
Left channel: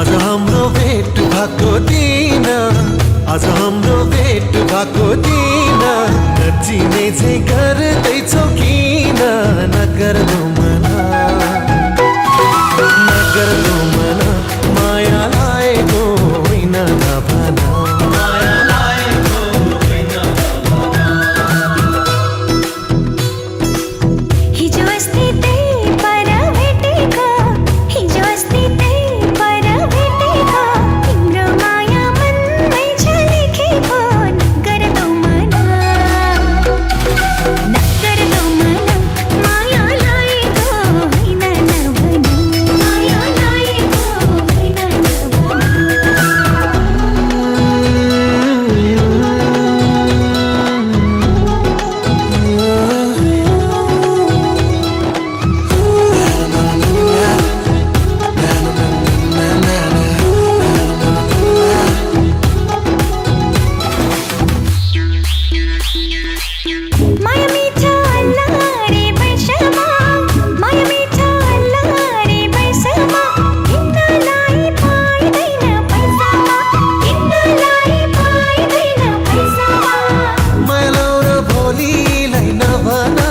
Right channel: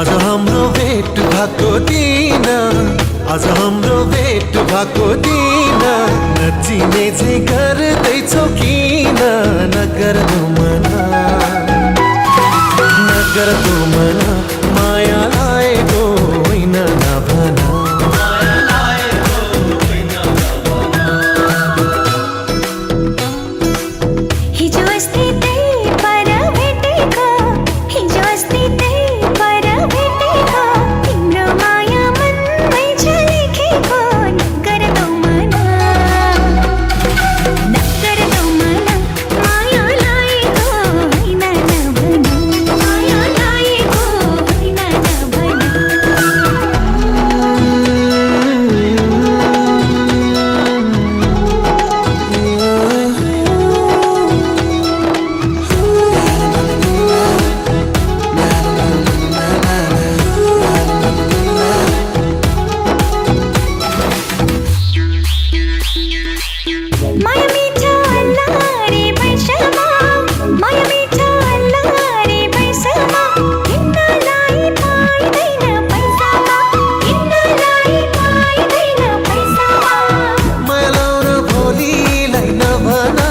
आज हाम्रो भेट भएको दिन, आज हाम्रो भेट भएको दिन, नचिने चाहिँ गर्दैछौ किन? नगर्दो मना, नगर्दो मना, माया लागेको होइन नभना। हिजो अस्ति त्यही पर भेटेको, हिजो अस्ति त्यही पर भेटेको, तिम्रो माया मनमै छ लेखेको। नगर्दो मना, नगर्दो मना, माया लागेको होइन नभना, माया लागेको होइन माया मिठो अल्लारे बैसमा, माया मिठो अल्लारे बैसमा, किन्नलाई पाइँदैन पैसामा, किन्नलाई पाइँदैन पैसामा। मायालाउ र भोलिलाई नभना,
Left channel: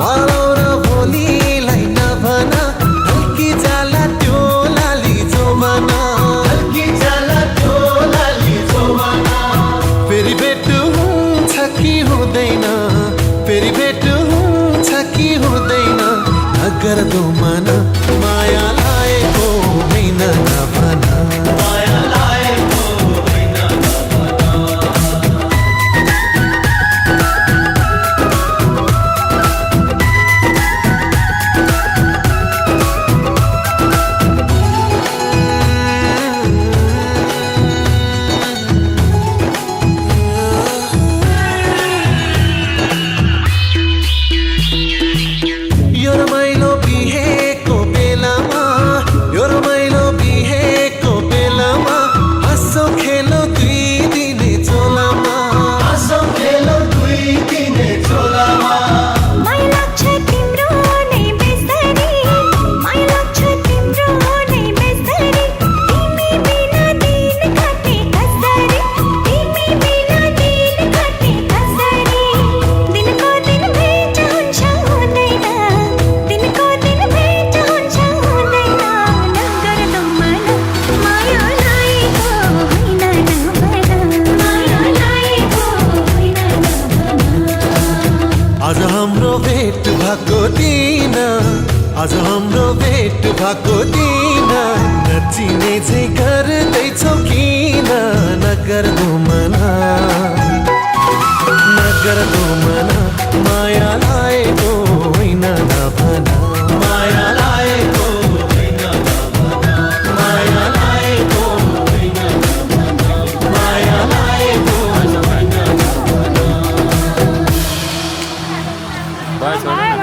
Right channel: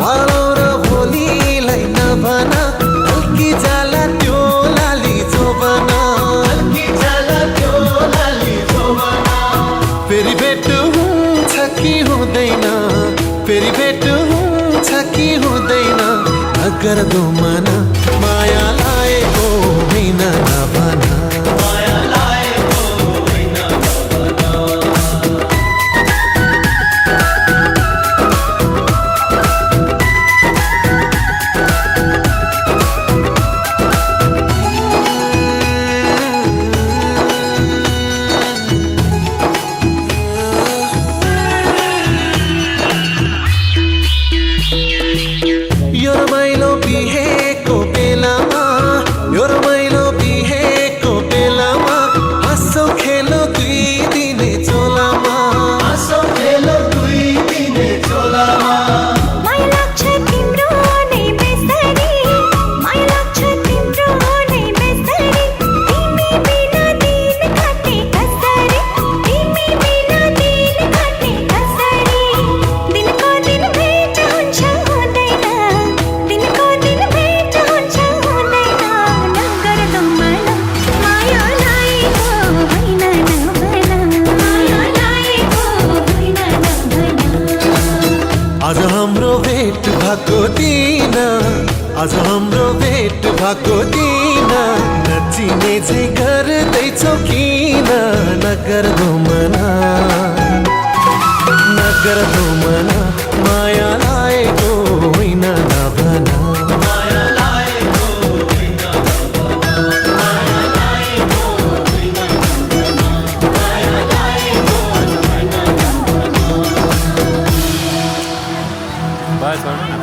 मायालाउ र भोलिलाई नभना, हल्की जाला त्यो लाली जोबना, हल्की जाला त्यो लाली जोबना। फेरि भेट हुन्छ कि हुँदैन, फेरि भेट हुन्छ कि हुँदैन, नगर्दो मना, माया लागेको होइन नभना, माया लागेको होइन नभना। यो रमाइलो बिहेको बेलामा, यो रमाइलो बिहेको बेलामा, हाँसौ खेलो दुई दिने चोलामा, हाँसौ खेलो दुई दिने चोलामा। माया लाग्छ तिम्रो नै बेसरी, माया लाग्छ तिम्रो नै बेसरी, तिमी बिना दिन काट्ने कसरी, तिमी बिना दिन काट्ने कसरी। दिनको दिन भेट हुन्छ हुँदैन, दिनको दिन भेट हुन्छ हुँदैन, नगर्दो मना, माया लागेको होइन नभना, माया लागेको होइन नभना। आज हाम्रो भेट भएको दिन, आज हाम्रो भेट भएको दिन, नचिने चाहिँ गर्दैछौ किन? नगर्दो मना, नगर्दो मना, माया लागेको होइन नभना, माया लागेको होइन नभना, माया लागेको होइन नभना, माया लागेको होइन नभना। बस छोड्नु न।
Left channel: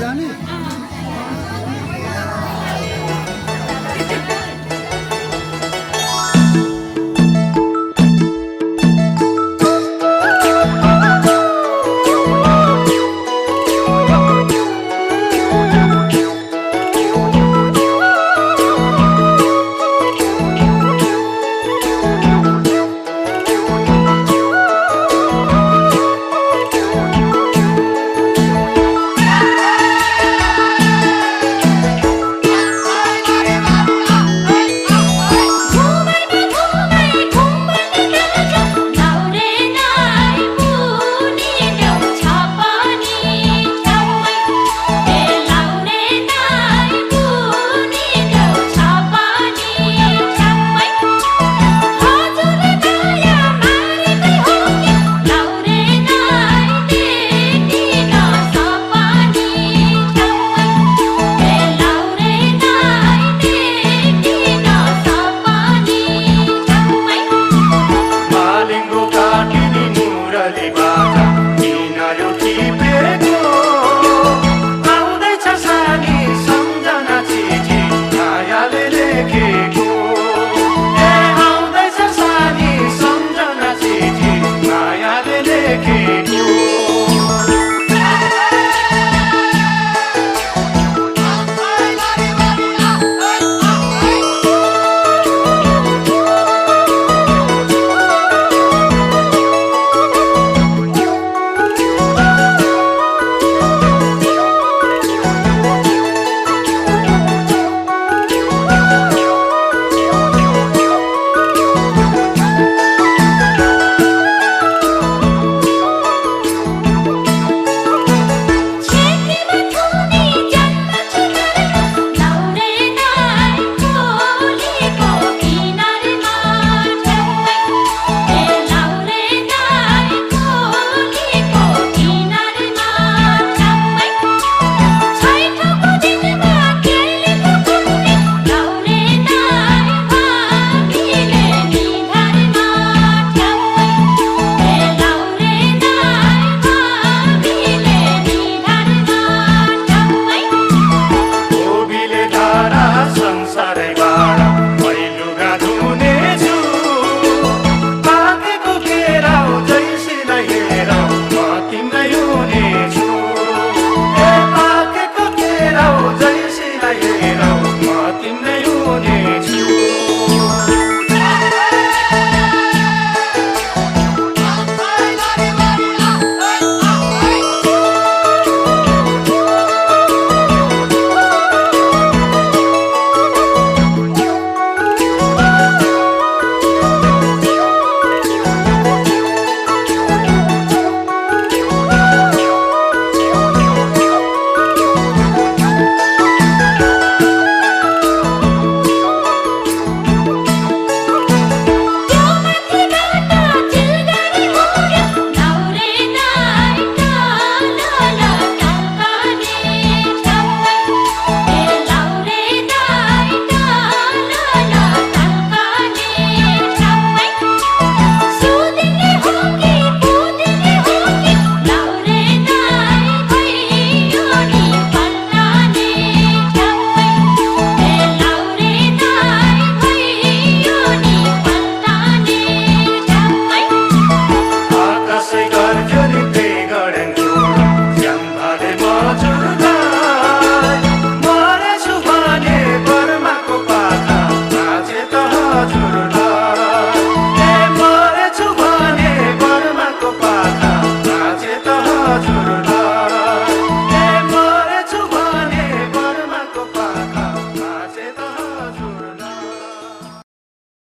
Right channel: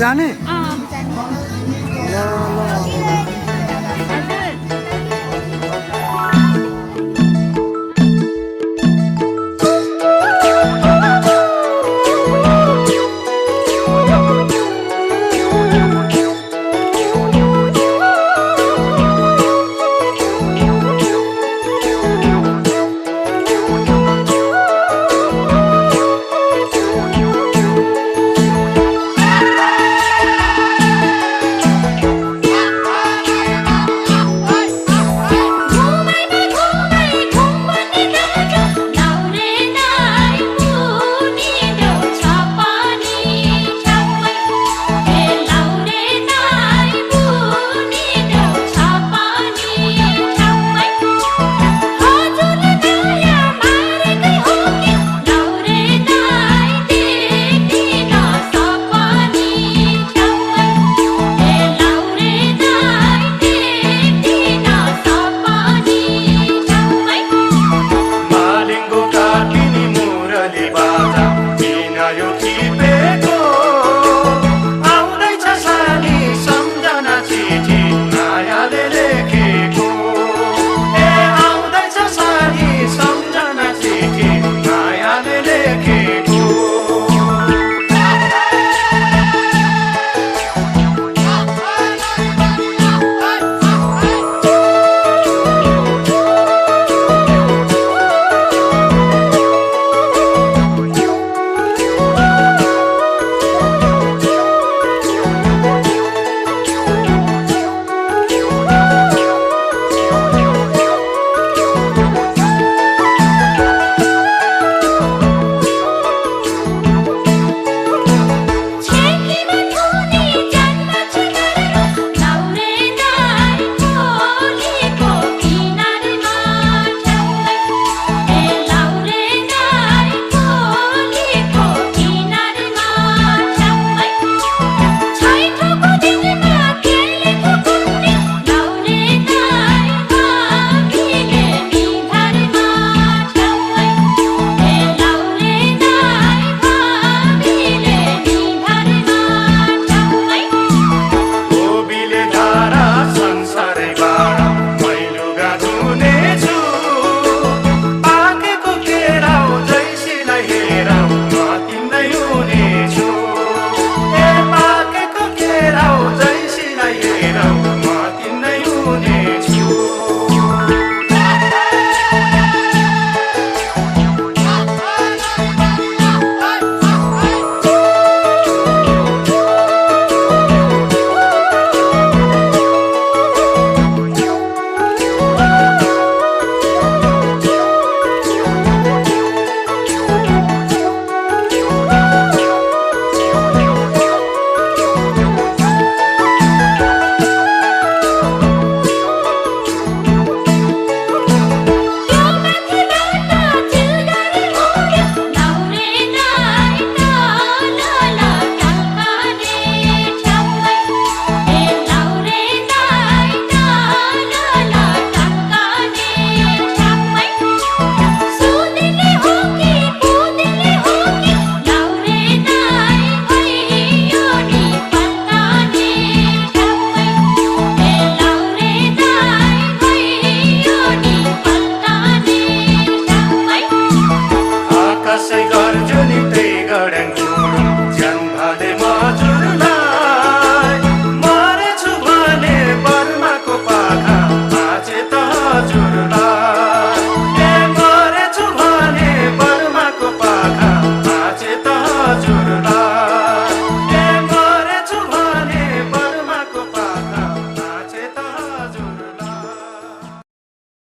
जाने